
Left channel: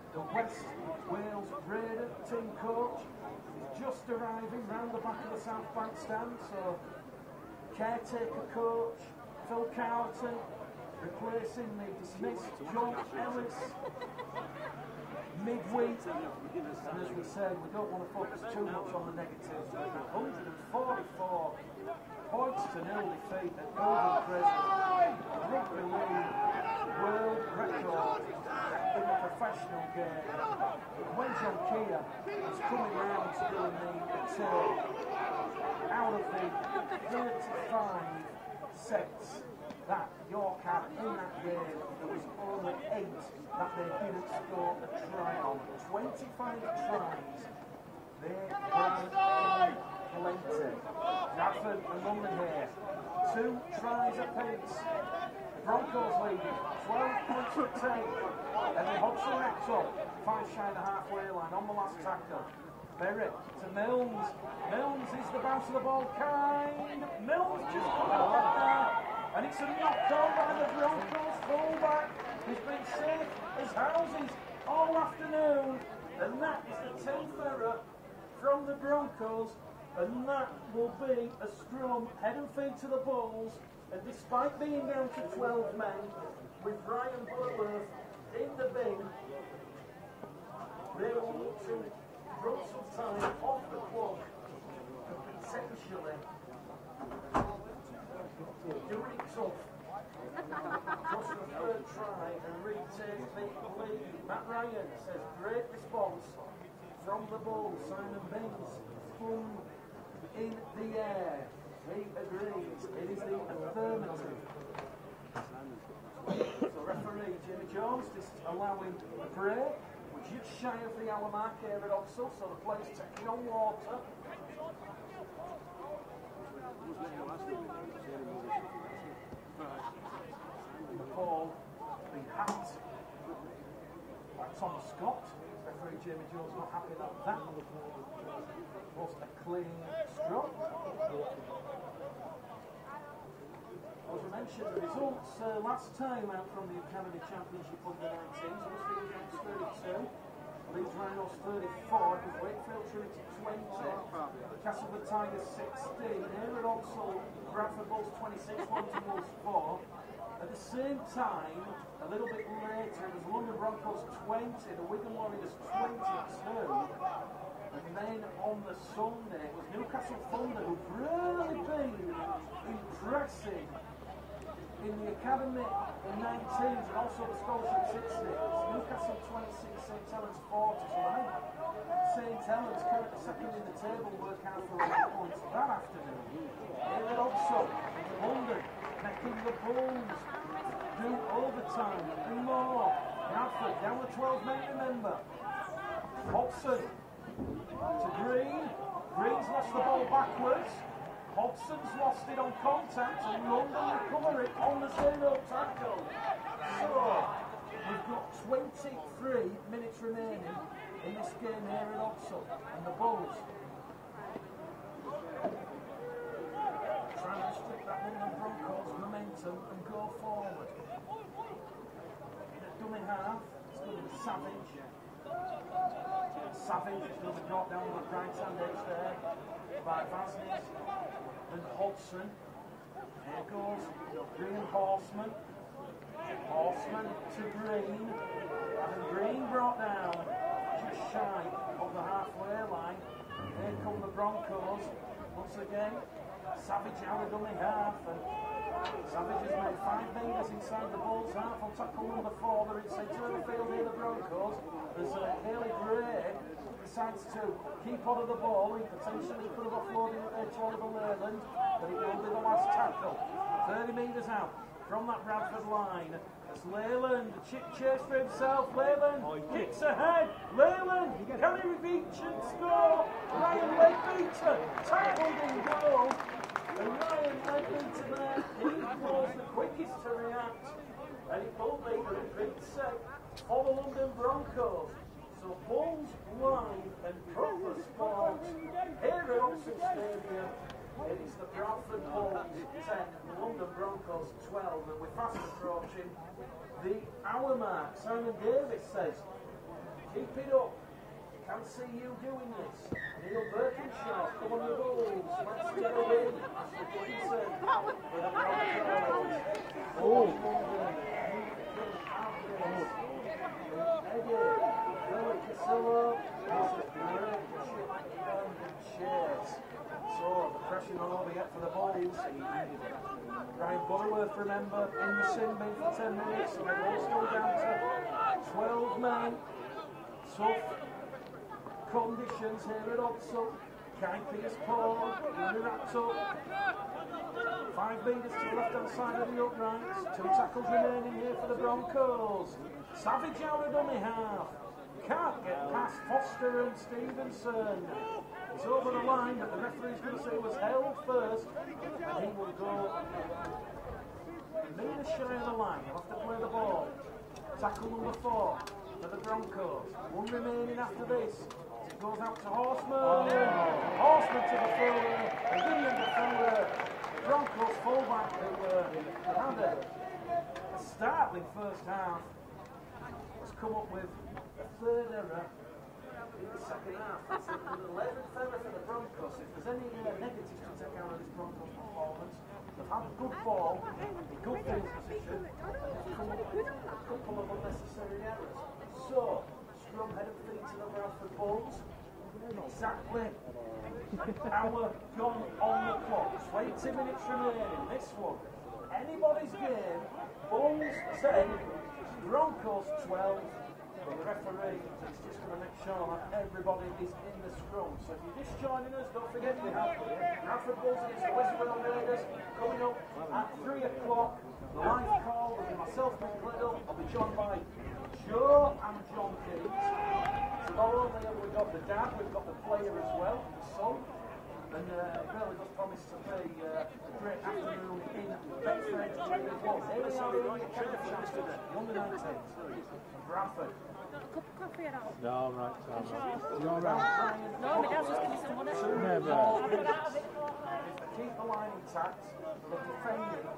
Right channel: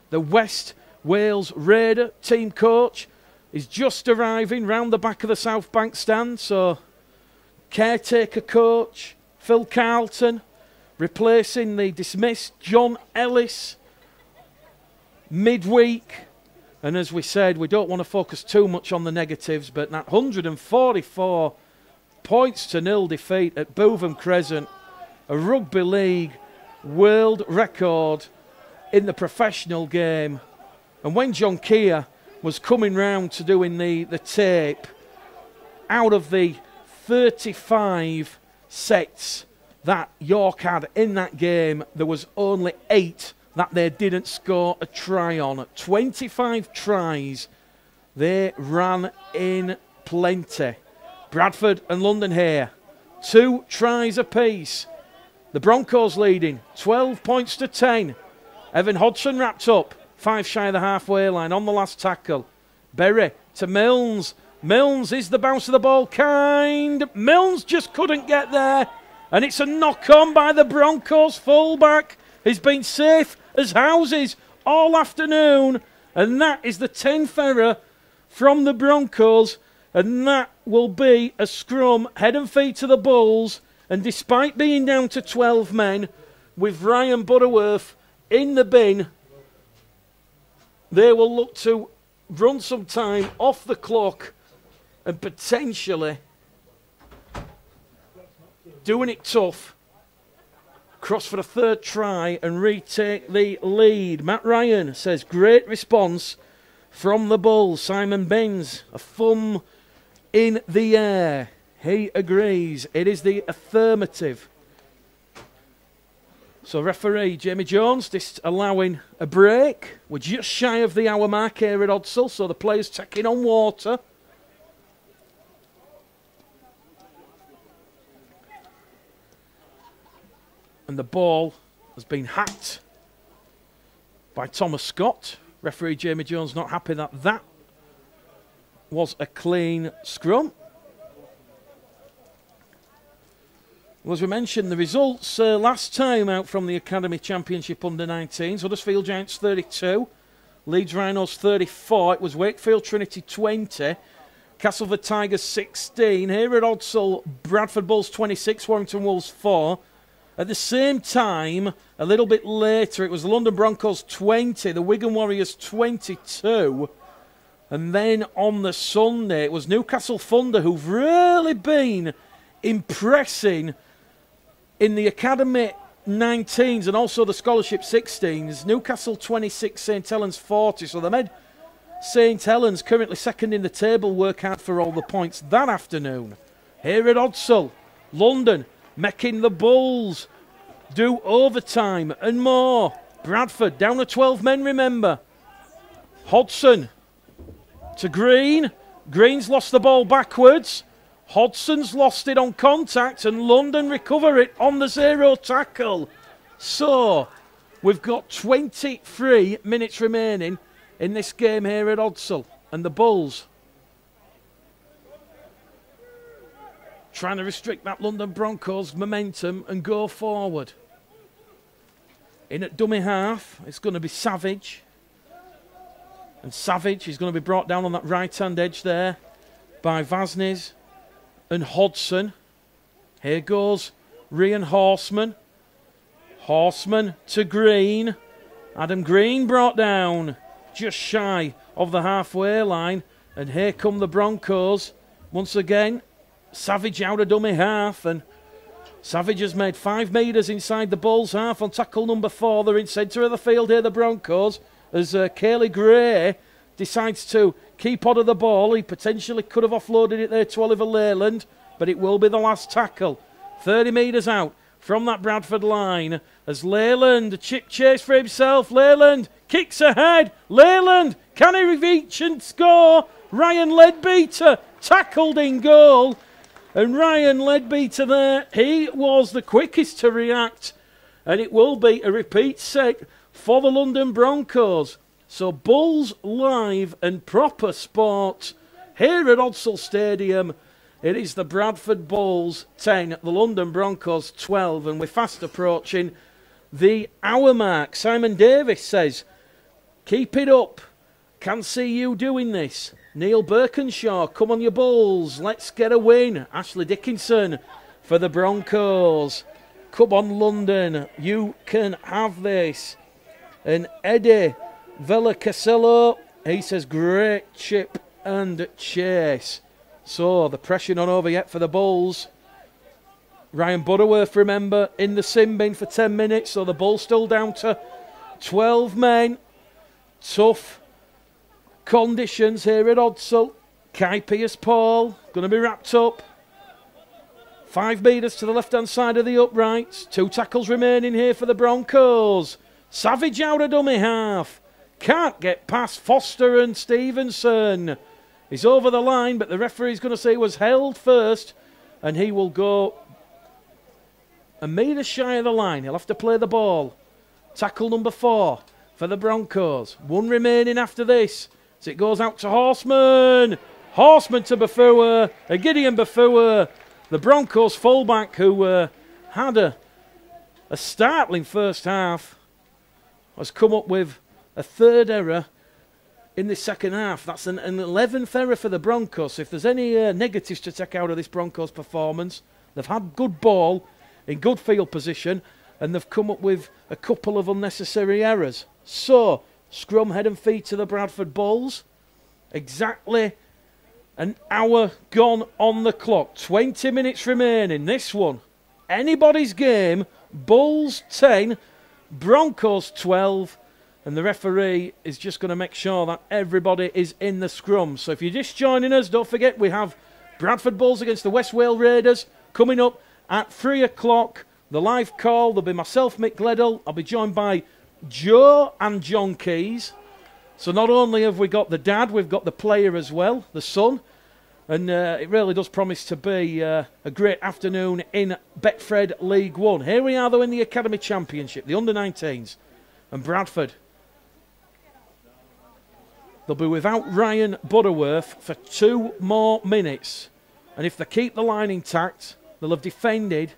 the West Wales Raider team coach is just arriving round the back of the South Bank stand. So, caretaker coach Phil Carlton replacing the dismissed John Ellis midweek. And as we said, we don't want to focus too much on the negatives, but that 144 points to 0 defeat at Bootham Crescent, a rugby league world record in the professional game. And when John Keir was coming round to doing the tape, out of the 35 sets that York had in that game, there was only 8 that they didn't score a try on. 25 tries, they ran in plenty. Bradford and London here, 2 tries apiece. The Broncos leading 12 points to 10. Evan Hodgson wrapped up 5 shy of the halfway line on the last tackle. Berry to Milnes. Milnes is the bounce of the ball kind. Milnes just couldn't get there. And it's a knock on by the Broncos fullback. He's been safe as houses all afternoon. And that is the 10th error from the Broncos. And that will be a scrum head and feet to the Bulls. And despite being down to 12 men, with Ryan Butterworth in the bin, they will look to run some time off the clock and potentially doing it tough, cross for the 3rd try and retake the lead. Matt Ryan says, great response from the Bulls. Simon Benz, a thumb in the air. He agrees. It is the affirmative. So referee Jamie Jones just allowing a break. We're just shy of the hour mark here at Odsal, so the players taking on water. And the ball has been hacked by Thomas Scott. Referee Jamie Jones not happy that that was a clean scrum. Well, as we mentioned, the results last time out from the Academy Championship under-19s, Huddersfield Giants 32, Leeds Rhinos 34, it was Wakefield Trinity 20, Castleford Tigers 16, here at Odsal, Bradford Bulls 26, Warrington Wolves 4. At the same time, a little bit later, it was the London Broncos 20, the Wigan Warriors 22. And then on the Sunday, it was Newcastle Thunder who've really been impressing in the Academy 19s and also the Scholarship 16s. Newcastle 26, St Helens 40. So they made St Helens, currently second in the table, work hard for all the points that afternoon. Here at Odsal, London making the Bulls do overtime and more. Bradford down to 12 men, remember. Hodgson to Green. Green's lost the ball backwards. Hodgson's lost it on contact and London recover it on the 0 tackle. So we've got 23 minutes remaining in this game here at Odsal, and the Bulls trying to restrict that London Broncos momentum and go forward. In at dummy half, it's going to be Savage. And Savage is going to be brought down on that right-hand edge there by Vaznes and Hodgson. Here goes Ryan Horseman. Horseman to Green. Adam Green brought down just shy of the halfway line. And here come the Broncos. Once again, Savage out of dummy half. And Savage has made 5 metres inside the Bulls half on tackle number 4. They're in centre of the field here, the Broncos. As Cayley Gray decides to keep hold of the ball. He potentially could have offloaded it there to Oliver Leyland, but it will be the last tackle. 30 metres out from that Bradford line as Leyland chase for himself. Leyland kicks ahead. Leyland, can he reach and score? Ryan Leadbeater tackled in goal. And Ryan Leadbeater there, he was the quickest to react. And it will be a repeat set for the London Broncos. So Bulls live and proper sport here at Odsal Stadium. It is the Bradford Bulls 10, the London Broncos 12, and we're fast approaching the hour mark. Simon Davis says, keep it up. Can see you doing this. Neil Birkinshaw, come on you Bulls. Let's get a win. Ashley Dickinson for the Broncos. Come on London, you can have this. And Eddie Villacasello, he says, great chip and chase. So the pressure not over yet for the Bulls. Ryan Butterworth, remember, in the sin bin for 10 minutes. So the Bulls still down to 12 men. Tough conditions here at Odsal. Kai Pierce-Paul going to be wrapped up. 5 metres to the left-hand side of the uprights. 2 tackles remaining here for the Broncos. Savage out of dummy half. Can't get past Foster and Stevenson. He's over the line, but the referee's going to say he was held first, and he will go a metre shy of the line. He'll have to play the ball. Tackle number 4 for the Broncos. 1 remaining after this. So it goes out to Horseman. Horseman to Bafua. And Gideon Bafua, the Broncos fullback, who had a startling first half, has come up with a 3rd error in the second half. That's an 11th error for the Broncos. If there's any negatives to take out of this Broncos performance, they've had good ball in good field position, and they've come up with a couple of unnecessary errors. So, scrum head and feet to the Bradford Bulls. Exactly an hour gone on the clock. 20 minutes remaining. This one, anybody's game. Bulls 10, Broncos 12. And the referee is just going to make sure that everybody is in the scrum. So if you're just joining us, don't forget we have Bradford Bulls against the West Wales Raiders coming up at 3 o'clock. The live call, there'll be myself, Mick Gledall. I'll be joined by Joe and John Keys. So not only have we got the dad, we've got the player as well, the son. And it really does promise to be a great afternoon in Betfred League One. Here we are though in the Academy Championship, the under-19s. And Bradford, they'll be without Ryan Butterworth for 2 more minutes. And if they keep the line intact, they'll have defended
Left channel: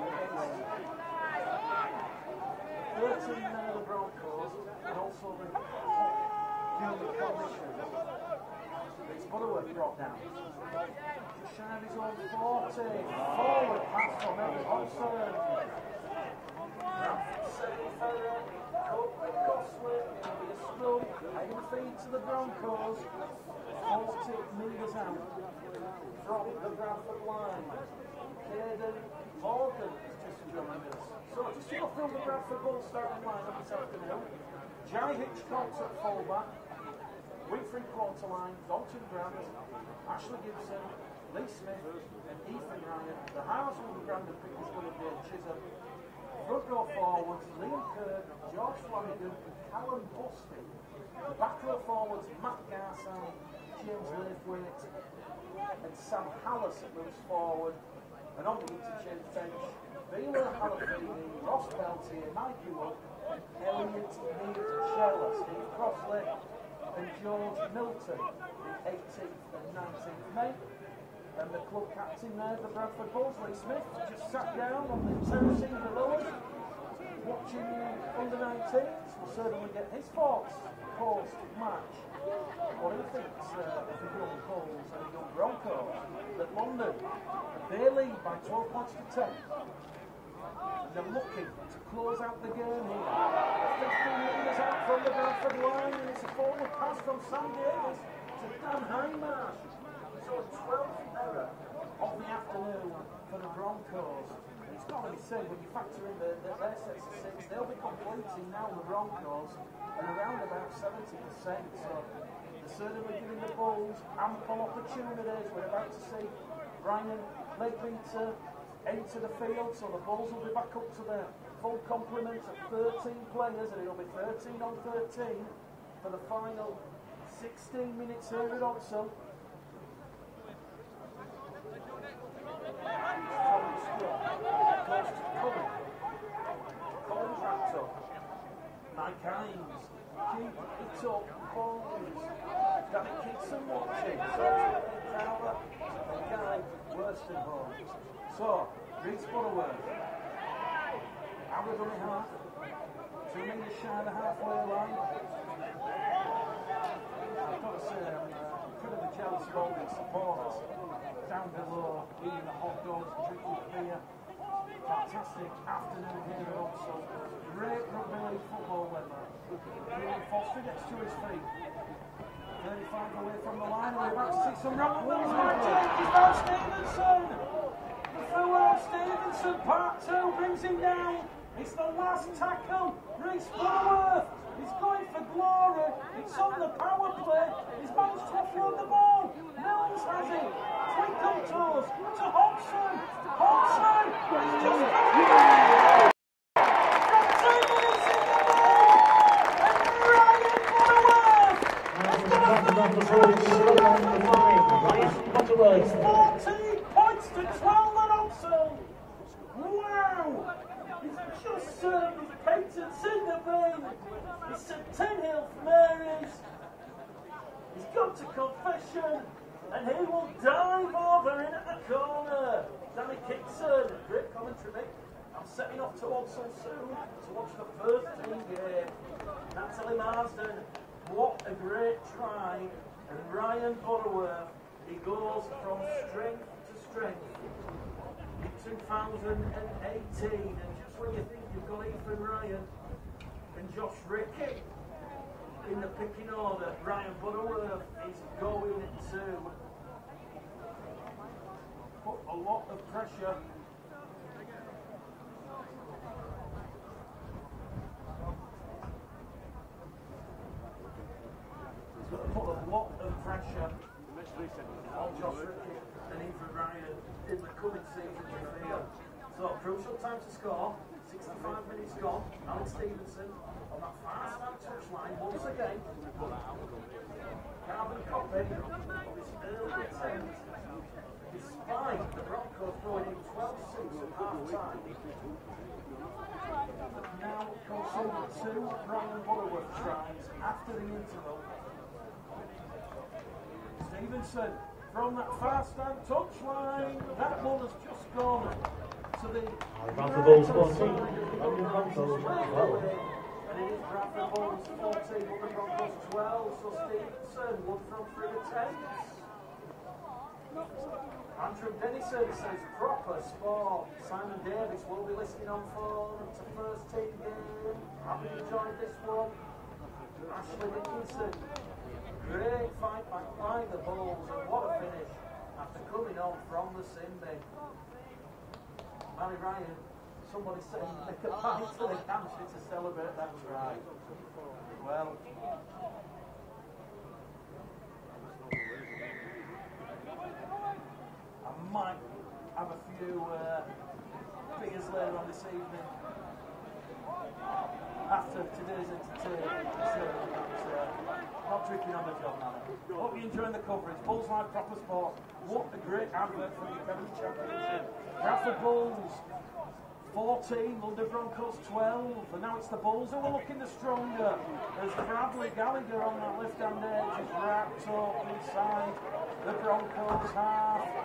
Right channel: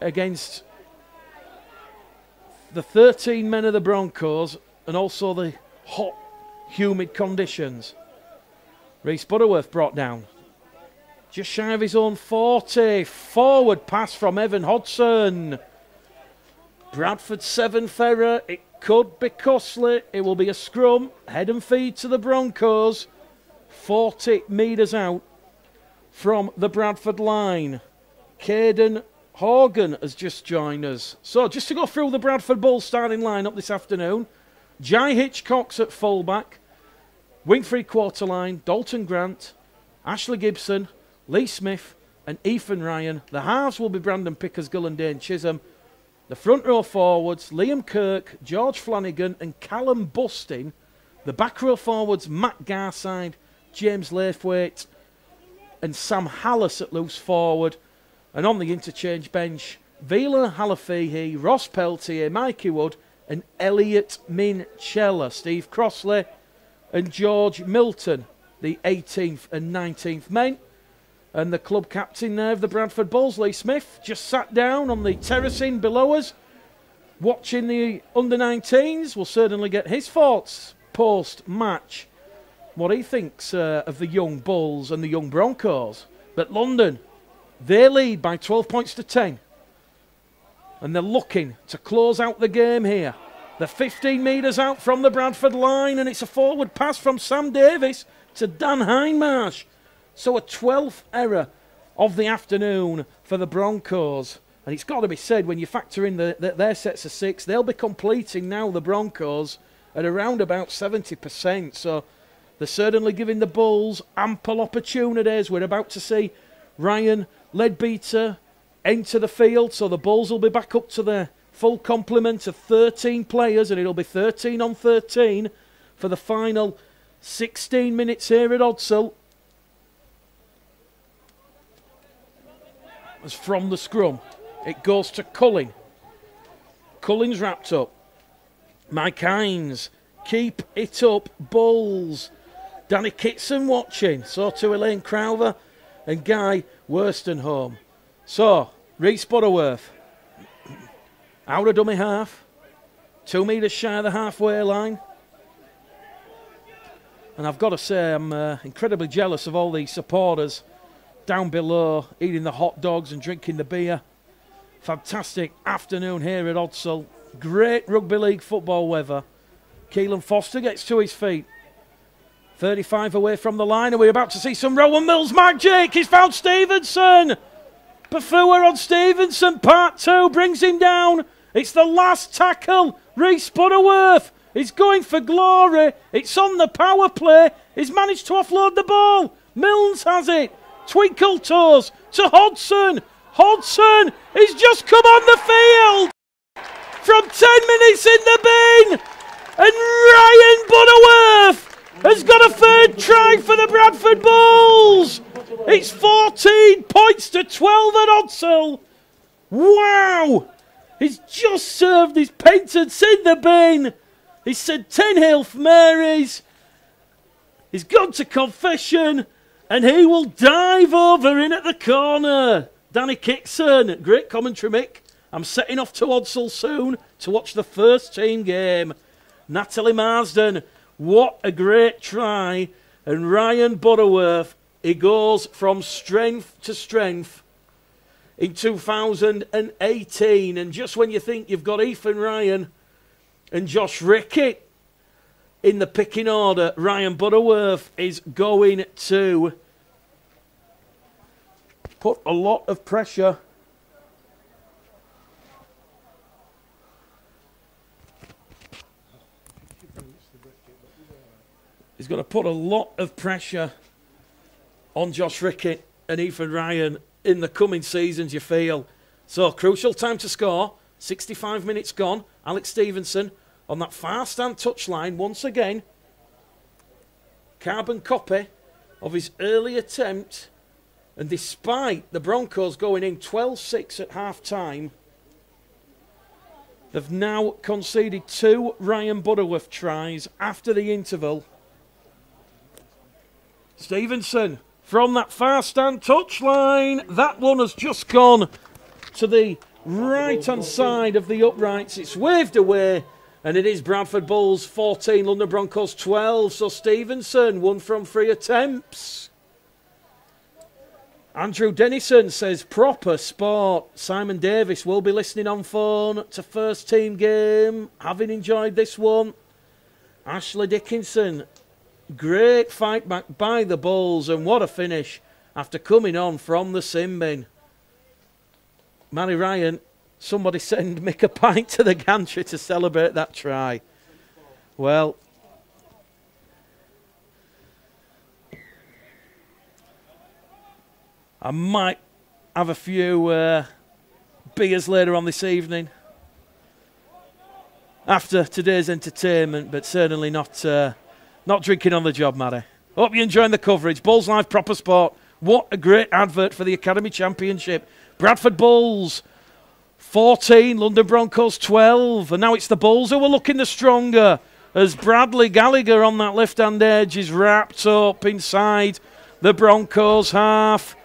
against the 13 men of the Broncos and also the hot, humid conditions. Reece Butterworth brought down. Just shy of his own 40. Forward pass from Evan Hodson. Bradford's 7th error. It could be costly. It will be a scrum. Head and feed to the Broncos. 40 metres out from the Bradford line. Caden Horgan has just joined us. So just to go through the Bradford Bulls starting lineup this afternoon. Jai Hitchcock's at fullback. Wing 3/4 line. Dalton Grant, Ashley Gibson, Lee Smith and Ethan Ryan. The halves will be Brandon Pickersgill and Dane Chisholm. The front row forwards, Liam Kirk, George Flanagan and Callum Bustin. The back row forwards, Matt Garside, James Laithwaite and Sam Hallis at loose forward. And on the interchange bench, Vila Halafihi, Ross Peltier, Mikey Wood and Elliot Minchella. Steve Crossley and George Milton, the 18th and 19th men. And the club captain there of the Bradford Bulls, Lee Smith, just sat down on the terracing below us, watching the under-19s. We'll certainly get his thoughts post-match, what he thinks of the young Bulls and the young Broncos. But London, they lead by 12 points to 10. And they're looking to close out the game here. They're 15 metres out from the Bradford line, and it's a forward pass from Sam Davis to Dan Hindmarsh. So a 12th error of the afternoon for the Broncos. And it's got to be said, when you factor in their sets of 6, they'll be completing now, the Broncos, at around about 70%. So they're certainly giving the Bulls ample opportunities. We're about to see Ryan Leadbeater enter the field, so the Bulls will be back up to their full complement of 13 players, and it'll be 13 on 13 for the final 16 minutes here at Odsal. As from the scrum, it goes to Cullen. Cullen's wrapped up. Mike Hines, keep it up, Bulls. Danny Kitson watching, so to Elaine Crowther and Guy Worstonholm. So, Reece Butterworth, out of dummy half, 2 metres shy of the halfway line. And I've got to say, I'm incredibly jealous of all these supporters down below, eating the hot dogs and drinking the beer. Fantastic afternoon here at Odsal. Great rugby league football weather. Keelan Foster gets to his feet. 35 away from the line, and we're about to see some Rowan Mills magic. He's found Stevenson. Bafua on Stevenson, part 2, brings him down. It's the last tackle. Reece Butterworth is going for glory. It's on the power play. He's managed to offload the ball. Mills has it. Twinkle toes to Hodson. Hodson, he's just come on the field from 10 minutes in the bin. And Ryan Butterworth has got a third try for the Bradford Bulls. It's 14 points to 12 at Odsal. Wow! He's just served his painters in the bin. He said 10 Hail Marys. He's gone to confession, and he will dive over in at the corner. Danny Kitson, great commentary, Mick. I'm setting off to Odsal soon to watch the first team game. Natalie Marsden, what a great try. And Ryan Butterworth, he goes from strength to strength in 2018. And just when you think you've got Ethan Ryan and Josh Rickett in the picking order, Ryan Butterworth is going to put a lot of pressure He's going to put a lot of pressure on Josh Rickett and Ethan Ryan in the coming seasons, you feel. So, crucial time to score. 65 minutes gone. Alex Stevenson on that far stand touchline once again. Carbon copy of his early attempt. And despite the Broncos going in 12-6 at half-time, they've now conceded 2 Ryan Butterworth tries after the interval. Stevenson from that far stand touchline. That one has just gone to the right-hand side of the uprights. It's waved away, and it is Bradford Bulls 14, London Broncos 12. So Stevenson, 1 from 3 attempts. Andrew Dennison says, proper sport. Simon Davis will be listening on phone to first team game, having enjoyed this one. Ashley Dickinson, great fight back by the Bulls, and what a finish after coming on from the sin bin. Manny Ryan, somebody send Mick a pint to the gantry to celebrate that try. Well, I might have a few beers later on this evening after today's entertainment, but certainly not drinking on the job, Matty. Hope you're enjoying the coverage. Bulls Live, proper sport. What a great advert for the Academy Championship. Bradford Bulls 14, London Broncos 12. And now it's the Bulls who are looking the stronger, as Bradley Gallagher on that left-hand edge is wrapped up inside the Broncos half.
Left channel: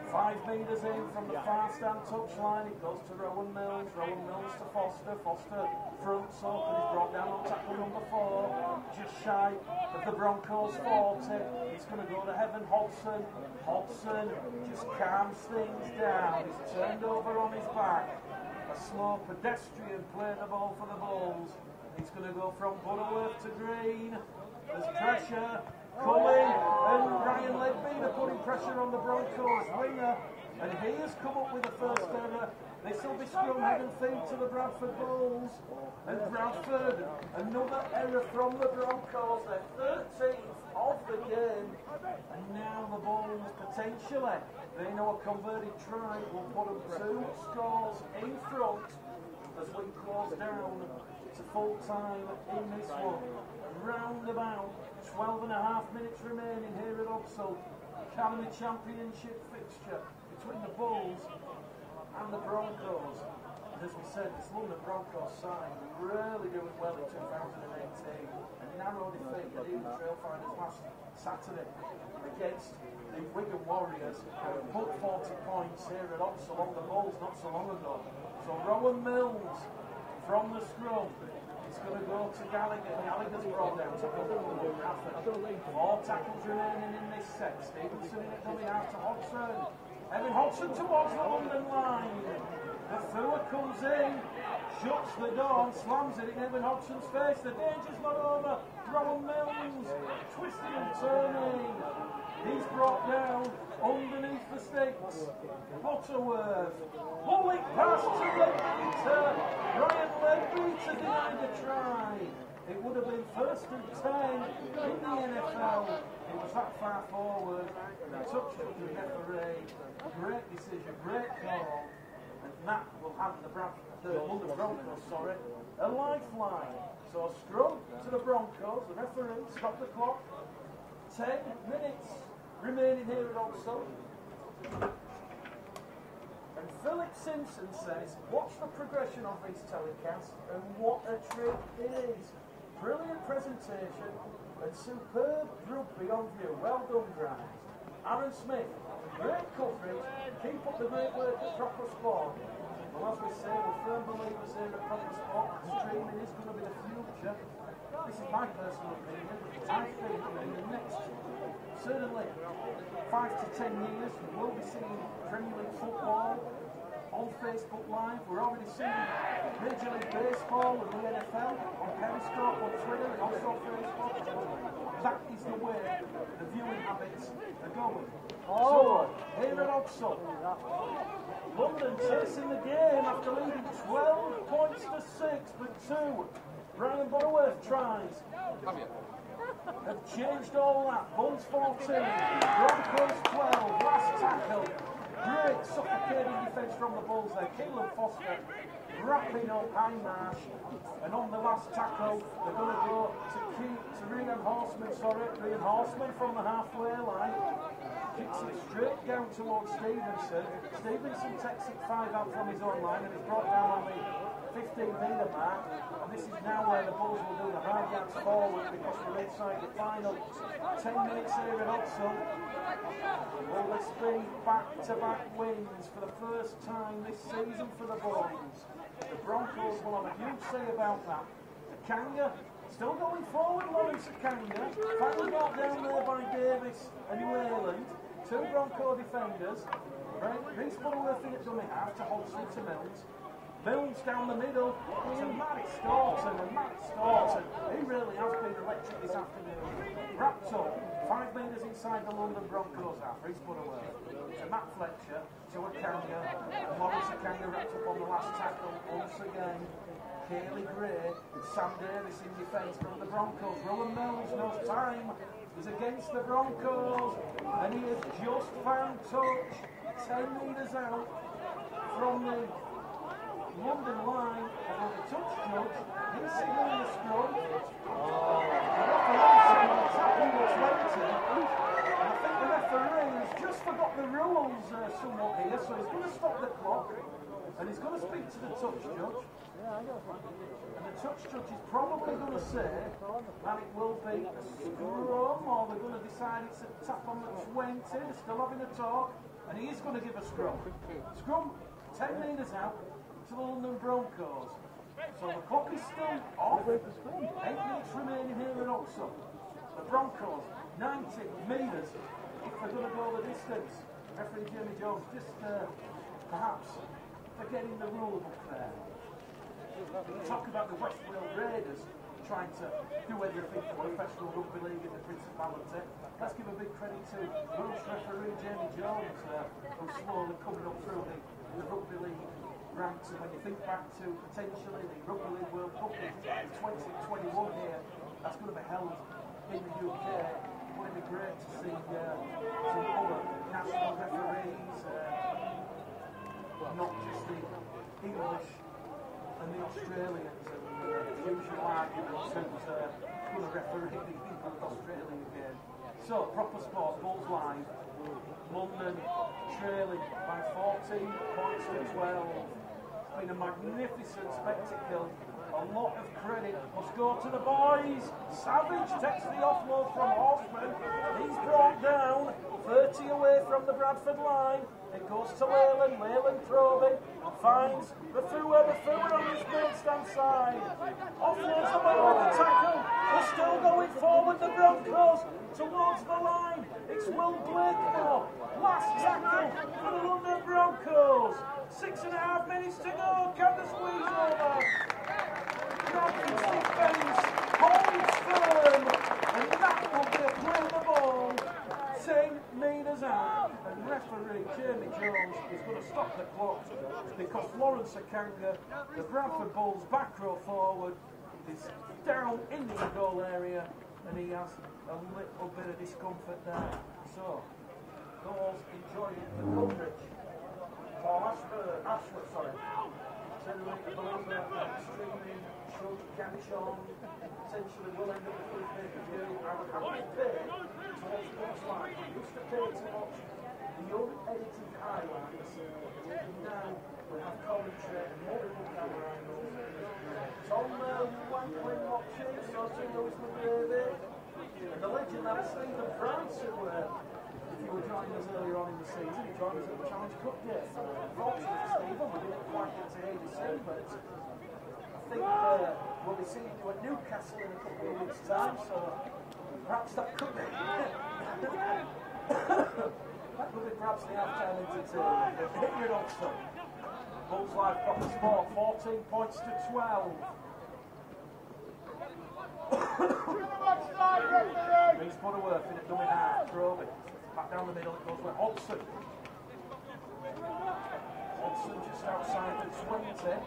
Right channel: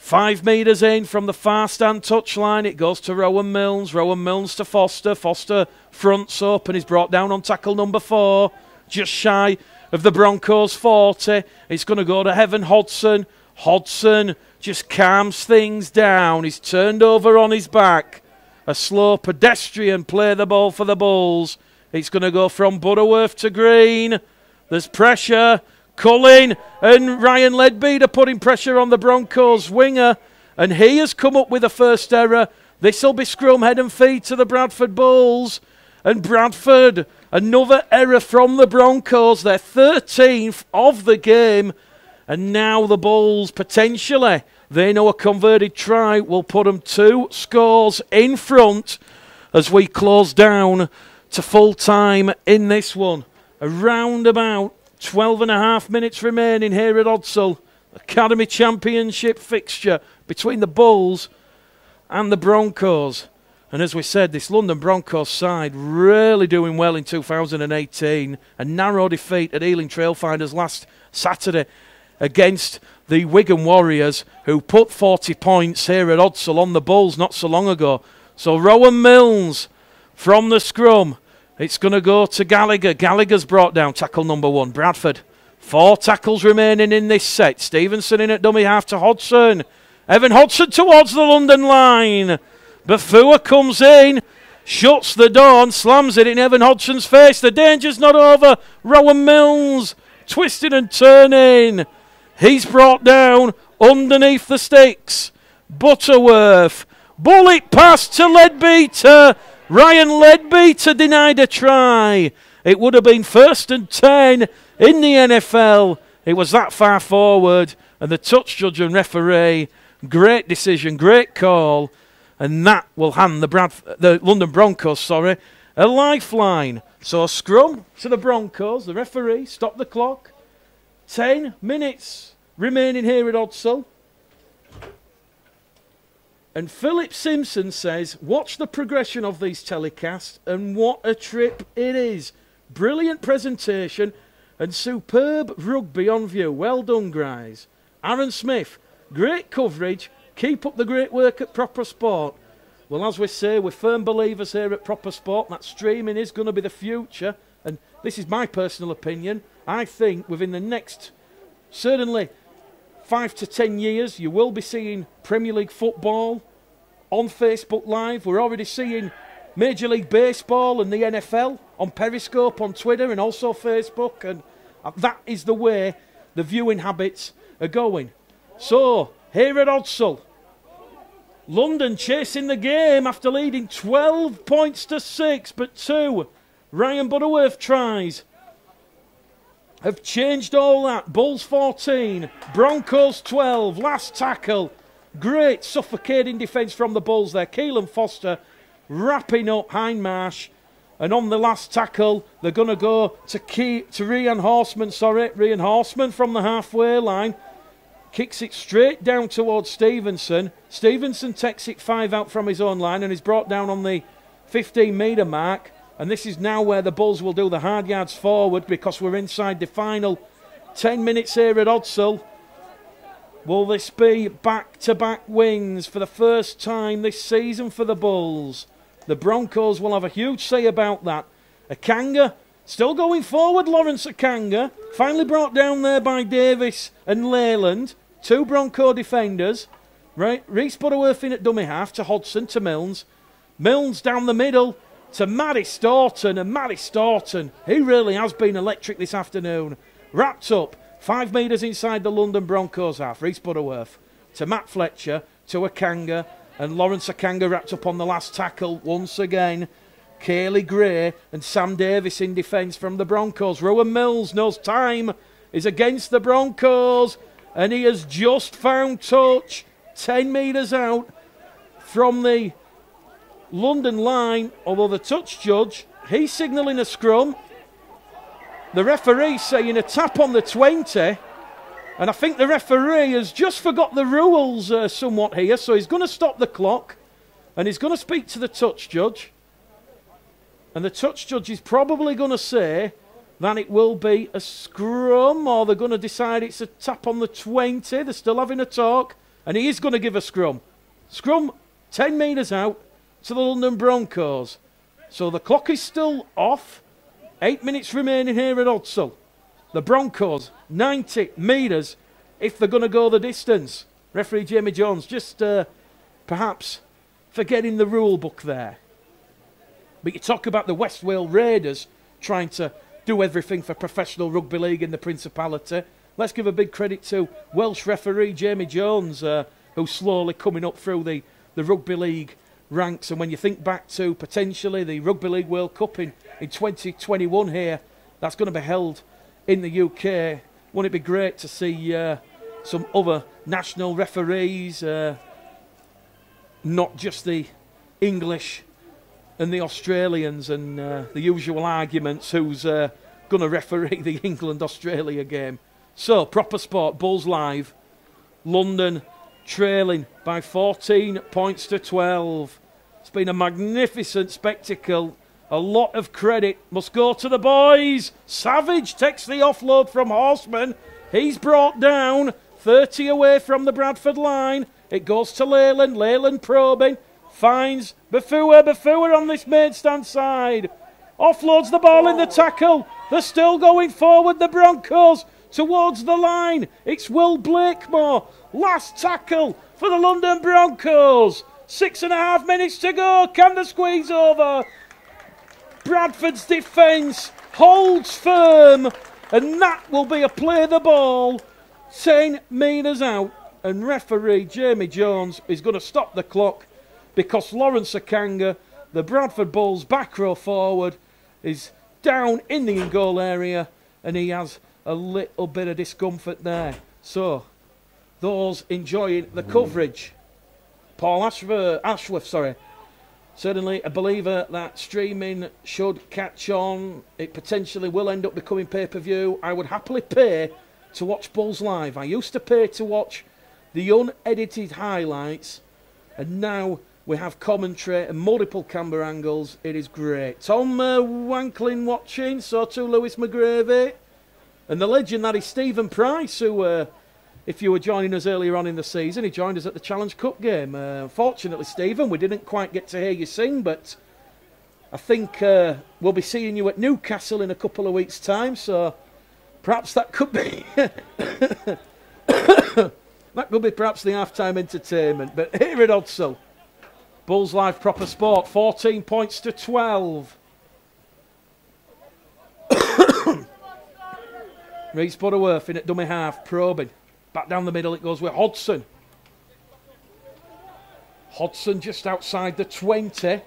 5 metres in from the far stand touchline. It goes to Rowan Mills. Rowan Mills to Foster. Foster fronts up and is brought down on tackle number 4. Just shy of the Broncos 40. It's going to go to Heaven Hodson. Hodson just calms things down. He's turned over on his back. A slow pedestrian play the ball for the Bulls. It's going to go from Butterworth to Green. There's pressure. Cullen and Ryan Leadbeater putting pressure on the Broncos winger, and he has come up with a first error. This will be scrum head and feet to the Bradford Bulls, and Bradford, another error from the Broncos, their 13th of the game, and now the Bulls potentially They know a converted try will put them 2 scores in front as we close down to full time in this one. Around about 12 and a half minutes remaining here at Odsal. Academy Championship fixture between the Bulls and the Broncos. And as we said, this London Broncos side really doing well in 2018. A narrow defeat at Ealing Trailfinders last Saturday against the Wigan Warriors, who put 40 points here at Odsal on the Bulls not so long ago. So Rowan Milnes from the scrum. It's going to go to Gallagher. Gallagher's brought down tackle number 1. Bradford. 4 tackles remaining in this set. Stevenson in at dummy half to Hodgson. Evan Hodgson towards the London line. Bafua comes in, shuts the door and slams it in Evan Hodgson's face. The danger's not over. Rowan Milnes twisting and turning. He's brought down underneath the sticks. Butterworth. Bullet pass to Leadbeater. Ryan Leadbeater denied a try. It would have been 1st and 10 in the NFL. It was that far forward. And the touch judge and referee, great decision, great call. And that will hand the London Broncos, a lifeline. So a scrum to the Broncos. The referee stopped the clock. 10 minutes remaining here at Odsal. And Philip Simpson says, watch the progression of these telecasts, and what a trip it is. Brilliant presentation and superb rugby on view. Well done, guys. Aaron Smith, great coverage. Keep up the great work at Proper Sport. Well, as we say, we're firm believers here at Proper Sport. That streaming is going to be the future. And this is my personal opinion. I think within the next, certainly 5 to 10 years, you will be seeing Premier League football on Facebook Live. We're already seeing Major League Baseball and the NFL on Periscope, on Twitter, and also Facebook. And that is the way the viewing habits are going. So, here at Odsal, London chasing the game after leading 12 points to 6, but 2 Ryan Butterworth tries have changed all that. Bulls 14, Broncos 12, last tackle. Great suffocating defence from the Bulls there. Keelan Foster wrapping up Hindmarsh. And on the last tackle, they're going to go to Rian Horseman, Rian Horseman from the halfway line. Kicks it straight down towards Stevenson. Stevenson takes it 5 out from his own line and is brought down on the 15-metre mark. And this is now where the Bulls will do the hard yards forward, because we're inside the final 10 minutes here at Odsal. Will this be back-to-back wins for the first time this season for the Bulls? The Broncos will have a huge say about that. Akanga still going forward, Lawrence Akanga. Finally brought down there by Davis and Leyland. 2 Bronco defenders. Right, Reece Butterworth in at dummy half to Hodgson to Milnes. Milnes down the middle to Matty Staunton. And Matty Staunton, he really has been electric this afternoon. Wrapped up 5 metres inside the London Broncos half. Reece Butterworth to Matt Fletcher to Akanga. And Lawrence Akanga wrapped up on the last tackle once again. Cayley Gray and Sam Davis in defence from the Broncos. Rowan Milnes knows time is against the Broncos, and he has just found touch 10 metres out from the London line, although the touch judge, he's signalling a scrum. The referee saying a tap on the 20, and I think the referee has just forgot the rules somewhat here, so he's going to stop the clock and he's going to speak to the touch judge. And the touch judge is probably going to say that it will be a scrum, or they're going to decide it's a tap on the 20. They're still having a talk, and he is going to give a scrum. Scrum 10 metres out to the London Broncos. So the clock is still off. 8 minutes remaining here at Odsal. The Broncos, 90 metres if they're going to go the distance. Referee Jamie Jones just perhaps forgetting the rule book there. But you talk about the West Wales Raiders trying to do everything for professional rugby league in the Principality. Let's give a big credit to Welsh referee Jamie Jones, who's slowly coming up through the rugby league ranks. And when you think back to potentially the Rugby League World Cup in 2021 here, that's going to be held in the UK. Wouldn't it be great to see some other national referees, not just the English and the Australians and the usual arguments who's going to referee the England-Australia game. So, proper sport, Bulls Live. London trailing by 14 points to 12. It's been a magnificent spectacle. A lot of credit must go to the boys. Savage takes the offload from Horseman. He's brought down 30 away from the Bradford line. It goes to Leyland. Leyland probing. Finds Bafua. Bafua on this main stand side. Offloads the ball in the tackle. They're still going forward, the Broncos, towards the line. It's Will Blakemore. Last tackle for the London Broncos. 6.5 minutes to go. Can they squeeze over? Bradford's defence holds firm, and that will be a play the ball 10 metres out. And referee Jamie Jones is going to stop the clock because Lawrence Akanga, the Bradford Bulls back row forward, is down in the in-goal area, and he has a little bit of discomfort there. So, those enjoying the coverage. Paul Ashworth, certainly a believer that streaming should catch on. It potentially will end up becoming pay-per-view. I would happily pay to watch Bulls Live. I used to pay to watch the unedited highlights, and now we have commentary and multiple camera angles. It is great. Tom Wanklin watching, so too Lewis McGravy. And the legend that is Stephen Price, who, if you were joining us earlier on in the season, he joined us at the Challenge Cup game. Unfortunately, Stephen, we didn't quite get to hear you sing, but I think we'll be seeing you at Newcastle in a couple of weeks' time, so perhaps that could be that could be perhaps the half-time entertainment. But here at Odsal, Bulls Live proper sport, 14 points to 12. Reece Butterworth in at dummy half, probing. Back down the middle it goes with Hodson. Hodson just outside the 20.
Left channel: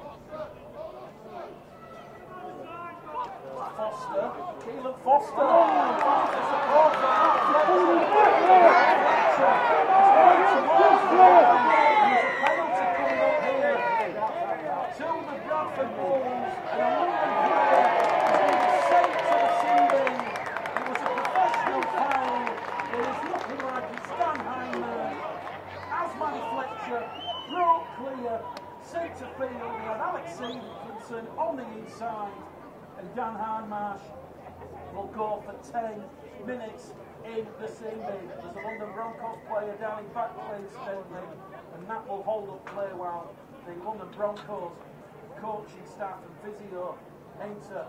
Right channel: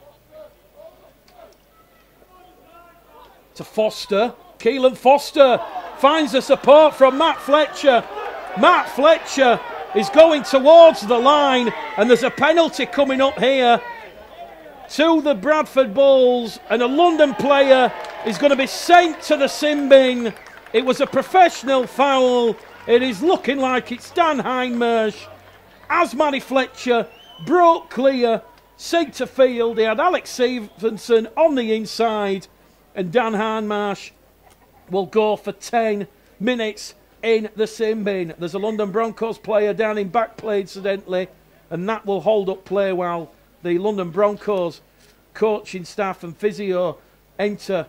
To Foster. Keelan Foster finds the support from Matt Fletcher. Matt Fletcher is going towards the line, and there's a penalty coming up here to the Bradford Bulls, and a London player is going to be sent to the sin bin. It was a professional foul. It is looking like it's Dan Hindmarsh. Asmani Fletcher broke clear, centre field. They had Alex Stevenson on the inside, and Dan Hindmarsh will go for 10 minutes in the sin bin. There's a London Broncos player down in back play incidentally, and that will hold up play while the London Broncos coaching staff and physio enter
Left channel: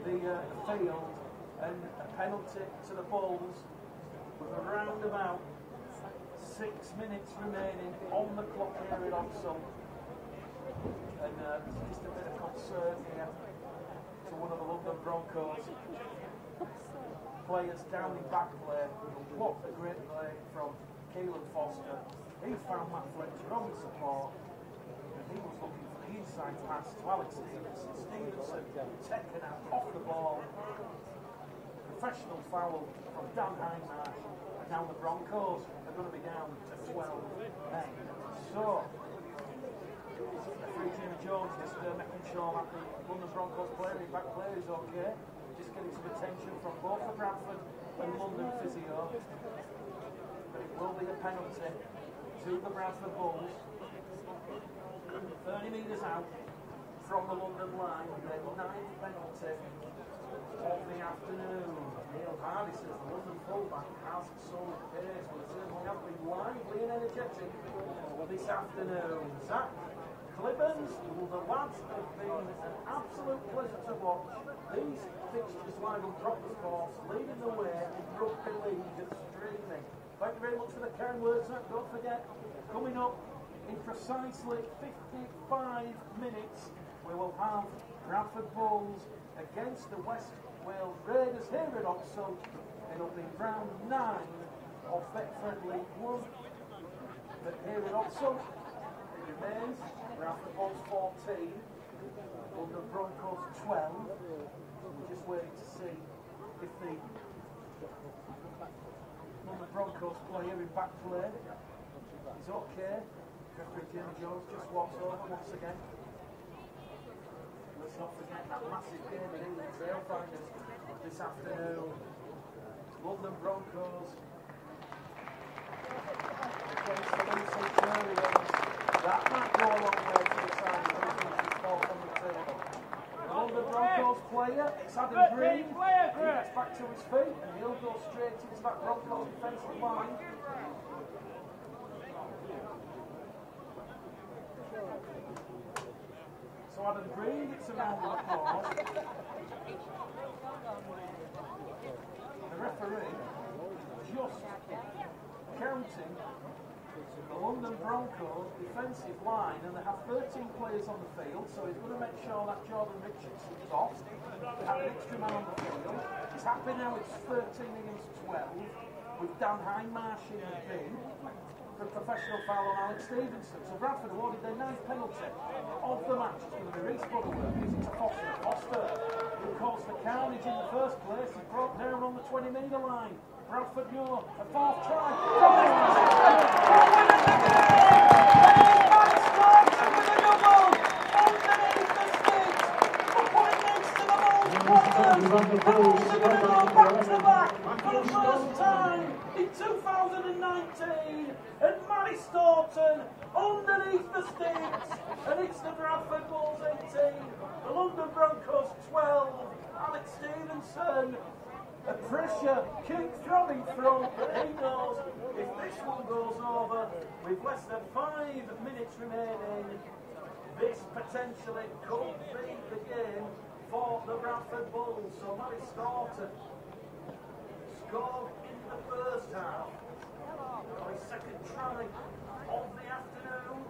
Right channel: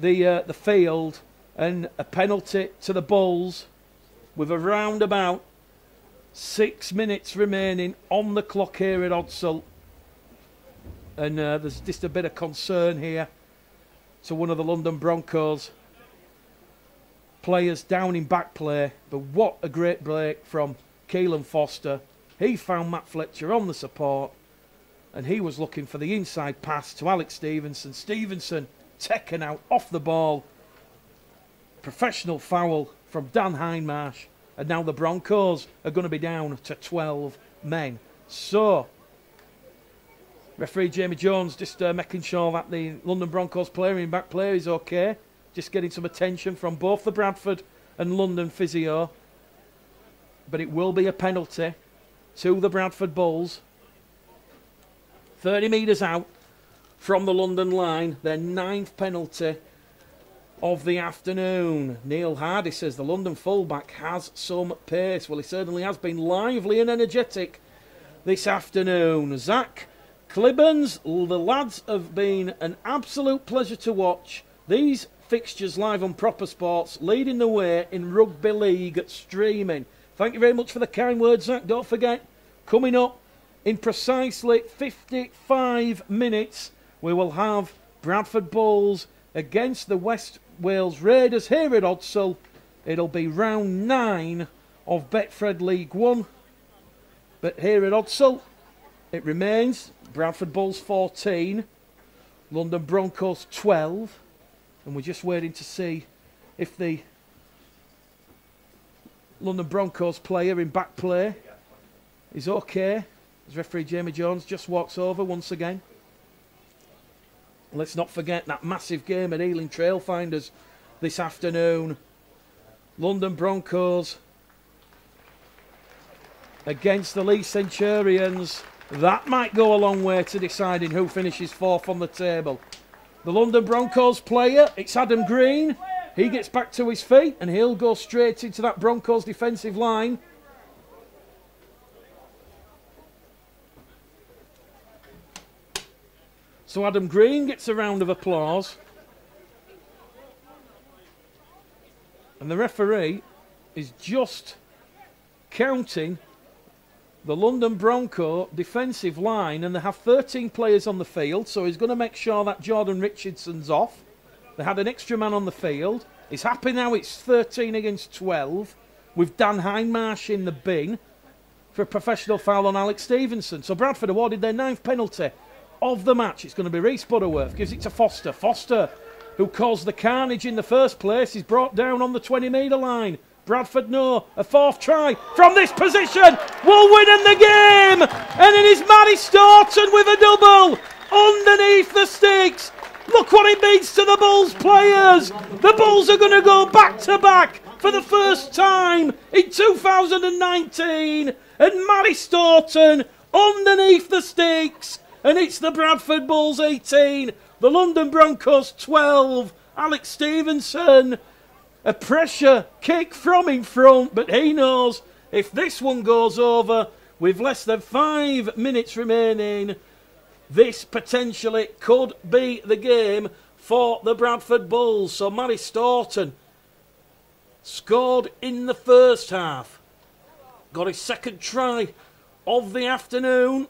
the field. And a penalty to the Bulls with around about 6 minutes remaining on the clock here at Odsal. And there's just a bit of concern here to one of the London Broncos players down in back play. But what a great break from Keelan Foster. He found Matt Fletcher on the support, and he was looking for the inside pass to Alex Stevenson. Stevenson taken out off the ball. Professional foul from Dan Hindmarsh, and now the Broncos are going to be down to 12 men. So, referee Jamie Jones just making sure that the London Broncos player in back player is okay. Just getting some attention from both the Bradford and London physio. But it will be a penalty to the Bradford Bulls. 30 metres out from the London line, their 9th penalty of the afternoon. Neil Hardy says the London fullback has some pace. Well, he certainly has been lively and energetic this afternoon. Zach Clibbons, the lads have been an absolute pleasure to watch. These fixtures live on Proper Sports, leading the way in Rugby League streaming. Thank you very much for the kind words, Zach. Don't forget, coming up in precisely 55 minutes, we will have Bradford Bulls against the West Wales Raiders here at Odsal. It'll be round 9 of Betfred League 1. But here at Odsal, it remains Bradford Bulls 14, London Broncos 12. And we're just waiting to see if the London Broncos player in back play is okay. As referee Jamie Jones just walks over once again. Let's not forget that massive game at Ealing Trailfinders this afternoon. London Broncos against the Leeds Centurions. That might go a long way to deciding who finishes fourth on the table. The London Broncos player, it's Adam Green. He gets back to his feet and he'll go straight into that Broncos defensive line. So Adam Green gets a round of applause. And the referee is just counting the London Bronco defensive line, and they have 13 players on the field, so he's going to make sure that Jordan Richardson's off. They had an extra man on the field. He's happy now it's 13 against 12, with Dan Hindmarsh in the bin for a professional foul on Alex Stevenson. So Bradford awarded their 9th penalty of the match. It's going to be Rhys Butterworth, gives it to Foster. Foster, who caused the carnage in the first place, is brought down on the 20-metre line. Bradford know a 4th try from this position will win in the game, and it is Matty Staunton with a double underneath the sticks. Look what it means to the Bulls players. The Bulls are going to go back to back for the first time in 2019, and Matty Staunton underneath the sticks, and it's the Bradford Bulls 18, the London Broncos 12. Alex Stevenson, a pressure kick from in front, but he knows if this one goes over with less than 5 minutes remaining, this potentially could be the game for the Bradford Bulls. So Matty Staunton scored in the first half, got his 2nd try of the afternoon.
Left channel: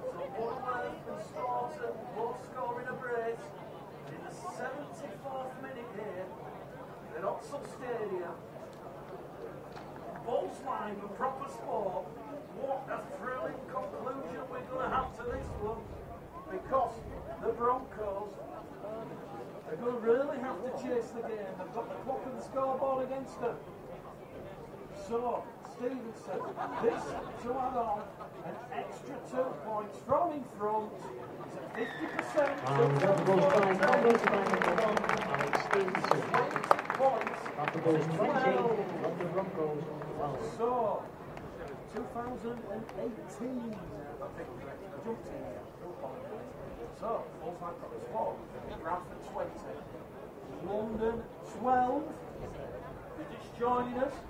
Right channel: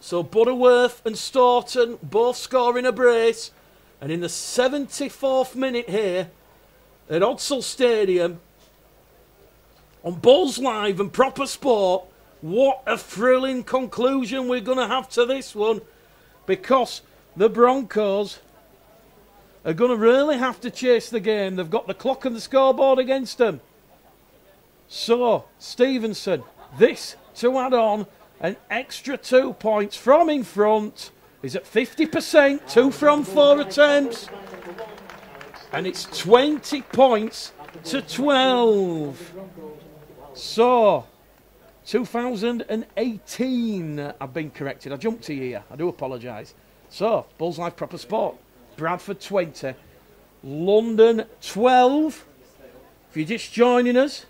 So Butterworth and Staunton both scoring a brace, and in the 74th minute here at Odsal Stadium on Bulls Live and Proper Sport, what a thrilling conclusion we're going to have to this one, because the Broncos are going to really have to chase the game. They've got the clock and the scoreboard against them. So Stevenson, this to add on an extra 2 points from in front, is at 50%, 2 from 4 attempts. And it's 20 points to 12. So, 2018, I've been corrected. I jumped a year. I do apologise. So, Bulls Live Proper Sport. Bradford 20. London 12. If you're just joining us,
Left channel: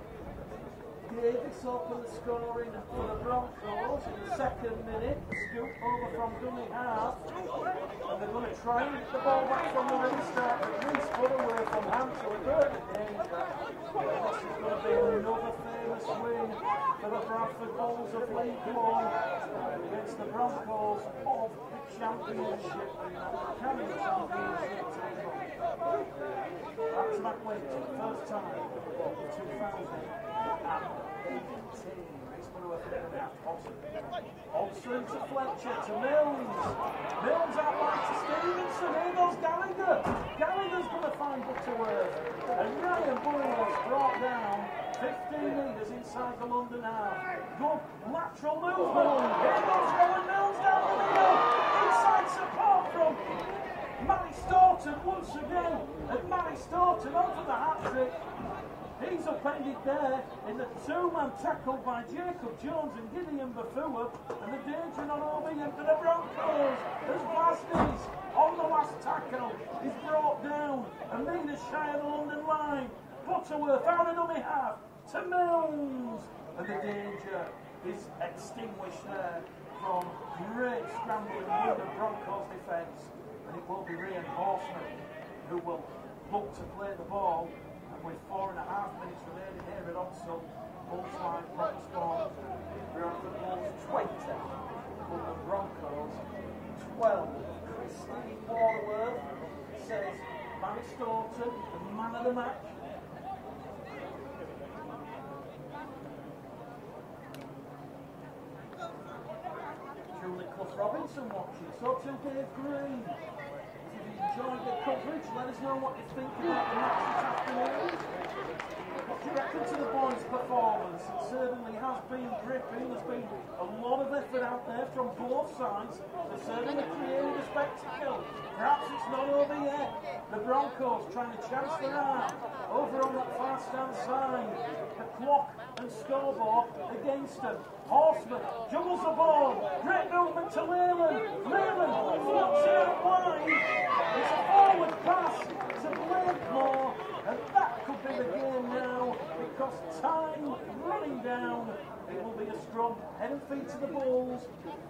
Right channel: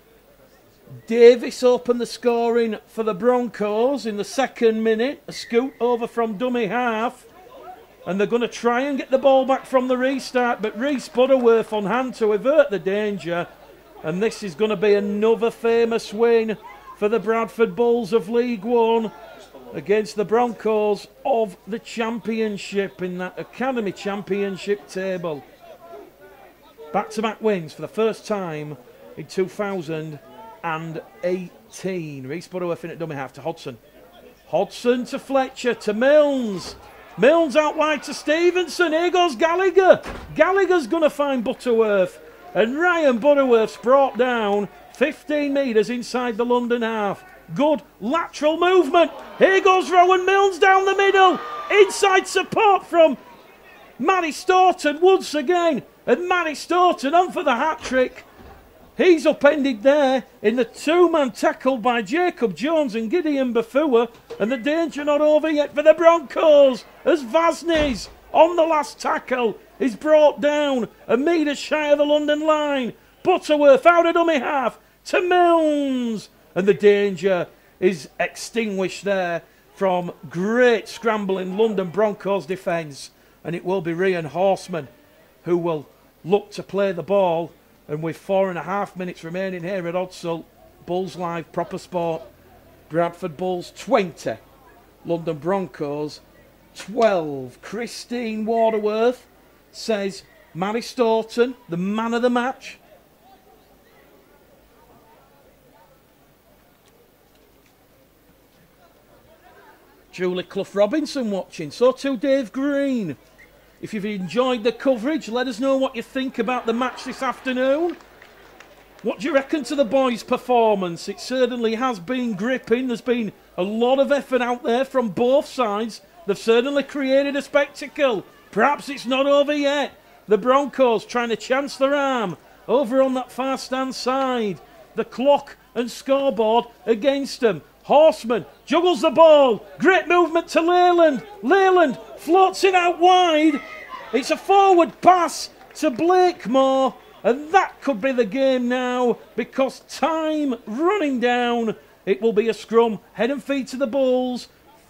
Davis opened the scoring for the Broncos in the 2nd minute. A scoot over from dummy half. And they're going to try and get the ball back from the restart, but Rhys Butterworth on hand to avert the danger. And this is going to be another famous win for the Bradford Bulls of League One against the Broncos of the Championship in that Academy Championship table. Back-to-back wins for the first time in 2018. Rhys Butterworth in at dummy half to Hodson. Hodson to Fletcher to Milnes. Milnes out wide to Stevenson. Here goes Gallagher. Gallagher's going to find Butterworth. And Ryan Butterworth's brought down 15 metres inside the London half. Good lateral movement. Here goes Rowan Milnes down the middle. Inside support from Matty Staunton once again. And Matty Staunton on for the hat-trick. He's upended there in the 2-man tackle by Jacob Jones and Gideon Bafua. And the danger not over yet for the Broncos as Vasnes on the last tackle is brought down a metre shy of the London line. Butterworth out of dummy half to Milnes. And the danger is extinguished there from great scrambling London Broncos defence. And it will be Ryan Horseman who will look to play the ball. And with 4.5 minutes remaining here at Odsal, Bulls Live Proper Sport, Bradford Bulls 20, London Broncos 12. Christine Waterworth says Matty Staunton, the man of the match. Julie Clough Robinson watching, so too Dave Green. If you've enjoyed the coverage, let us know what you think about the match this afternoon. What do you reckon to the boys' performance? It certainly has been gripping. There's been a lot of effort out there from both sides. They've certainly created a spectacle. Perhaps it's not over yet. The Broncos trying to chance their arm over on that far stand side. The clock and scoreboard against them. Horseman juggles the ball. Great movement to Leyland. Leyland floats it out wide. It's a forward pass to Blakemore. And that could be the game now, because time running down. It will be a scrum, head and feet to the Bulls.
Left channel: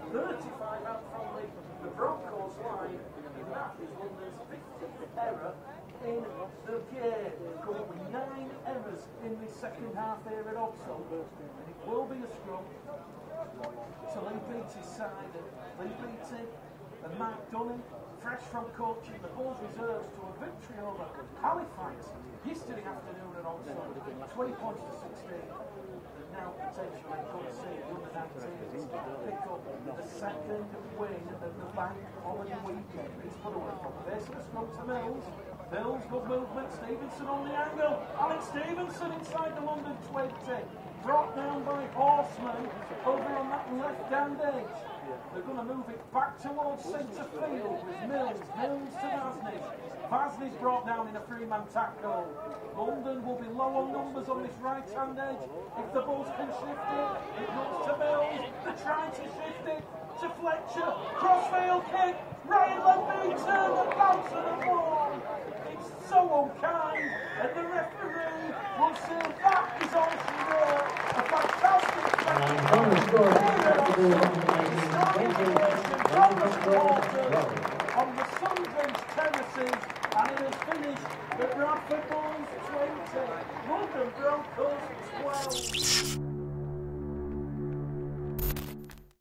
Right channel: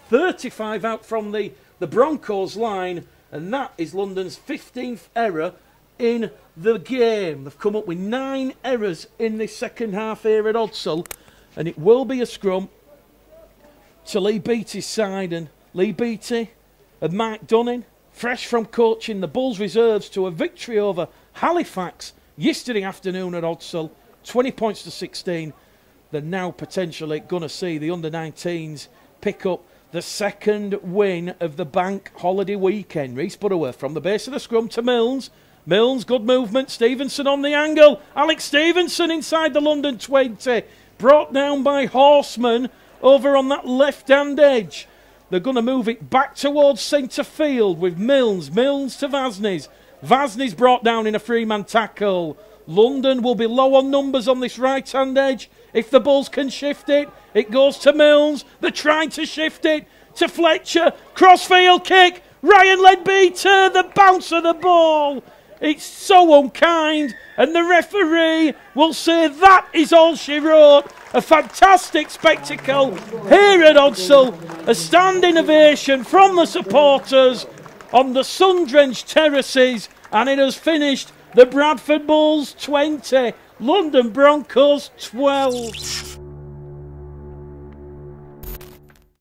35 out from the Broncos line, and that is London's 15th error in the game. They've come up with 9 errors in this second half here at Odsal, and it will be a scrum to Lee Beattie's side. And Lee Beattie and Mike Dunning, fresh from coaching the Bulls reserves to a victory over Halifax yesterday afternoon at Odsal, 20 points to 16. They're now potentially going to see the under-19s pick up the second win of the bank holiday weekend. Reese Butterworth from the base of the scrum to Milnes. Milnes, good movement. Stevenson on the angle. Alex Stevenson inside the London 20. Brought down by Horseman over on that left-hand edge. They're going to move it back towards centre field with Milnes. Milnes to Vasnes. Vasnes brought down in a three-man tackle. London will be low on numbers on this right-hand edge. If the Bulls can shift it, it goes to Milnes. They're trying to shift it to Fletcher. Crossfield kick. Ryan Leadbeater, the bounce of the ball. It's so unkind, and the referee will say that is all she wrote. A fantastic spectacle here at Odsal. A standing ovation from the supporters on the sun-drenched terraces, and it has finished the Bradford Bulls 20, London Broncos 12.